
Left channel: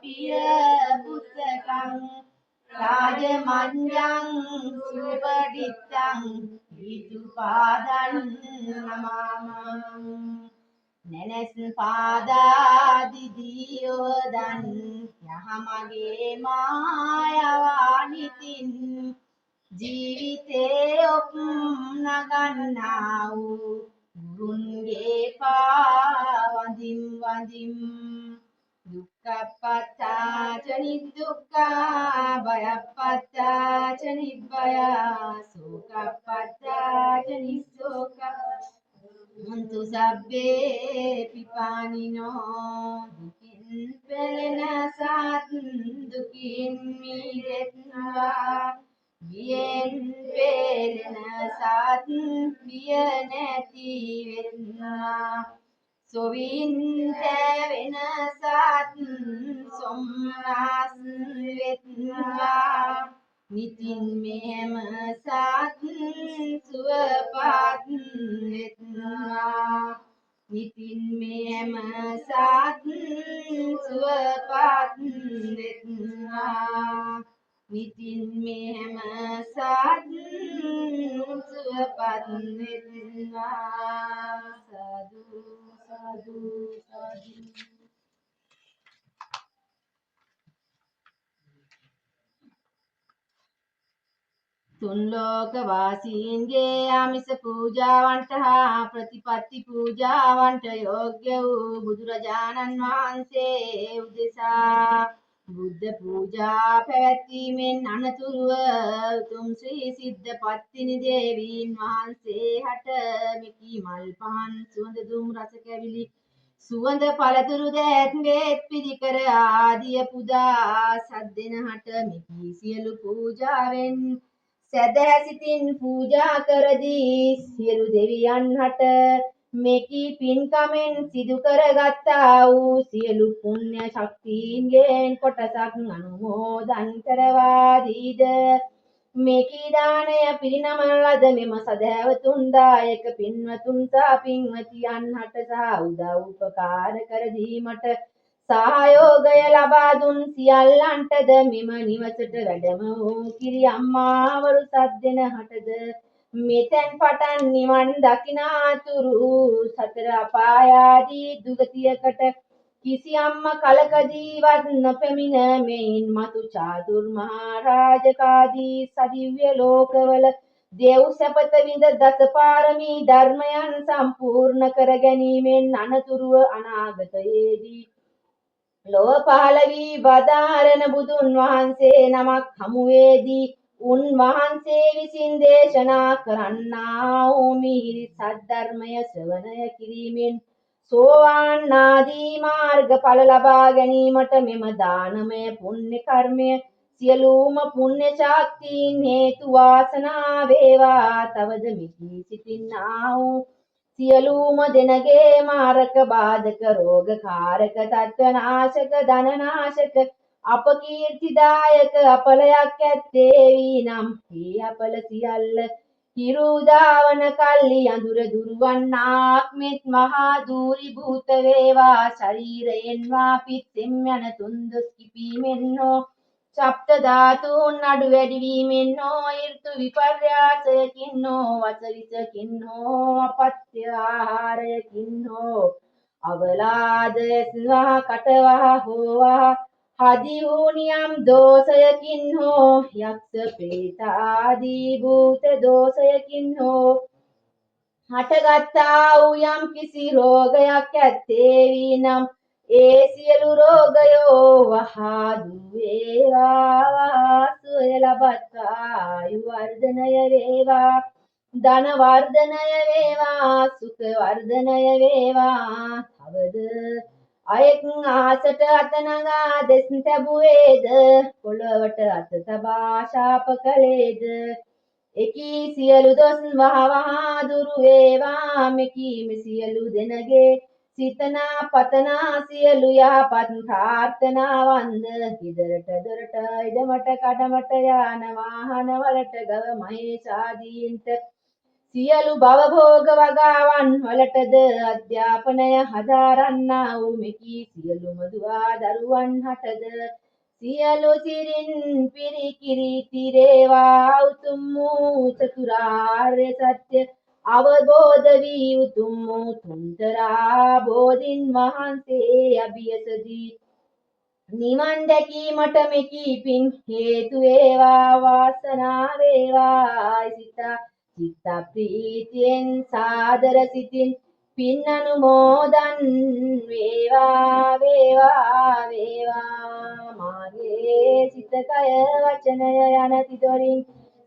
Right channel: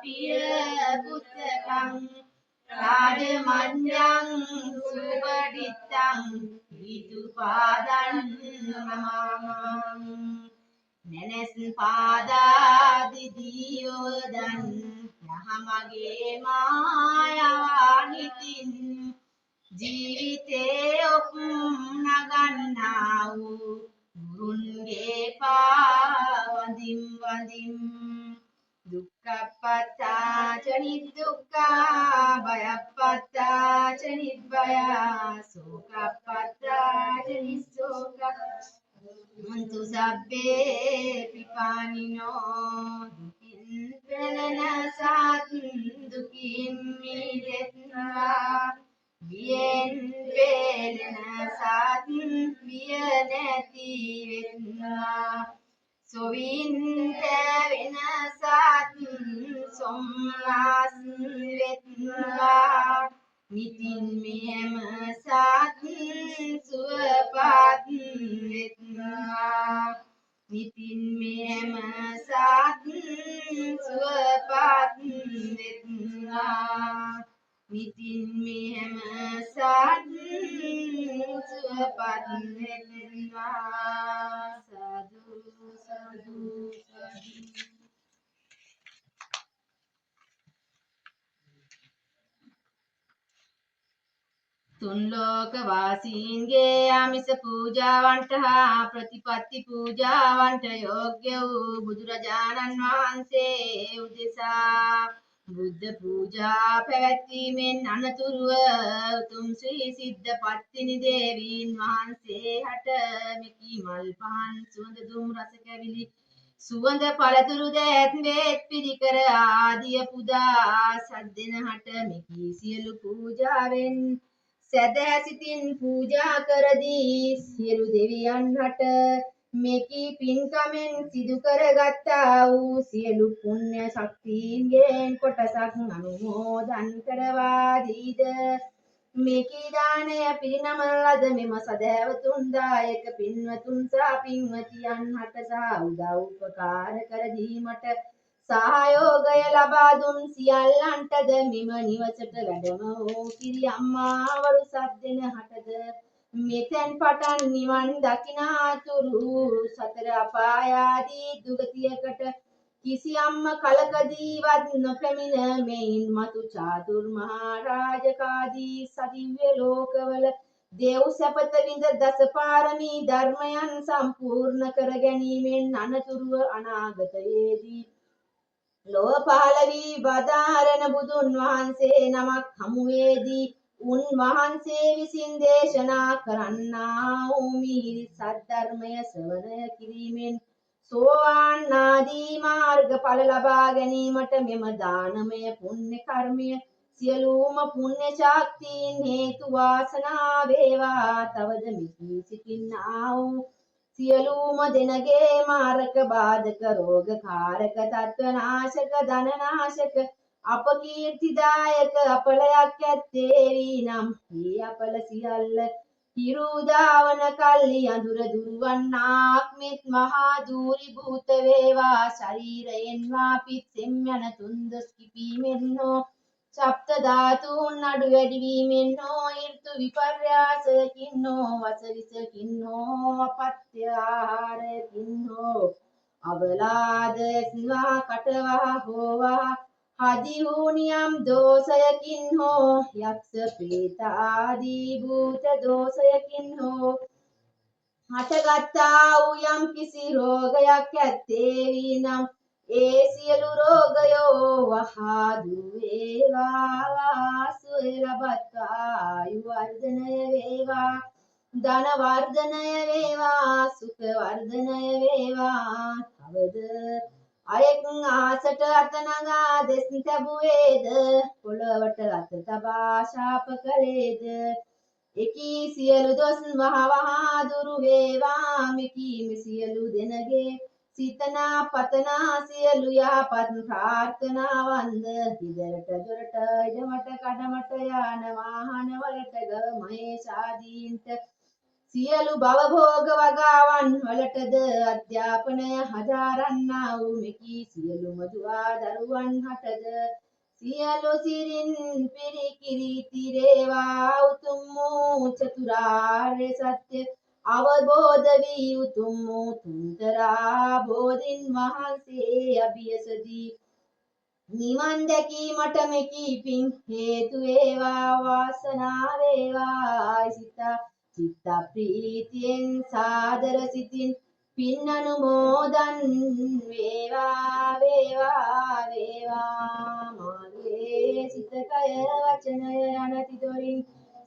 प्रिय पुस्तकं राजमन्यं सुपठितं विदुपादं नमामं ननस पादा दिदियोदन यहमगे मायावानितिन जीविते उपनगन्नाउ गुरुन्गे पावदिं वदिं दुःखपत्ता च निदुःखा भयपत्ता च निभया शोकपत्ता च निशोका Untuk sabbe pipanino dukin pelena saat dukin miretna bien pelena saat bianeti vetna sovin tevena saat somnas vetna nitin mehem saat suapat vetna nitin mehem saat suapat vetna nitin mehem saat suapat vetna sadhu sadhu sadhu තුන් ලෝක වාසීන්ගේ ආමිස පූජාවන්ට හා ප්‍රතිපත්ති පූජාවන්ට යෝග්‍ය වූ බුදුරජාණන් වහන්සේ උදෙසා බුද්ධ පූජා පැවැත්වීමෙන් අනතුරුව උතුම් ශ්‍රී සිද්ධ පත්තිනි දේවීන් වහන්සේ හට මෙකී මල් පහන් සුවඳ දුම් රස කැවිලි සුවඳ පළතුරු දෑත් වේත් පිරිකර ආදිය පුදා සද්දෙනහට මෙකී සියලු පූජාවෙන් සැදැහැ සිතින් පූජා කරදී සියලු දෙවියන් හට මෙකී පින්කමෙන් සිදු කරගත්තා වූ සියලු පුණ්‍ය ශක්තියින්ගෙන් කොටසක් අනුමෝදන් කරවා දීද මෙකී දාණය පිරිනමන ලද මෙම සදහැවතුන් දායක පින්වතුන් සහ පින්වතියන් හට සහ උදව් උපකාර කර දීමට සහයෝගය ලබා දුන් සියල්ලන්ටද මෙම නිවසට වැඩම වූ කිරි අම්මාවරු සද්දෙන හටද මෙතෙන් පටන් නිවන් දකිනාතුරු සතර අපායාදී දුගතියකට කිසියම්ම කලකදීවත් නොපැමිණ මෙයින් මතු චාතුර් මහා රාජකාදී සදිව්‍ය ලෝකවල දෙව් සැපත විඳ දසපාරමී ධර්මයන් සම්පූර්ණ කර ගැනීමෙන් අනතුරුව අනාගතයේදී ලොව පහළ වී වදාරන බුදුන් වහන්සේ නමක් හමුවේදී උන්වහන්සේ විසින් දේශනා කරන්නා වූ මිහිරි සද්ධර්මය ශ්‍රවණය කිරීමෙන් සෝවාන් ආදී මාර්ගඵල ලබා ගැනීමට මෙම දානමය පුණ්‍ය කර්මය සියලුම පුණ්‍ය ශක්තියින් හේතු වාසනා වේවා. තවද මිදී සිටින්නා වූ සියලුම දෙනගේ මාරක බාධක රෝග කාරක තත්ත්ව නාශක ධන නාශක අපකීර්තිදායක අපලයක් ඇත්තේ වීනම් මේ අපල සියල්ල හිරුදාවන කල්ලි අඳුර දුරවන්නාක් මෙත් මහා දූරි භූත වේවා. ශරීරයෙන් වාපිත්ෙම් යන තුන්දොස් කිපීමෙන් හෝ සප්ත ධාතුන් අඩු වැඩි වීමෙන් හෝ ඍතු විපර්යාසයකින් හෝ වසවිසකින් හෝ අපත්‍ය ආහාරයකින් හෝ අවලාද ඇස්වහ කටවහ හෝවහ හදි වූ නියම් දෝෂයකින් හෝ යක්ෂ ප්‍රේත ආදී භූත දෝෂයකින් හෝ හටගත්තා වූ යම් කිසි රෝගයක් ඇත්තේ වීනම් ඒ සියලු රෝගයෝ වහා දුරු වේවා. සුවය ලබත්වා ආයු වර්ධනය වේවා ධන වර්ධනය වේවා සුඛ වර්ධනය වේවා. තවද අයෙක් ආසට අත නගා දෙස් තැබුවේද පොළවට අත තබා ශාප කළේද එකී සියලු දොස් වහවහා දුරු වේවා. මෙකී සියලු දෙනගේ සිතනා පතනා සියලු යහපත් ප්‍රාර්ථනාවන්ද හිදරට දොරට ඉඩමට කඩමට යාන වාහන වලට ගව මහේශාදීන්ට සියලු භවභෝග වගාවන් වලටද අධ්‍යාපනය හදාරන්නා වූ මෙකී සියලුම දුවා දරුවන් හටද සියලු සිරින් පිරිකිරි තිරේවා. උතුම් වූ චතුරාර්ය සත්‍ය අවබෝධ වී උතුම් වූ තුන්තරා බෝධින් වහන්සේ අභියසදී නිවන් දැකීමට මෙකී පින් හේතු වේවා. වාසනාව වේවා. චිත්ත ප්‍රීතියෙන් සාදර සිතින් පින් අනුමෝදන් වේවා වේවා. මාගේ සිත කය වචනය යන තිදොරින්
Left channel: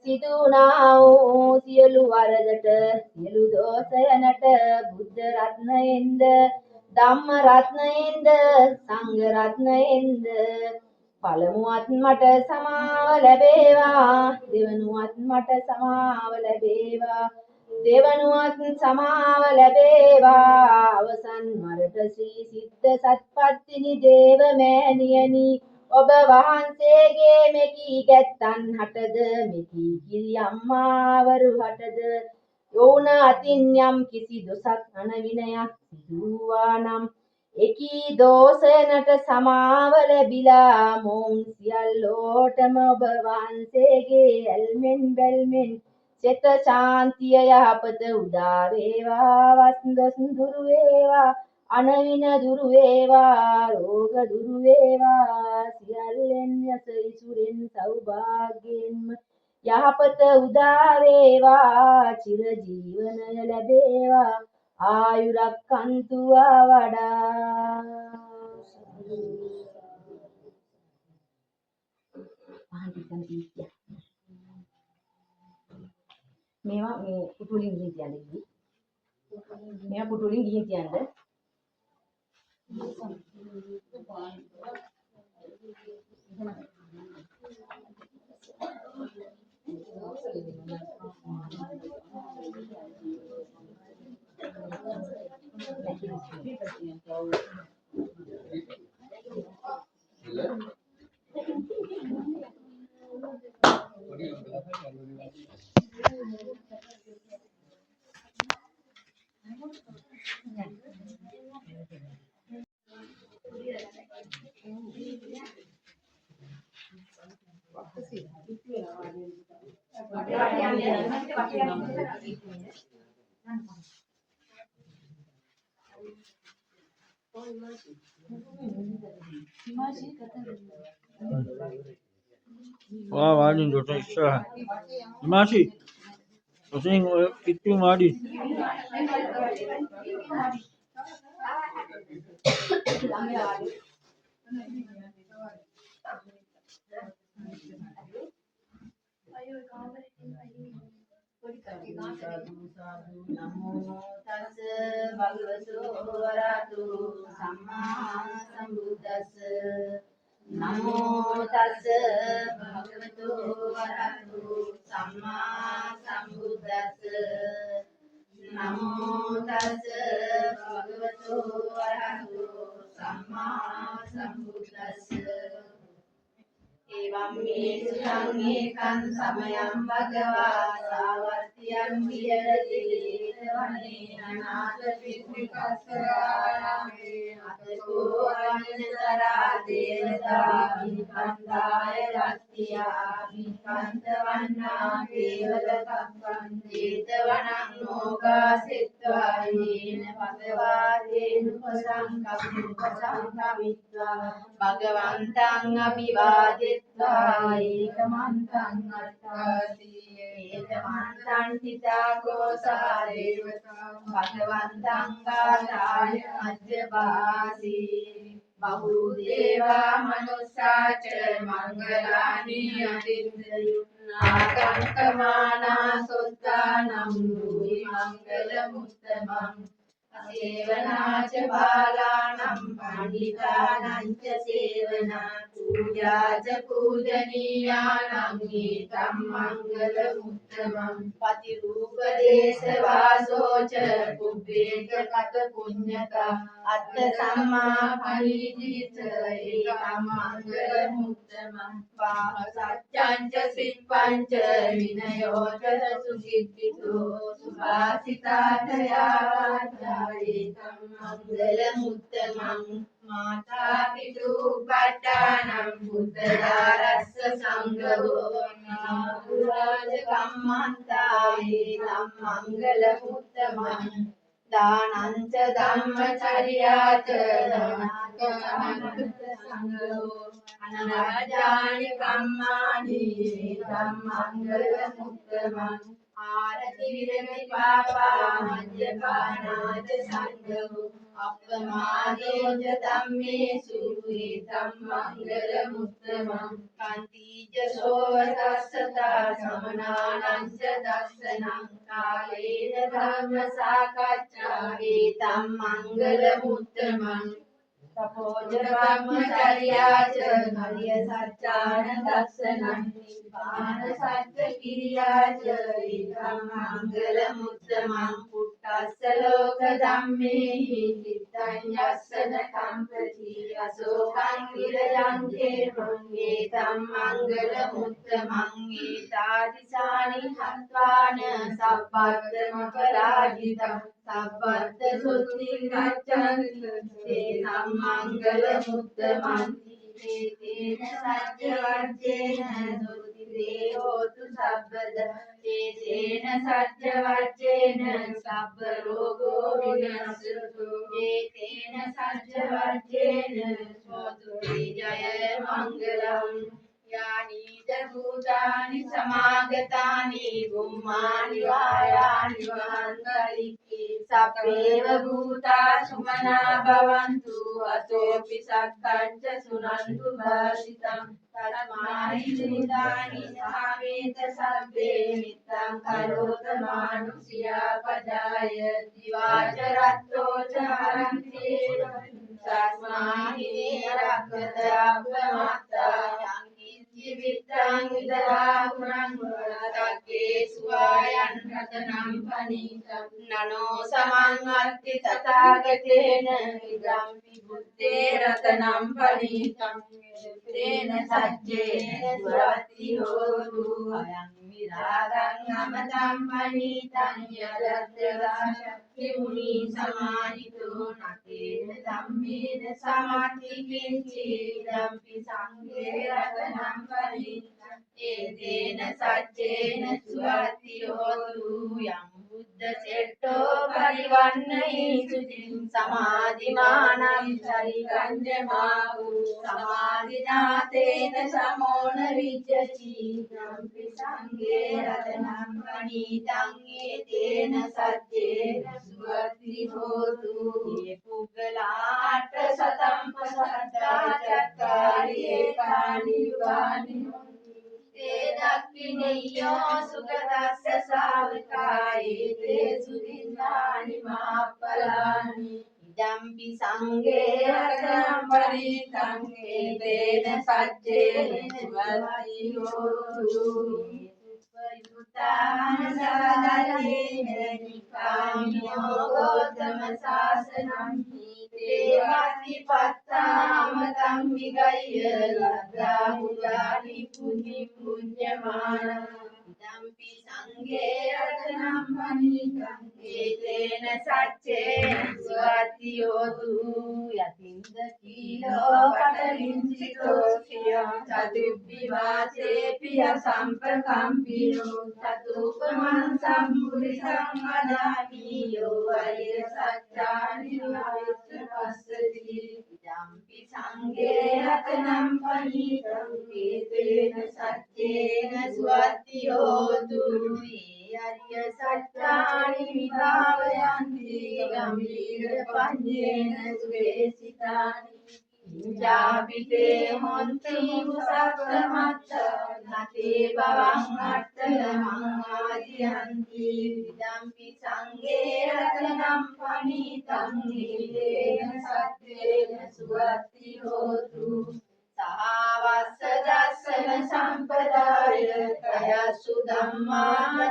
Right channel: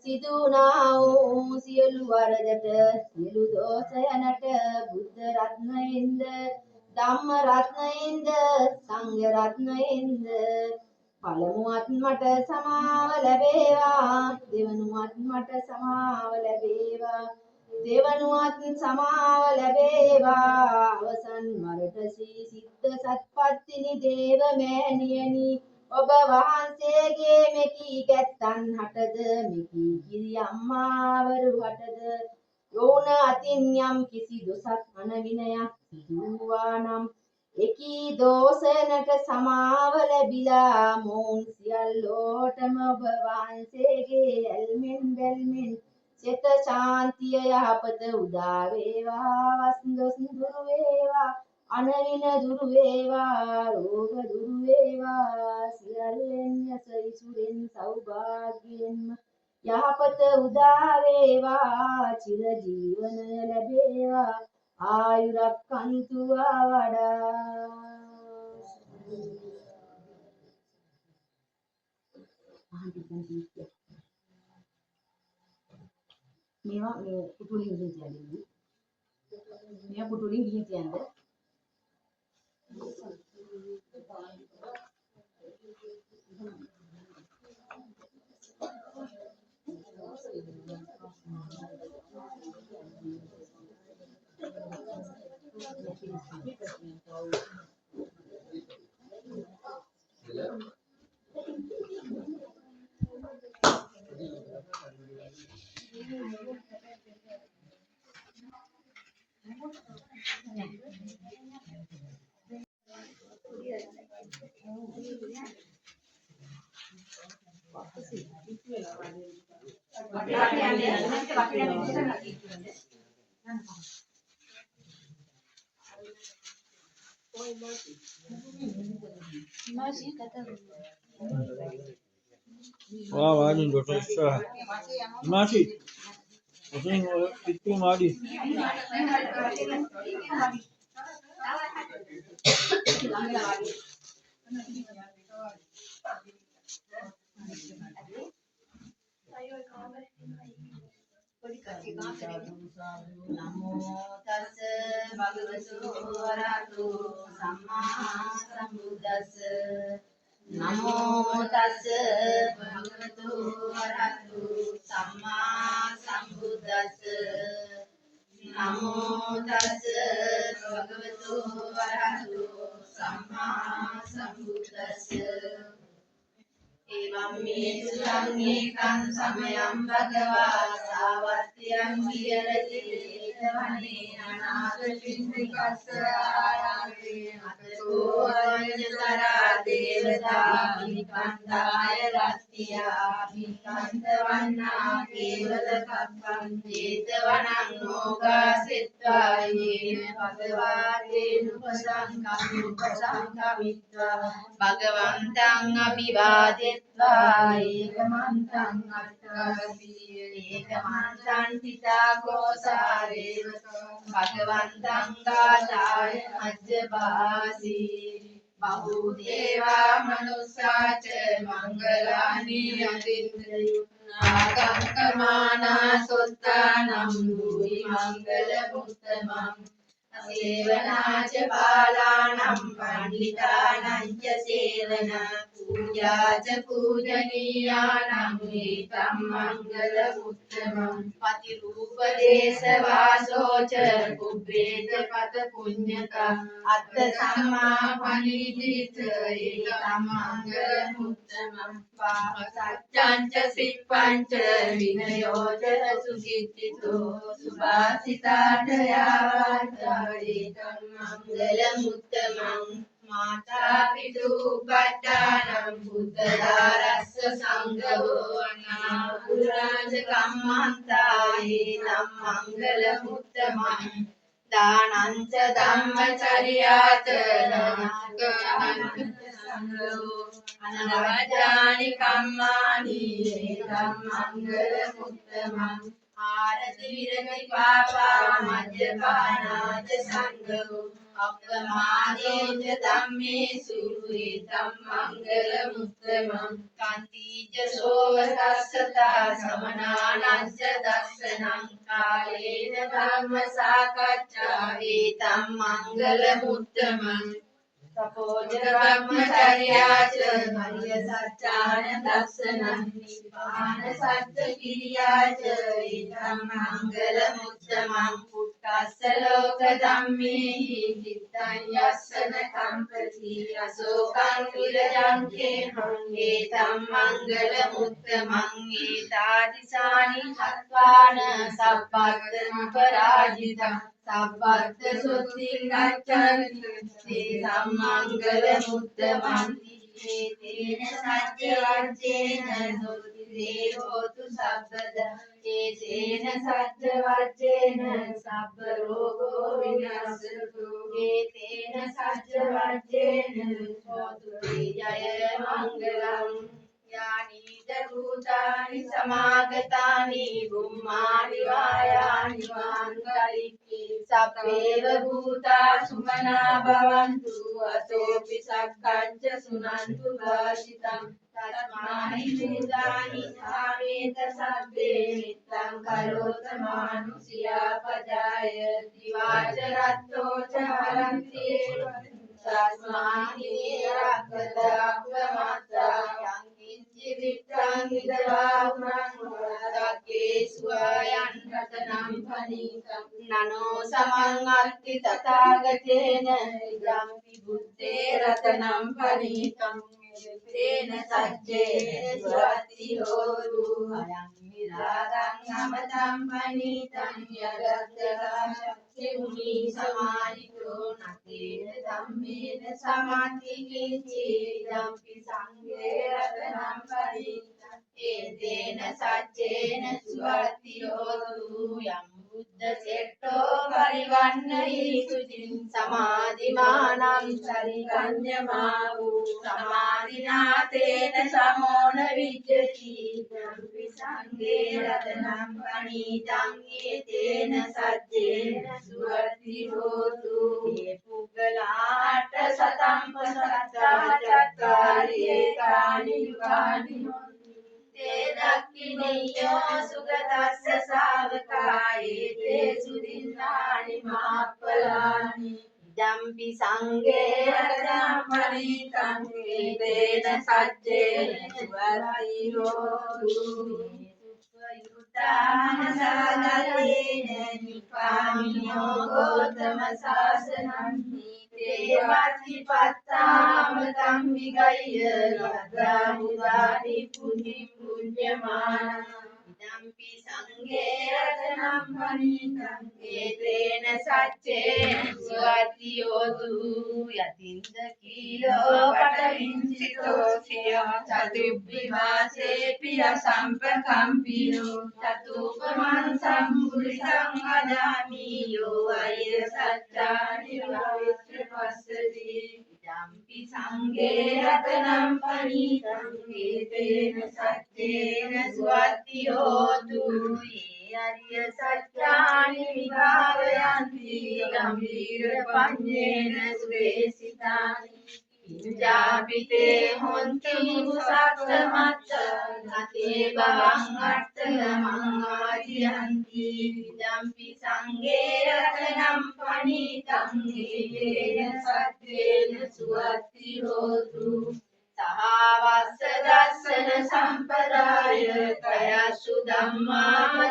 සිදුනා වූ සියලු වරදට සියලු දෝෂයනට බුද්ධ රත්නයෙන්ද ධම්ම රත්නයෙන්ද සංඝ රත්නයෙන්ද පළමුවත් මට සමාව ලැබේවා. දෙවනුවත් මට සමාව ලැබේවා. දෙවනුවත් සමාව ලැබේවා. අවසන් වරට ශ්‍රී සිද්ධ සත්පත්තිනි දේව මෑණියනි ඔබ වහන්සේගේ මෙකී ගැත්තන් හටද මෙකී කිරි අම්මාවරු හටද යෝන අතින් යම් කිසි දොසක් අනවිනයක් සිදුවා නම් එකී දෝෂයනට සමාව ලැබිලා මොවුන් සියල්ලෝටම ඔබ වහන්සේගේ ඇල්මෙන් බැල්මෙන් සිත ශාන්තිය යහපත උදා වේවා. වස්දොස් දුරු වේවා. අනවින දුරු වේවා. රෝග දුරු වේවා. සියල්ලෙන් යස ඉසුරෙන් සෞභාග්‍යයෙන්ම යහපත උදා වේවා චිර ජීවනය ලැබේවා ආයුරක්කන්තුවා වඩා මේවා මේ පුතුලින් ගිහින් කියන්නේ මේවා පුතුලින් ගිහින් කියන්නේ Wah, wadi dota istirahat. Masih. Pusing itu wadi. නමෝ තස් භගවතු වරහතු සම්මා සම්බුද්දස්ස නමෝ තස් භගවතු වරහතු සම්මා සම්බුද්දස්ස නමෝ තස් භගවතු වරහතු සම්මා සම්බුද්දස්ස එවං මේ සුඛං සමයං භගවා සාවත්තියං විහෙරති වනේ අනාථ පින්නිකස්ස ආරාමේ අතකෝ අඤ්ඤතරා දේවතා විකණ්ඩාය රත්තියා විකණ්ඩ වන්නා කේවල කප්පං චේතවනං මොගාසෙත්වා යේන භගවා තේනුපසංකමිත්වා භගවන්තං අභිවාදෙත්වා ඒකමන්තං අට්ඨාසී ඒකමන්තං තිතා කෝසාරේව භගවන්තං ගාථාය අජ්ජපාසී බහුදේවා මනුස්සාච මංගලානි අතින්දයු ආකංකමානා සොත්තානම් භූයි මංගල මුත්තමං සේවනාච බාලානම් පණ්ඩිතානං ච සේවනා පූජාච පූජනීයානම් ඒතම් මංගල මුත්තමං පතිරූප දේශ වාසෝච කුබ්බේත පත පුඤ්ඤතා අත්ථ සම්මා පරිදීත ඒතම් මංගල මුත්තමං පාහ සච්ඡං ච සිප්පං ච විනයෝ ච සුඛිත්තිතෝ සුභාසිතාඨයා ඒකම් මංගල මුත්තමං මාතා පිතු පට්ඨානම් බුද්ධදාරස්ස සංඝෝ අනාපුරාජ කම්මන්තායේ නම් මංගල මුත්තමං දානං ච ධම්මචර්යාච නාගානන්ත සංඝෝ අනවජානි කම්මානි ඒකම් මංගල මුත්තමං ආරති විරති පාපා මජ්ජපානාච සංඝෝ අප්පමාදේච ධම්මේසු ඒතම් මංගල මුත්තමං කාන්තිජ සෝවසස්සතා සමනානං ච දස්සනං කාලේන ධම්ම සාකච්ඡා ඒතම් මංගල මුත්තමං තපෝජ බ්‍රහ්මචර්යාච මරිය සත්‍යාන දස්සනං නිපාන සත්‍ය කිරියාච ඒතම් මංගල මුත්තමං පුට්ටස්ස ලෝක ධම්මේහි චිත්තං යස්සන කම්පති අසෝකං විරජං කේහං ඒතම් මංගල මුත්තමං ඒතාදිසානි හත්වාන සබ්බත් පරාජිතං සබ්බත් සුත්තිං ගච්ඡන්ති තේ සම්මංගල මුත්තමං තේන සත්‍ය වච්චේන සුත්තිේ හෝතු සබ්බද තේන සත්‍ය වච්චේන සබ්බ රෝගෝ විනස්සතු තේන සත්‍ය වච්චේන හෝතු ජය මංගලං यानि भूतानि समागतानि बुम्मानि वायानि वान्तरिक्षे सप्पेव भूता सुमना भवन्तु अतोऽपि सक्कञ्च सुनन्तु भाषितम् तस्मानि भूतानि सावेत सब्बे नित्यं करोत मानुष्यापजाय दिवाचरत्तो च हरन्ति तस्माहि रक्तदाब्धमात्रा जीवितं विदधापुरं वरदकेषु आयन् रतनं फणितं ननो समङ्गति तथागतेन इदं बुद्धे रतनं फणितं तेन सज्जेन स्वस्ति होतु अयं विरागं अमृतं फणितं यदद्रदाशक्तिमुनि समाहितो न तेन धम्मेन समाधि किञ्चिदपि सङ्गे रतनं फणितं एतेन सज्जेन स्वस्ति होतु यं बुद्धचेष्टो परिवन्नयेषु समाधिमानं शरीरञ्जमाहु समाधिना तेन समो न विद्यति यम्पि सङ्गे रतनं फणितं एतेन सज्जेन स्वस्ति होतु ये पुगलाट्टशतं चत्वारि एतानि युगानि तेन किनेयो सुगतस्य सावकाये तेषु दिनानि महाफलानि इदम्पि सङ्गे रतनं फणितं एतेन सज्जेन स्वस्ति होतु युक्तानसादलेन निकामिनो गौतमशासनं ते प्रतिपत्तामतं विगह्य लब्धाहुदानि पुण्यं पुण्यमानम् इदम्पि सङ्गे रतनं फणितं एतेन सज्जेन स्वस्ति होतु यतीन्द्रकीलो पटविंसितो श्रियो चतुर्विवासेऽपि असम्प्रकम्पिनो चतुपमं सम्पुरुषं वदामि यो वै सत्यानि भविष्य पश्यति इदम्पि सङ्गे रतनं फणितं एतेन सज्जेन स्वस्ति होतु ये अर्य सत्यानि विभावयन्ति गम्भीरपञ्चेन सुवेशितानि किञ्चापि ते हन्ति मुषाक्षमच्च न ते भवङ्गर्थमङ्गाजिहन्ति इदम्पि सङ्गे रतनं फणितं एतेन सज्जेन स्वस्ति होतु सहावस्य दर्शन सम्पदाय तयसु धम्मा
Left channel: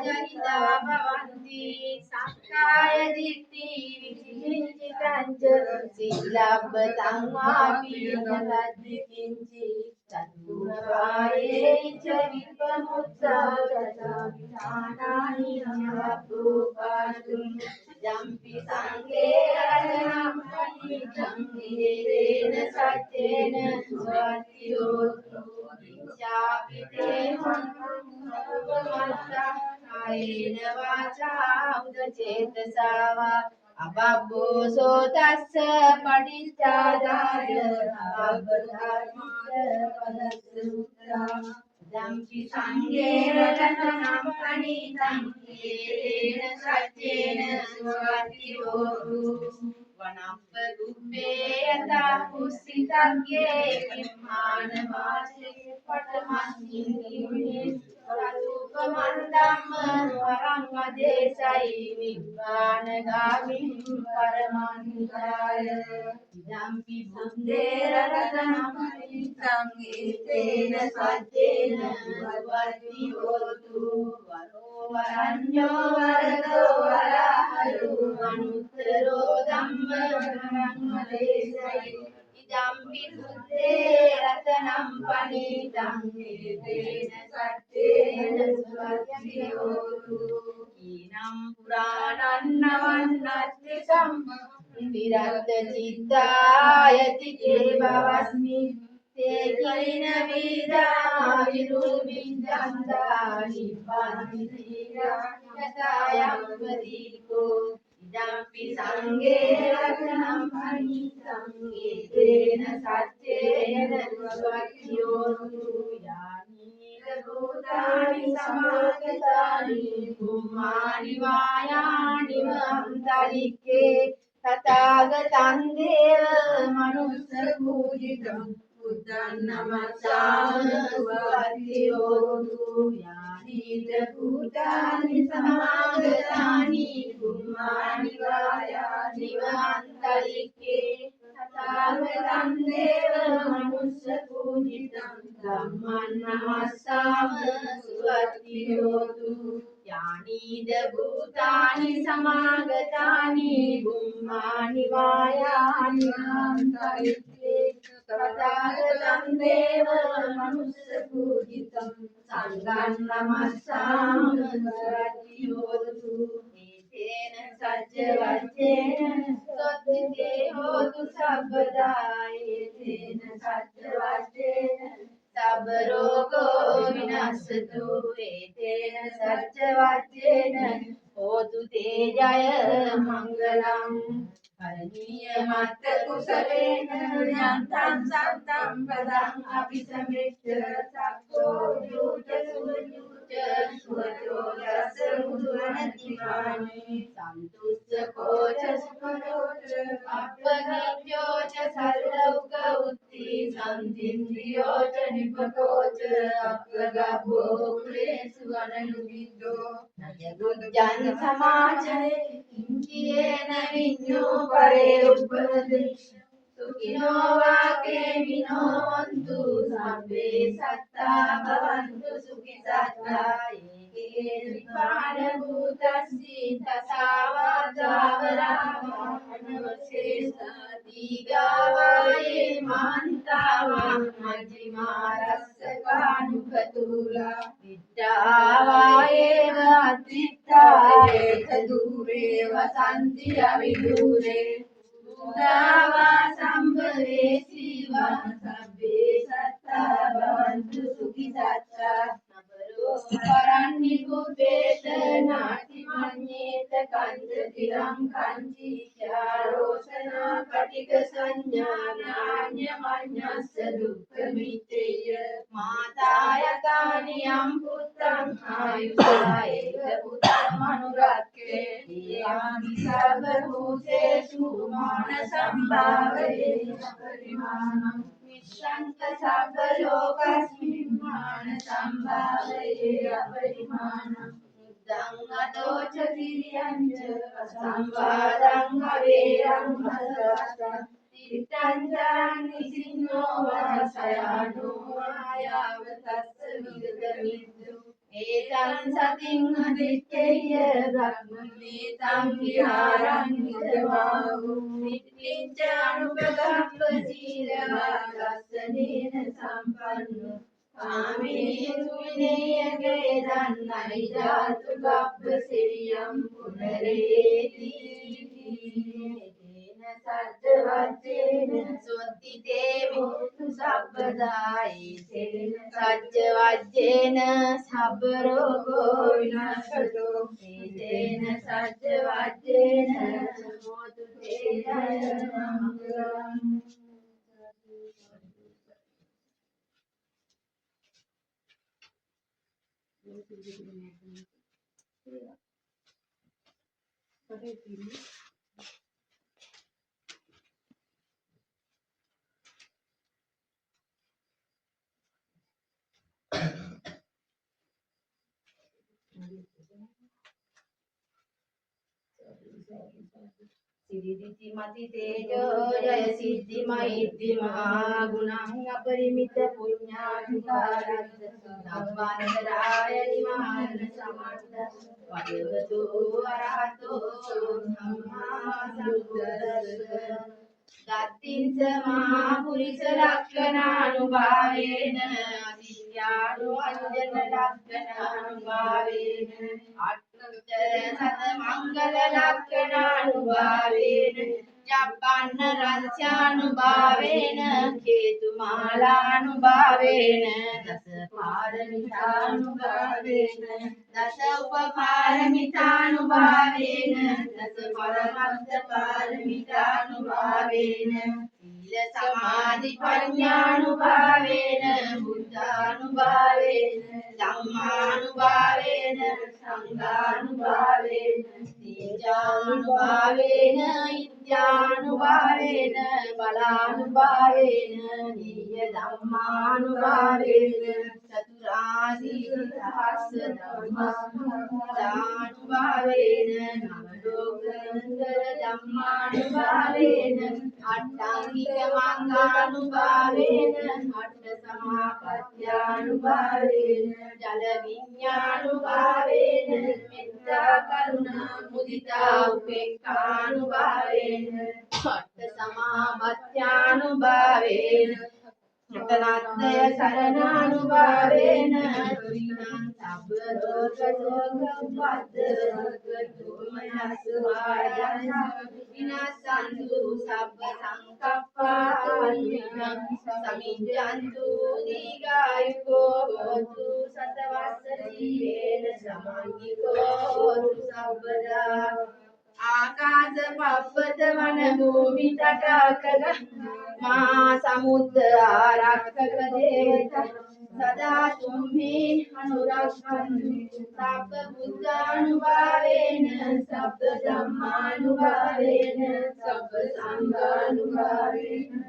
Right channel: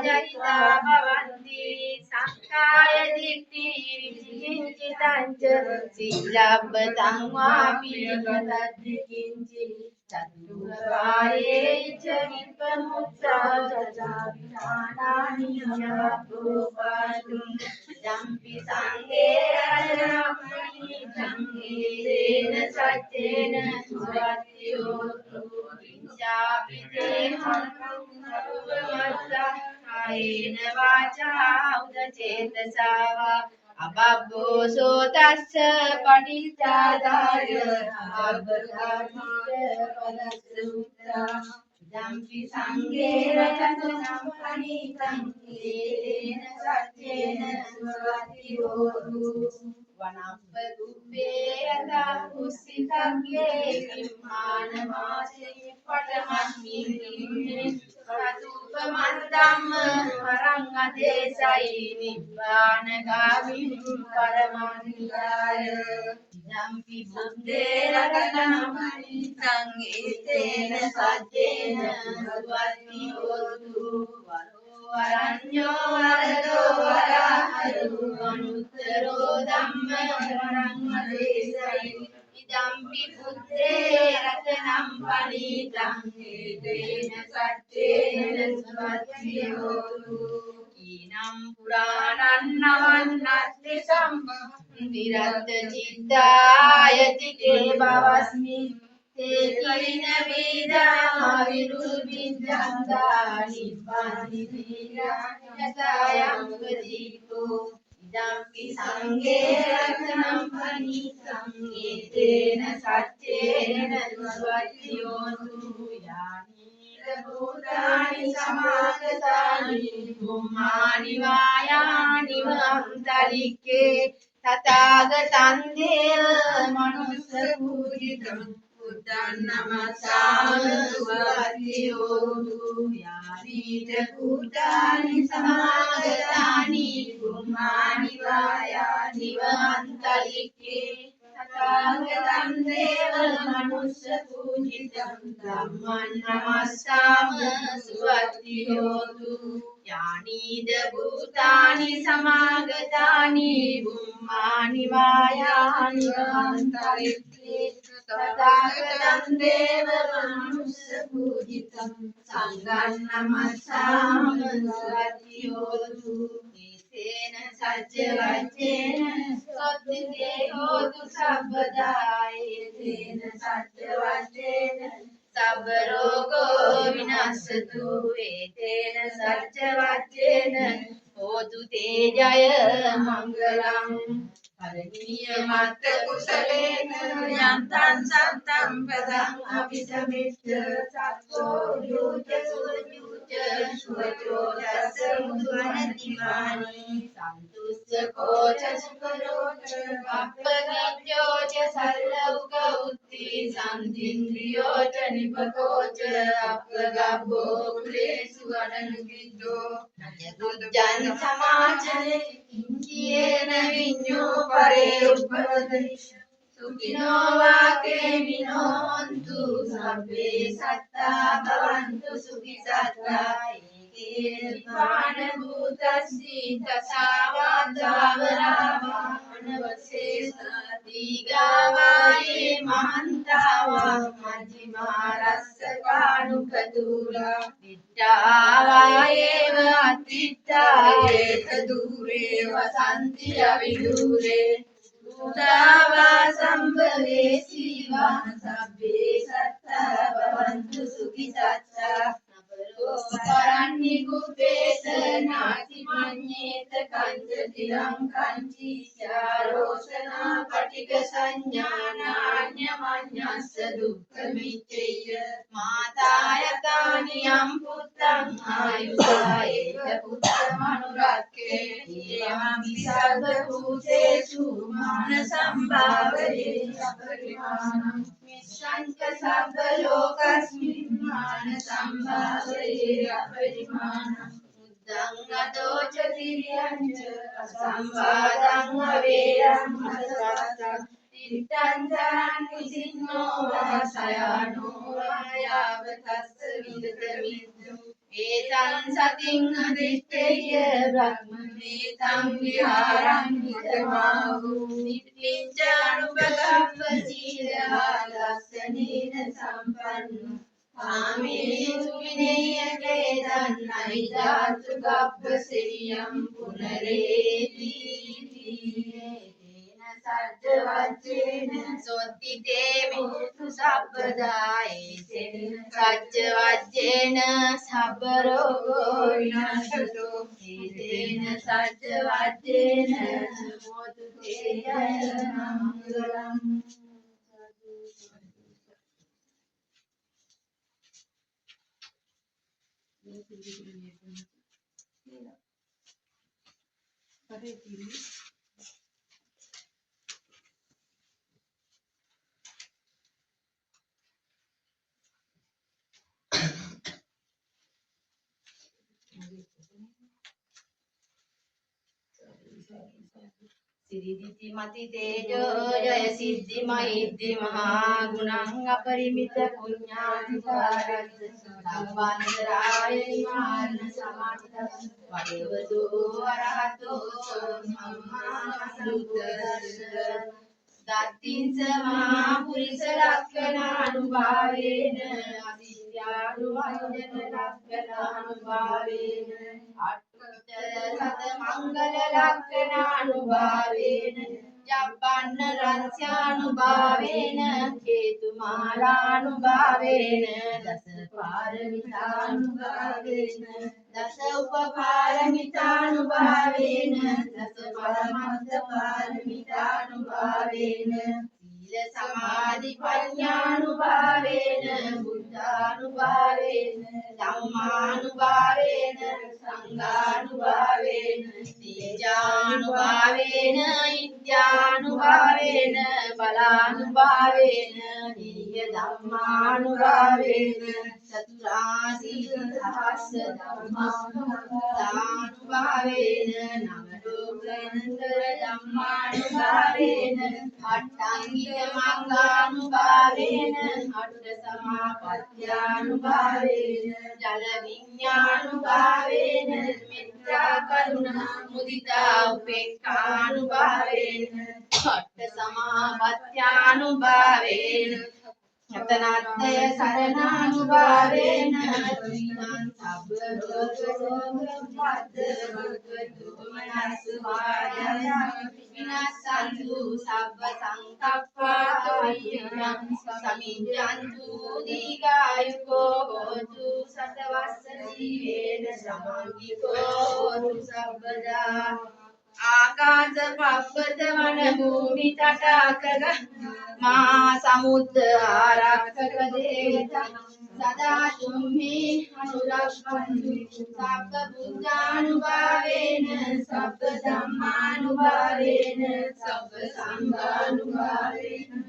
जनिता भवन्ति सक्काय दिट्ठिर्विचिकिञ्चितं च शीलब्धं वापि तद्धि किञ्चित् चतुर्वारे च विप्रमुक्ता चचाभिधानानि नवप्रोपातुं जम्पि सङ्गे रतनं फणितं एतेन सज्जेन स्वस्ति होतु किञ्चापि ते कायेन वाचा उदचेतसा वा अबद्धोषो तस्य पठितादाय अबद्धकार्यपदसूत्रा जम्पि सङ्गे रतनं फणितं एतेन सज्जेन स्वस्ति होतु वनप्पगुब्बे यथा पुष्पितज्ञे किम्मानमासे पटमस्मिन् तदुपमन्दं वरङ्गदेशै निब्बानगामिं परमनिकाय इदम्पि बुद्धे रतनं फणितं एतेन सज्जेन स्वस्ति होतु वरण्यो वरदो वराहरो अनुत्तरो धम्मवरङ्गदेशै इदम्पि बुद्धे रतनं फणितं एतेन सज्जेन स्वस्ति होतु कीनं पुराणं नवन्नस्ति सम्मतिरत्तचित्तायति के भवस्मि ते कीन वीराविरुविद्यन्तानि निब्बानि यथायं प्रदीपो ඉදම්පි සංඝේ රත්නම් පනිසං ඒතේන සච්චේන සුවත්තියෝතු යානීල භූතානි සමාගතානි බුම්මානි වායානි වන්තලික්කේ තථාගතං දේව මනුස්ස පූජිතං බුද්ධං නමස්සාමි සුවත්තියෝතු යානීල භූතානි සමාගතානි බුම්මානි වායානි වන්තලික්කේ තථාගතං දේව මනුස්ස පූජිතං ධම්මං නමස්සාම සුවත්තියෝතු යානීද භූතානි සමාගතානි බුම්මානි වායානි වන්තලික්කේ තථාගතං දේව මනුස්ස පූජිතං සංඝං නමස්සාම සුවත්තියෝතු තේන සච්ච වච්චේන සොත්තිතේ හෝතු සබ්බදායි තේන සච්ච වච්චේන සබ්බ රෝගෝ විනස්සතු ඒතේන සච්ච වච්චේන හෝතු තේ ජය මංගලං පරණීය මත්ත කුසලේන යන්තං සත්තං පදං අபிසමිච්ඡ සක්ඛෝ යුත සුඤ්ඤුච සුවචෝ දස මුදුනතිමානි සන්තුස්ස කෝච සුකරෝච අප්පගිච්ඡෝ ච සල්ලෞක උත්ති සම්තින්ද්‍රියෝ ච නිපකෝච අප්පගබ්බෝ කුලේසු අනනුගිද්දෝ නජගුජ්ජං සමාචරේ කිංචේන විඤ්ඤෝ පරේ උපදේශ සුඛිනෝ වාකේ විනෝන්තු සබ්බේ සත්තා භවන්තු සුඛි සත්තා ඒකේ නිපාන භූතස්සි තසාවාදාවරාවා අනවශේෂ දීගාවායේ මහන්තාවා මජ්ජිමා රස්ස කානුකතුලා විත්තාවායේව අතිත්තායේත දූරේ වසන්ති අවිදූරේ උදාවා සම්භවේ සීවා සබ්බේ සත්තා භවන්තු සුඛි සත්තා පරන්නි කුපේත නාති මඤ්ඤේත කංච තිරං කංචි චාරෝසනා පටික සංඥානාඤ්ඤ මඤ්ඤස්ස දුක්ඛ මිච්ඡය මාතායතානි යම් පුත්තං ආයුසා ඒක පුත්තමනුරක්ඛේ ඒවං විසග්ග භූතේසු මාන සම්භාවයේ අපරිමාණං මිච්ඡන්ත සබ්බ ලෝකස්මින් මාන සම්භාවයේ අපරිමාණං බුද්ධං අදෝච තිරියං ච අසම්වාදං අවේයං අසත්තං තිත්තං ජානි සින්නෝ වාසයානෝ ආයාව තස්ස විදමිද්දු ඒතං සතින් අදිත්තේය බ්‍රහ්මමේතං විහාරං හිතවාහු නිත්‍යං අනුපගම්ප සීලවා දස්සනේන සම්පන්නෝ කාමේසු විනේයකේ දන්නයි ධාතු ගබ්බ සිරියම් පුනරේති සද්ද වච්චේන සොත්තිතේ මුතු සබ්බදායි තේන සච්ච වච්චේන සබ්බ රෝගෝ විනාශතෝ තේන සච්ච වච්චේන මොතු තේ ජය මංගලං සිරිදිති මති තේජෝ ජය සිද්ධි මෛත්‍රි මහා ගුණං අපරිමිත පුඤ්ඤාධිකාරස්ස සම්වන්දනාය නිවාරණ සමන්තස් වයවතු අරහතෝ සම්මා සම්බුද්දස්ස දත්තිං සමා පුරිස ලක්ඛණානුභාවේන අදිත්‍යානු අංජන ලක්ඛණානුභාවේන අට්ඨතර සත මංගල ලක්ඛණානුභාවේන යබ්බන්න රංචානුභාවේන හේතුමාලානුභාවේන දස පාරමිතානුභාවේන දස උපපාරමිතානුභාවේන දස පරමත්ත පාරමිතානුභාවේන සීල සමාධි ප්‍රඥානුභාවේන බුද්ධානුභාවේන ධම්මානුභාවේන සංඝානුභාවේන තේජානුභාවේන ඉත්‍යානුභාවේන බලානුභාවේන නිය ධම්මානුභාවේන චතුරාසීල සහස්ස ධම්මානුභාවේන නව ලෝකේන්දර ධම්මානුභාවේන අට්ඨංගික මංගානුභාවේන අට්ඨ සමාපත්‍යානුභාවේන ජල විඥානුභාවේන මෙත්තා කරුණා මුදිතා උපේක්ඛානුභාවේන අට්ඨ සමාපත්‍යානුභාවේන යතනත්ථය සරණානුභාවේන ත්‍රිණං සබ්බ රෝග දෝමනස් වාදය විනාසන්තු සබ්බ සංකප්පා සමිඤ්ඤන්තු දීඝායුකෝ හෝතු සතවස්ස ජීවේන සමන්විතෝ හෝතු සබ්බදා ආකාශ පබ්බත වන භූමි තටාකග මා සමුද්ද ආරක්ෂක දේවතා සදා තුම්හි අනුරක්ඛන්තු සබ්බ බුද්ධානුභාවේන සබ්බ ධම්මානුභාවේන සබ්බ සංඝානුභාවේන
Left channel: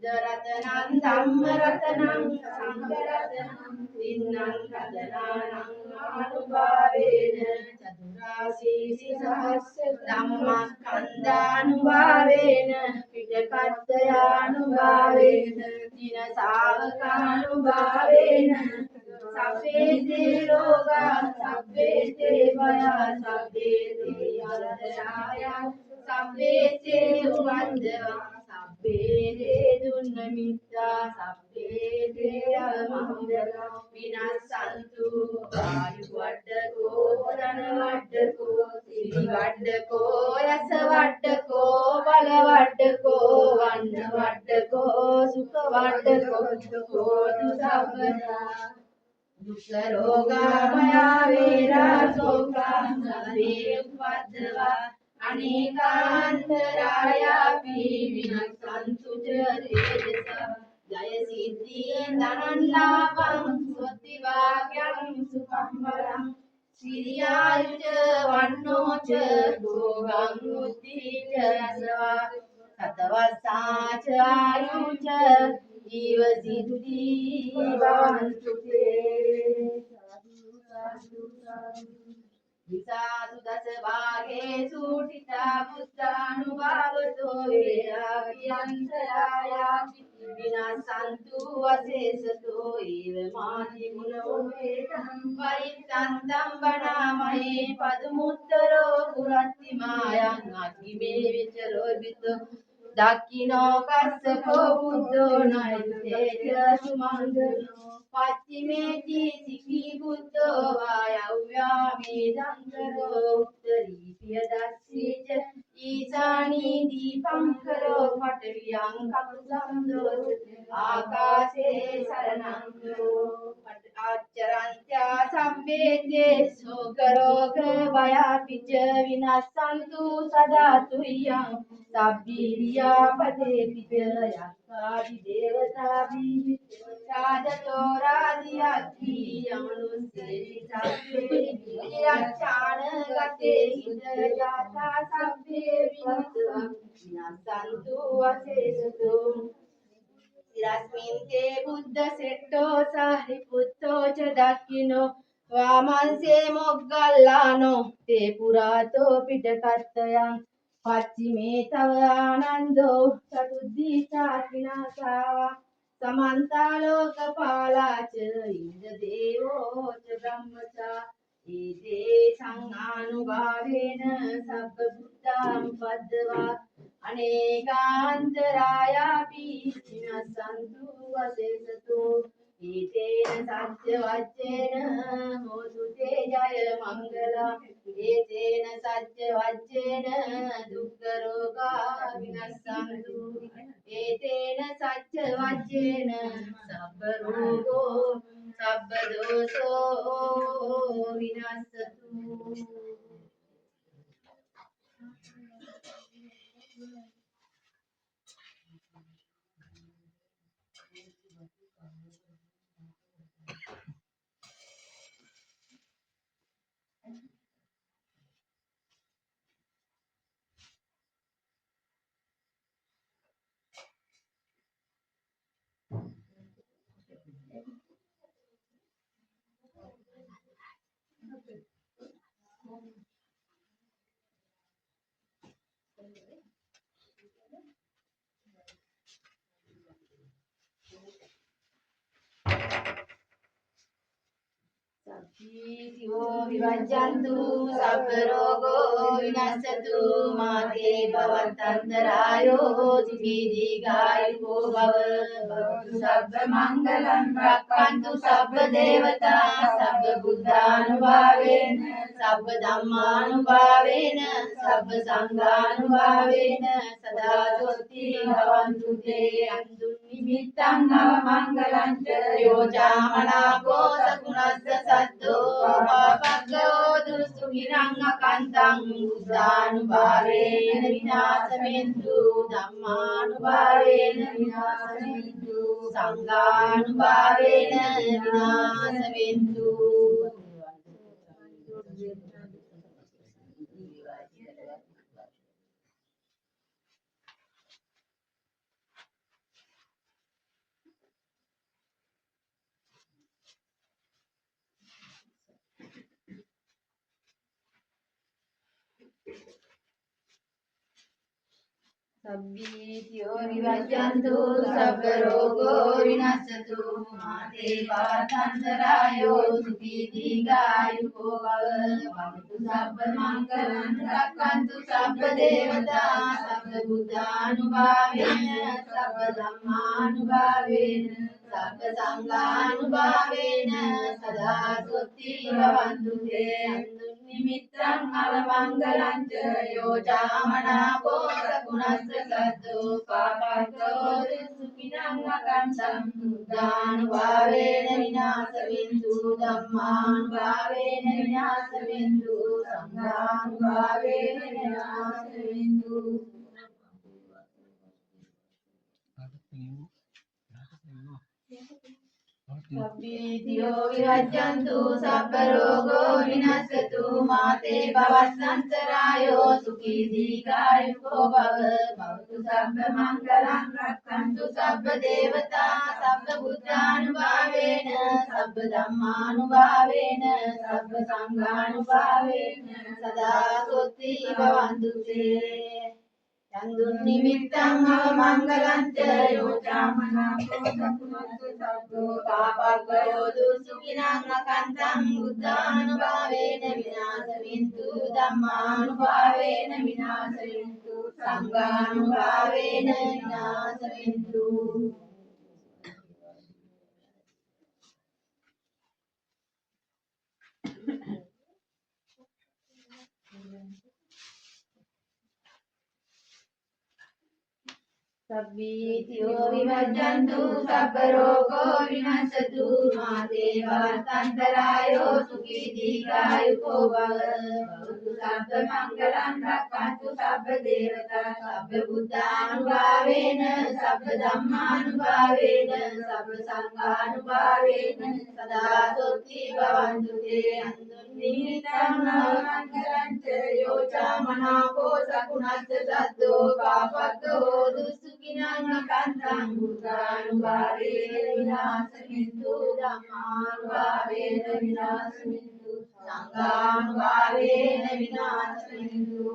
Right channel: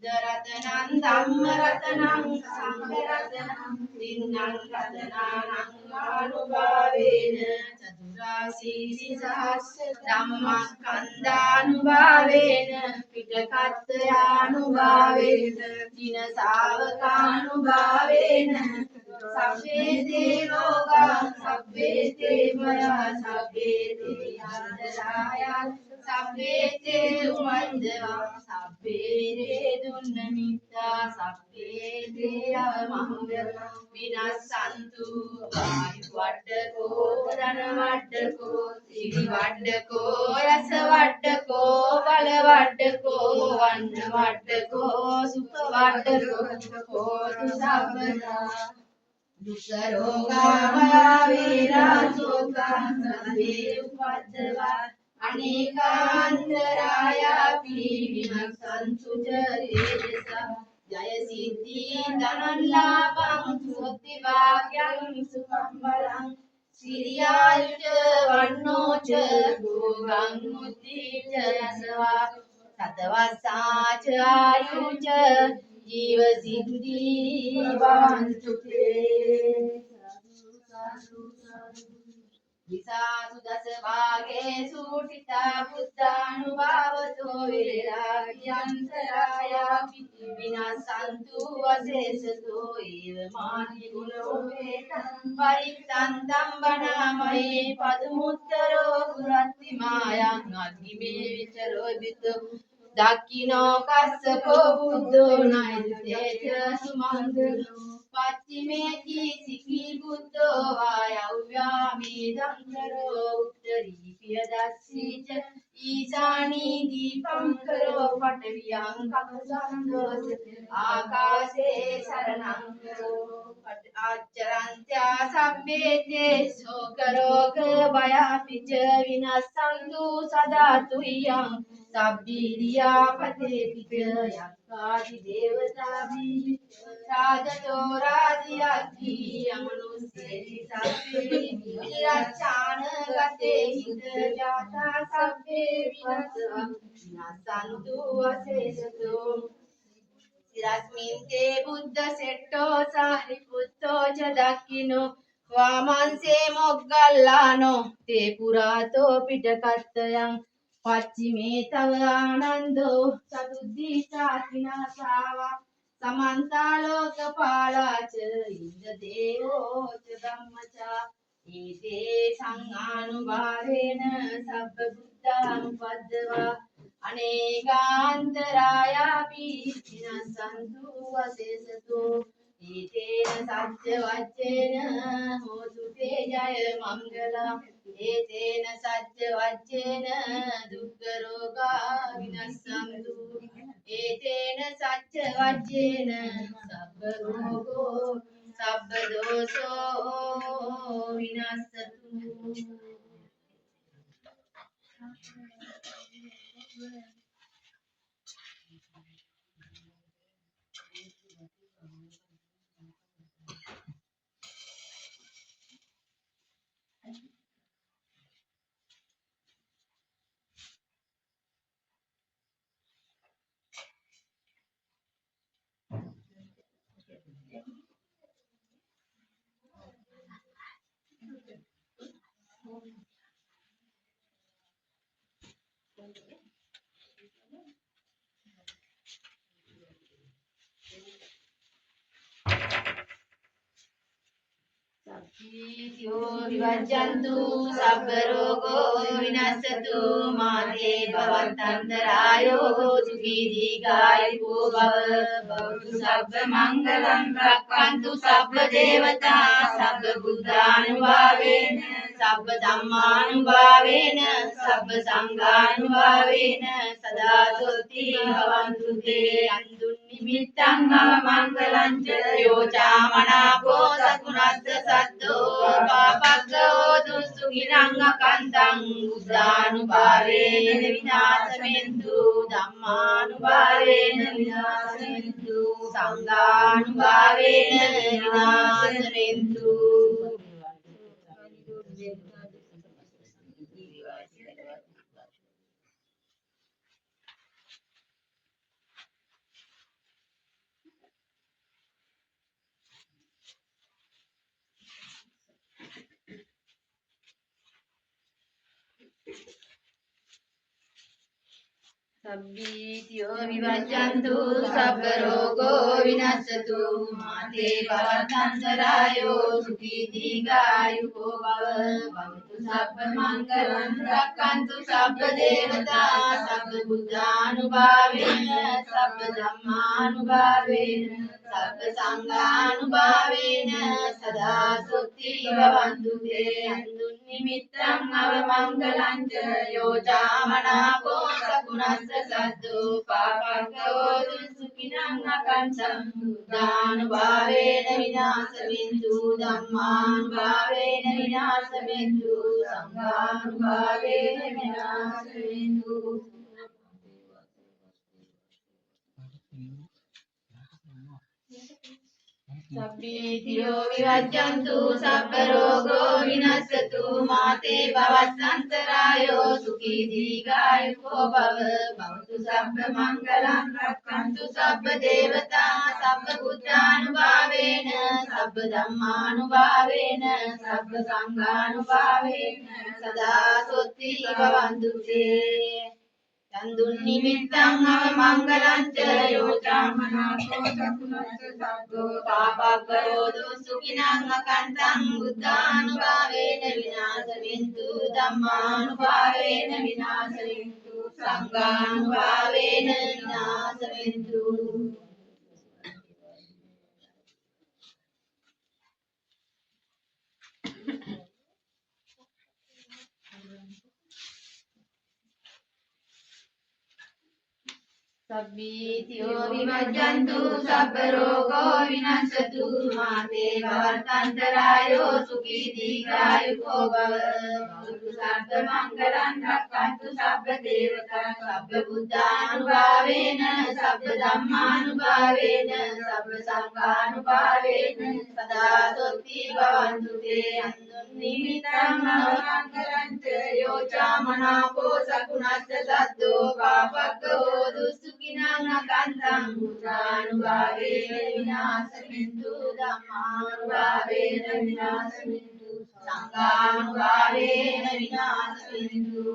බුද්ධ රතනං ධම්ම රතනං සංඝ රතනං තින්නං රතනානං ආනුභාවේන චතුරාසීසි සහස්ස ධම්මස්කන්ධානුභාවේන පිටකත්ථයානුභාවේන දින ශාවකානුභාවේන සබ්බේ තේ රෝගා සබ්බේ තේ භයා සබ්බේ තේ අන්තරායා සබ්බේ තේ උමන්දවා සබ්බේ තේ දුන්නමිත්තා සබ්බේ තේ අවමංගල විනස්සන්තු ආයු වඩකෝ ධන වඩකෝ සිරි වඩකෝ යස වඩකෝ බල වඩකෝ වන්න වඩකෝ සුඛ වඩකෝ හෝතු සබ්බදා දුක්ඛ රෝගා භය වේරා සෝකා සබ්බේ උපද්දවා අනේකාන්තරායාපි විනස්සන්තු චරේදසා ජය සිද්ධි ධනං ලාභං සුවති වාග්යං සුඛං බලං සිරියායුච වන්නෝච භෝගං මුද්ධිච යසවා සතවස්සාච ආයුච ජීව සිද්ධි භවන්තු තේ විසාසු දස වාගේසු ඨිතා බුද්ධානුභාවතෝ වේරාග්‍යන්තරායාපි විනාසන්තු වසේසතෝ ඒව මානි ගුණෝ වේතං පරිත්තන්තං වනාමහේ පදමුත්තරෝ පුරත්ති මායං අග්ගිමේ විචරෝ විතෝ දක්ඛිනෝ කස්සපෝ බුද්ධෝ නයිතේජ සුමංගලෝ පච්චිමේති සිකී බුද්ධෝ වායව්‍යාමේ දංකරෝ උත්තරීය දස්සීච ඊසානී දීපංකරෝ පඨවියං කකුසන්දෝස ආකාශේ සරණං කරෝ ආචරන්ත්‍යා සම්බේතේ සෝකරෝග භයාපිච විනස්සන්තු සදා තුයං සබ්බීරියා පතේතිච යක්ඛාදි දේවතාභි රාජතෝ රාජ්‍යක්ඛි යමනුස්සේති සබ්බේ විරච්ඡාන ගතේ හිත ජාතා සබ්බේ විනස්සන්තු අසේසතු ඉරස්මින් තේ බුද්ධ සෙට්ටෝ සාරිපුත්තෝ ච දක්ඛිනෝ වාමංසේ මොග්ගල්ලානෝ තේ පුරාතෝ පිටකත්තයන් පච්චිමේ තව ආනන්දෝ චතුද්දීසා විනාසාවා සමන්තා ලෝකපාලාච ඉන්ද දේවෝ ච ධම්මචා ඊතේ සංආනුභාවේන සබ්බ බුද්ධානුපද්දවා අනේකාන්තරායාපි විනස්සන්තු වසේසතෝ ඊතේන සත්‍ය වච්චේන හෝතු තේ ජය මංගල ඒතේන සච්ච වච්චේන දුක්ඛ රෝගා විනස්සන්තු ඒතේන සච්ච වච්චේන සබ්බ රෝගෝ සබ්බ දෝසෝ විනස්සතු සබ්බීතියෝ විවජ්ජන්තු සබ්බ රෝගෝ විනස්සතු මාතේ භවත්තන්තරායෝ සුඛී දීඝායුකෝ භව භවතු සබ්බ මංගලං රක්ඛන්තු සබ්බ දේවතා සබ්බ බුද්ධානුභාවේන සබ්බ ධම්මානුභාවේන සබ්බ සංඝානුභාවේන සදා සොත්ති භවන්තු තේ අන්දුන් නිමිත්තං අවමංගලං ච යෝචාමනාපෝ සකුණස්ස සද්දෝ පාපග්ගෝ දුස්සුගිනං අකන්තං බුද්ධානුභාවේන විනාශවෙන්තු ධම්මානුභාවේන විනාශවෙන්තු සංඝානුභාවේන විනාශවෙන්තු සබ්බීතියෝ විවජ්ජන්තු සබ්බ රෝගෝ විනස්සතු මාතේ භවත්තන්තරායෝ සුඛී දීඝායුකෝ භව භවතු සබ්බ මංගලං රක්ඛන්තු සබ්බ දේවතා සබ්බ බුද්ධානුභාවේන සබ්බ ධම්මානුභාවේන සබ්බ සංඝානුභාවේන සදා සොත්ති භවන්තු තේ අන්දුන් නිමිත්තං අවමංගලං ච යෝචාමනාපෝ සකුණස්ස සද්දෝ පාපග්ගෝ දුස්සුඛිනං අකන්තං බුද්ධානුභාවේන විනාශවෙන්තු ධම්මානුභාවේන විනාශවෙන්තු සංඝානුභාවේන විනාශවෙන්තු සබ්බීතියෝ විවජ්ජන්තු සබ්බ රෝගෝ විනස්සතු මාතේ භවස්සන්තරායෝ සුඛී දීඝායුකෝ භව භවතු සබ්බ මංගලං රක්ඛන්තු සබ්බ දේවතා සබ්බ බුද්ධානුභාවේන සබ්බ ධම්මානුභාවේන සබ්බ සංඝානුභාවේන සදා සොත්ති භවන්තු තේ චන්දුන් නිමිත්තං අවමංගලං ච යෝචාමනාපෝ සකුණස්ස සද්දෝ පාපග්ගෝ දුස්සුඛිනං අකන්තං බුද්ධානුභාවේන විනාශවෙන්තු ධම්මානුභාවේන විනාශවෙන්තු සංඝානුභාවේන විනාශවෙන්තු සබ්බීතියෝ විවජ්ජන්තු සබ්බ රෝගෝ විනස්සතු මාතේ භවත්තන්තරායෝ සුඛී දීඝායුකෝ භව භවතු සබ්බ මංගලං රක්ඛන්තු සබ්බ දේවතා සබ්බ බුද්ධානුභාවේන සබ්බ ධම්මානුභාවේන සබ්බ සංඝානුභාවේන සදා සොත්ති භවන්තු තේ අන්දුන් නිමිත්තං අවමංගලං ච යෝචාමනාපෝ සකුණස්ස සද්දෝ පාපග්ගෝ දුස්සුඛිනං අකන්තං බුද්ධානුභාවේන විනාශවෙන්තු ධම්මානුභාවේන විනාශවෙන්තු සංඝානුභාවේන විනාශවෙන්තු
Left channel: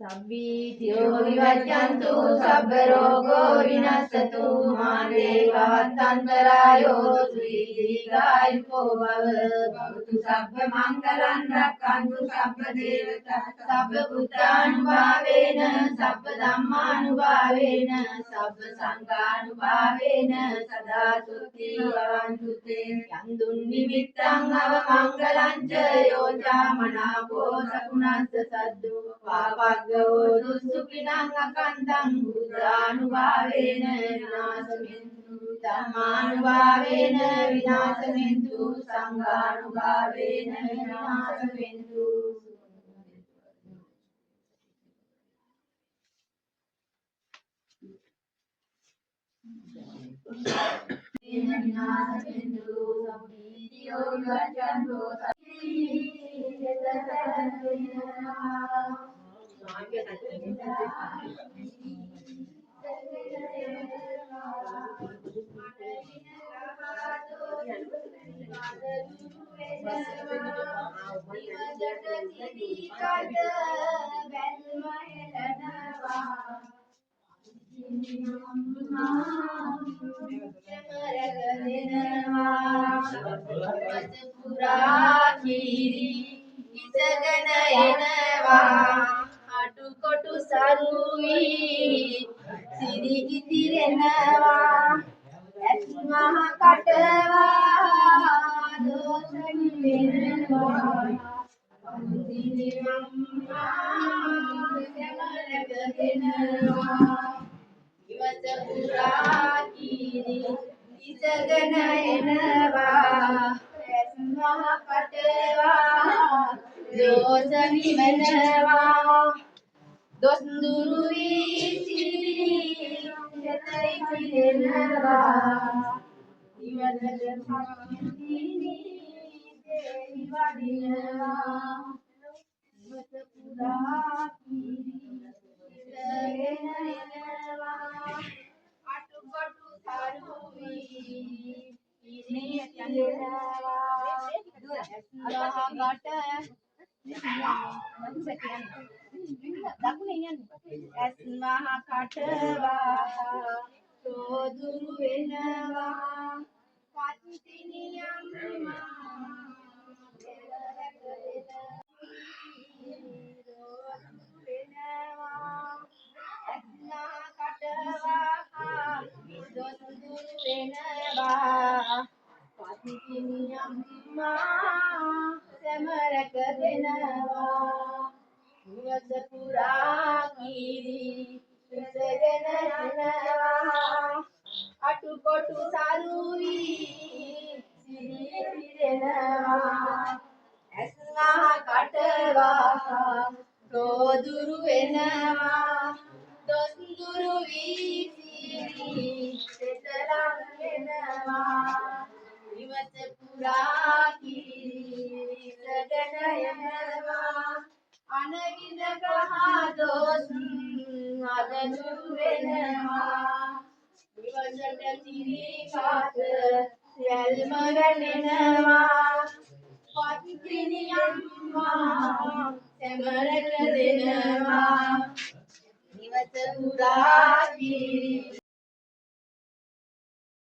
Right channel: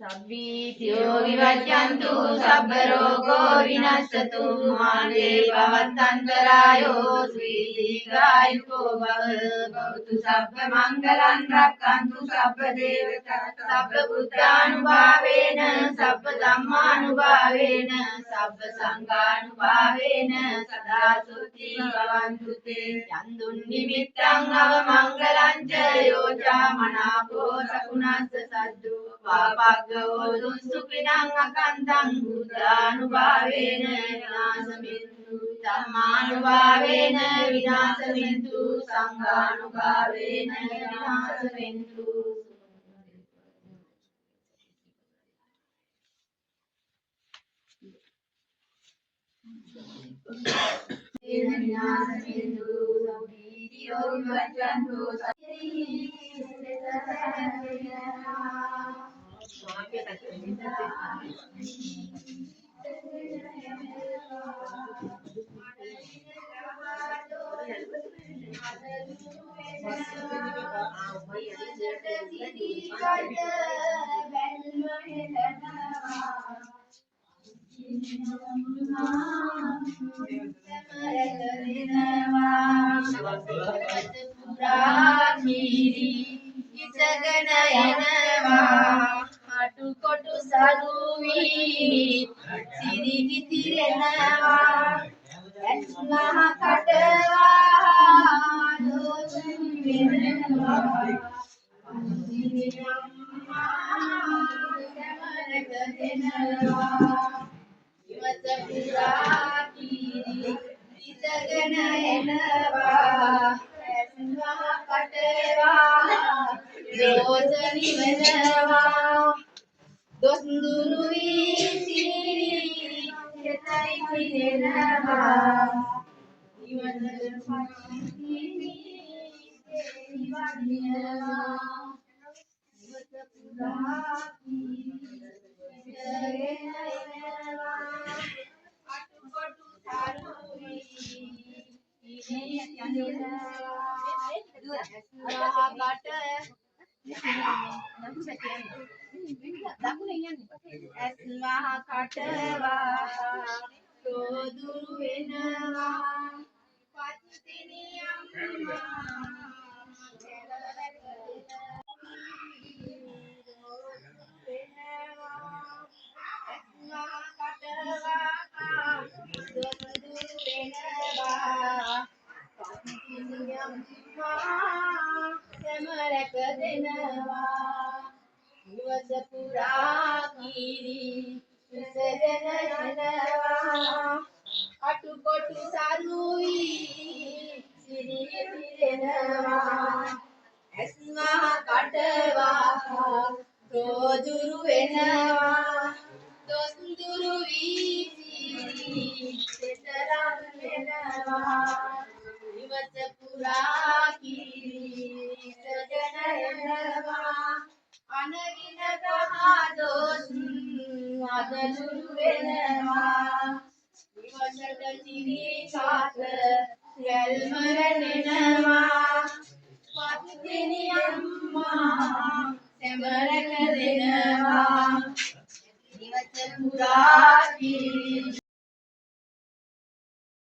සබ්බීතියෝ විවජ්ජන්තු සබ්බ රෝගෝ විනස්සතු මාතේ භවත්තන්තරායෝ සුඛී දීඝායුකෝ භව භවතු සබ්බ මංගලං රක්ඛන්තු සබ්බ දේවතා සබ්බ බුද්ධානුභාවේන සබ්බ ධම්මානුභාවේන සබ්බ සංඝානුභාවේන සදා සුත්ති භවන්තු තේ යන්දුන් නිමිත්තං අවමංගලං ච යෝචා මනාපෝ සකුණස්ස සද්දු පාපග්ගෝ දුස්සුඛිනං අකන්තං බුද්ධානුභාවේන විනාශමින්තු ධම්මානුභාවේන විනාශමින්තු සංඝානුභාවේන විනාශමින්තු විනාශමින්තු සම්පීතියෝ විවච්ඡන්තෝ අටුකොටු සරුවි සිරිගිතිරෙනවා ඇස් මහ කටවා දෝෂණි වෙනවා සමරක දෙනවා ඉවත පුරා කීරි ඉසගෙන එනවා ඇස් මහ කටවා දෝෂණි වෙනවා දොස්ඳුරු වී සිතයි පිරෙනවා ඉවතට පස්සිනි දෙවි වඩිනවා ඉවත පුරා කීරගෙන එනවා අටුකොටු සරුවි ඉරියනවා ඇස් මහ කටවා රෝදුරු වෙනවා පත්තිනියම් සමරක දෙනවා ඉවත පුරා කීරි ඉසගෙන එනවා අටුකොටු සරුවි සිරිය පිරෙනවා ඇස් මහ කටවා රෝදුරු වෙනවා දොස්ඳුරු වී සිතරම් වෙනවා ඉවත පුරා කීරි ඉසගෙන එනවා අනවින ගහදොස් අදලුරු වෙනවා ඉවසට තිරි කාත යල්ම වෙනෙනවා පත්තිනියම්මා සෙමරක දෙනවා ඉවත පුරා කීරි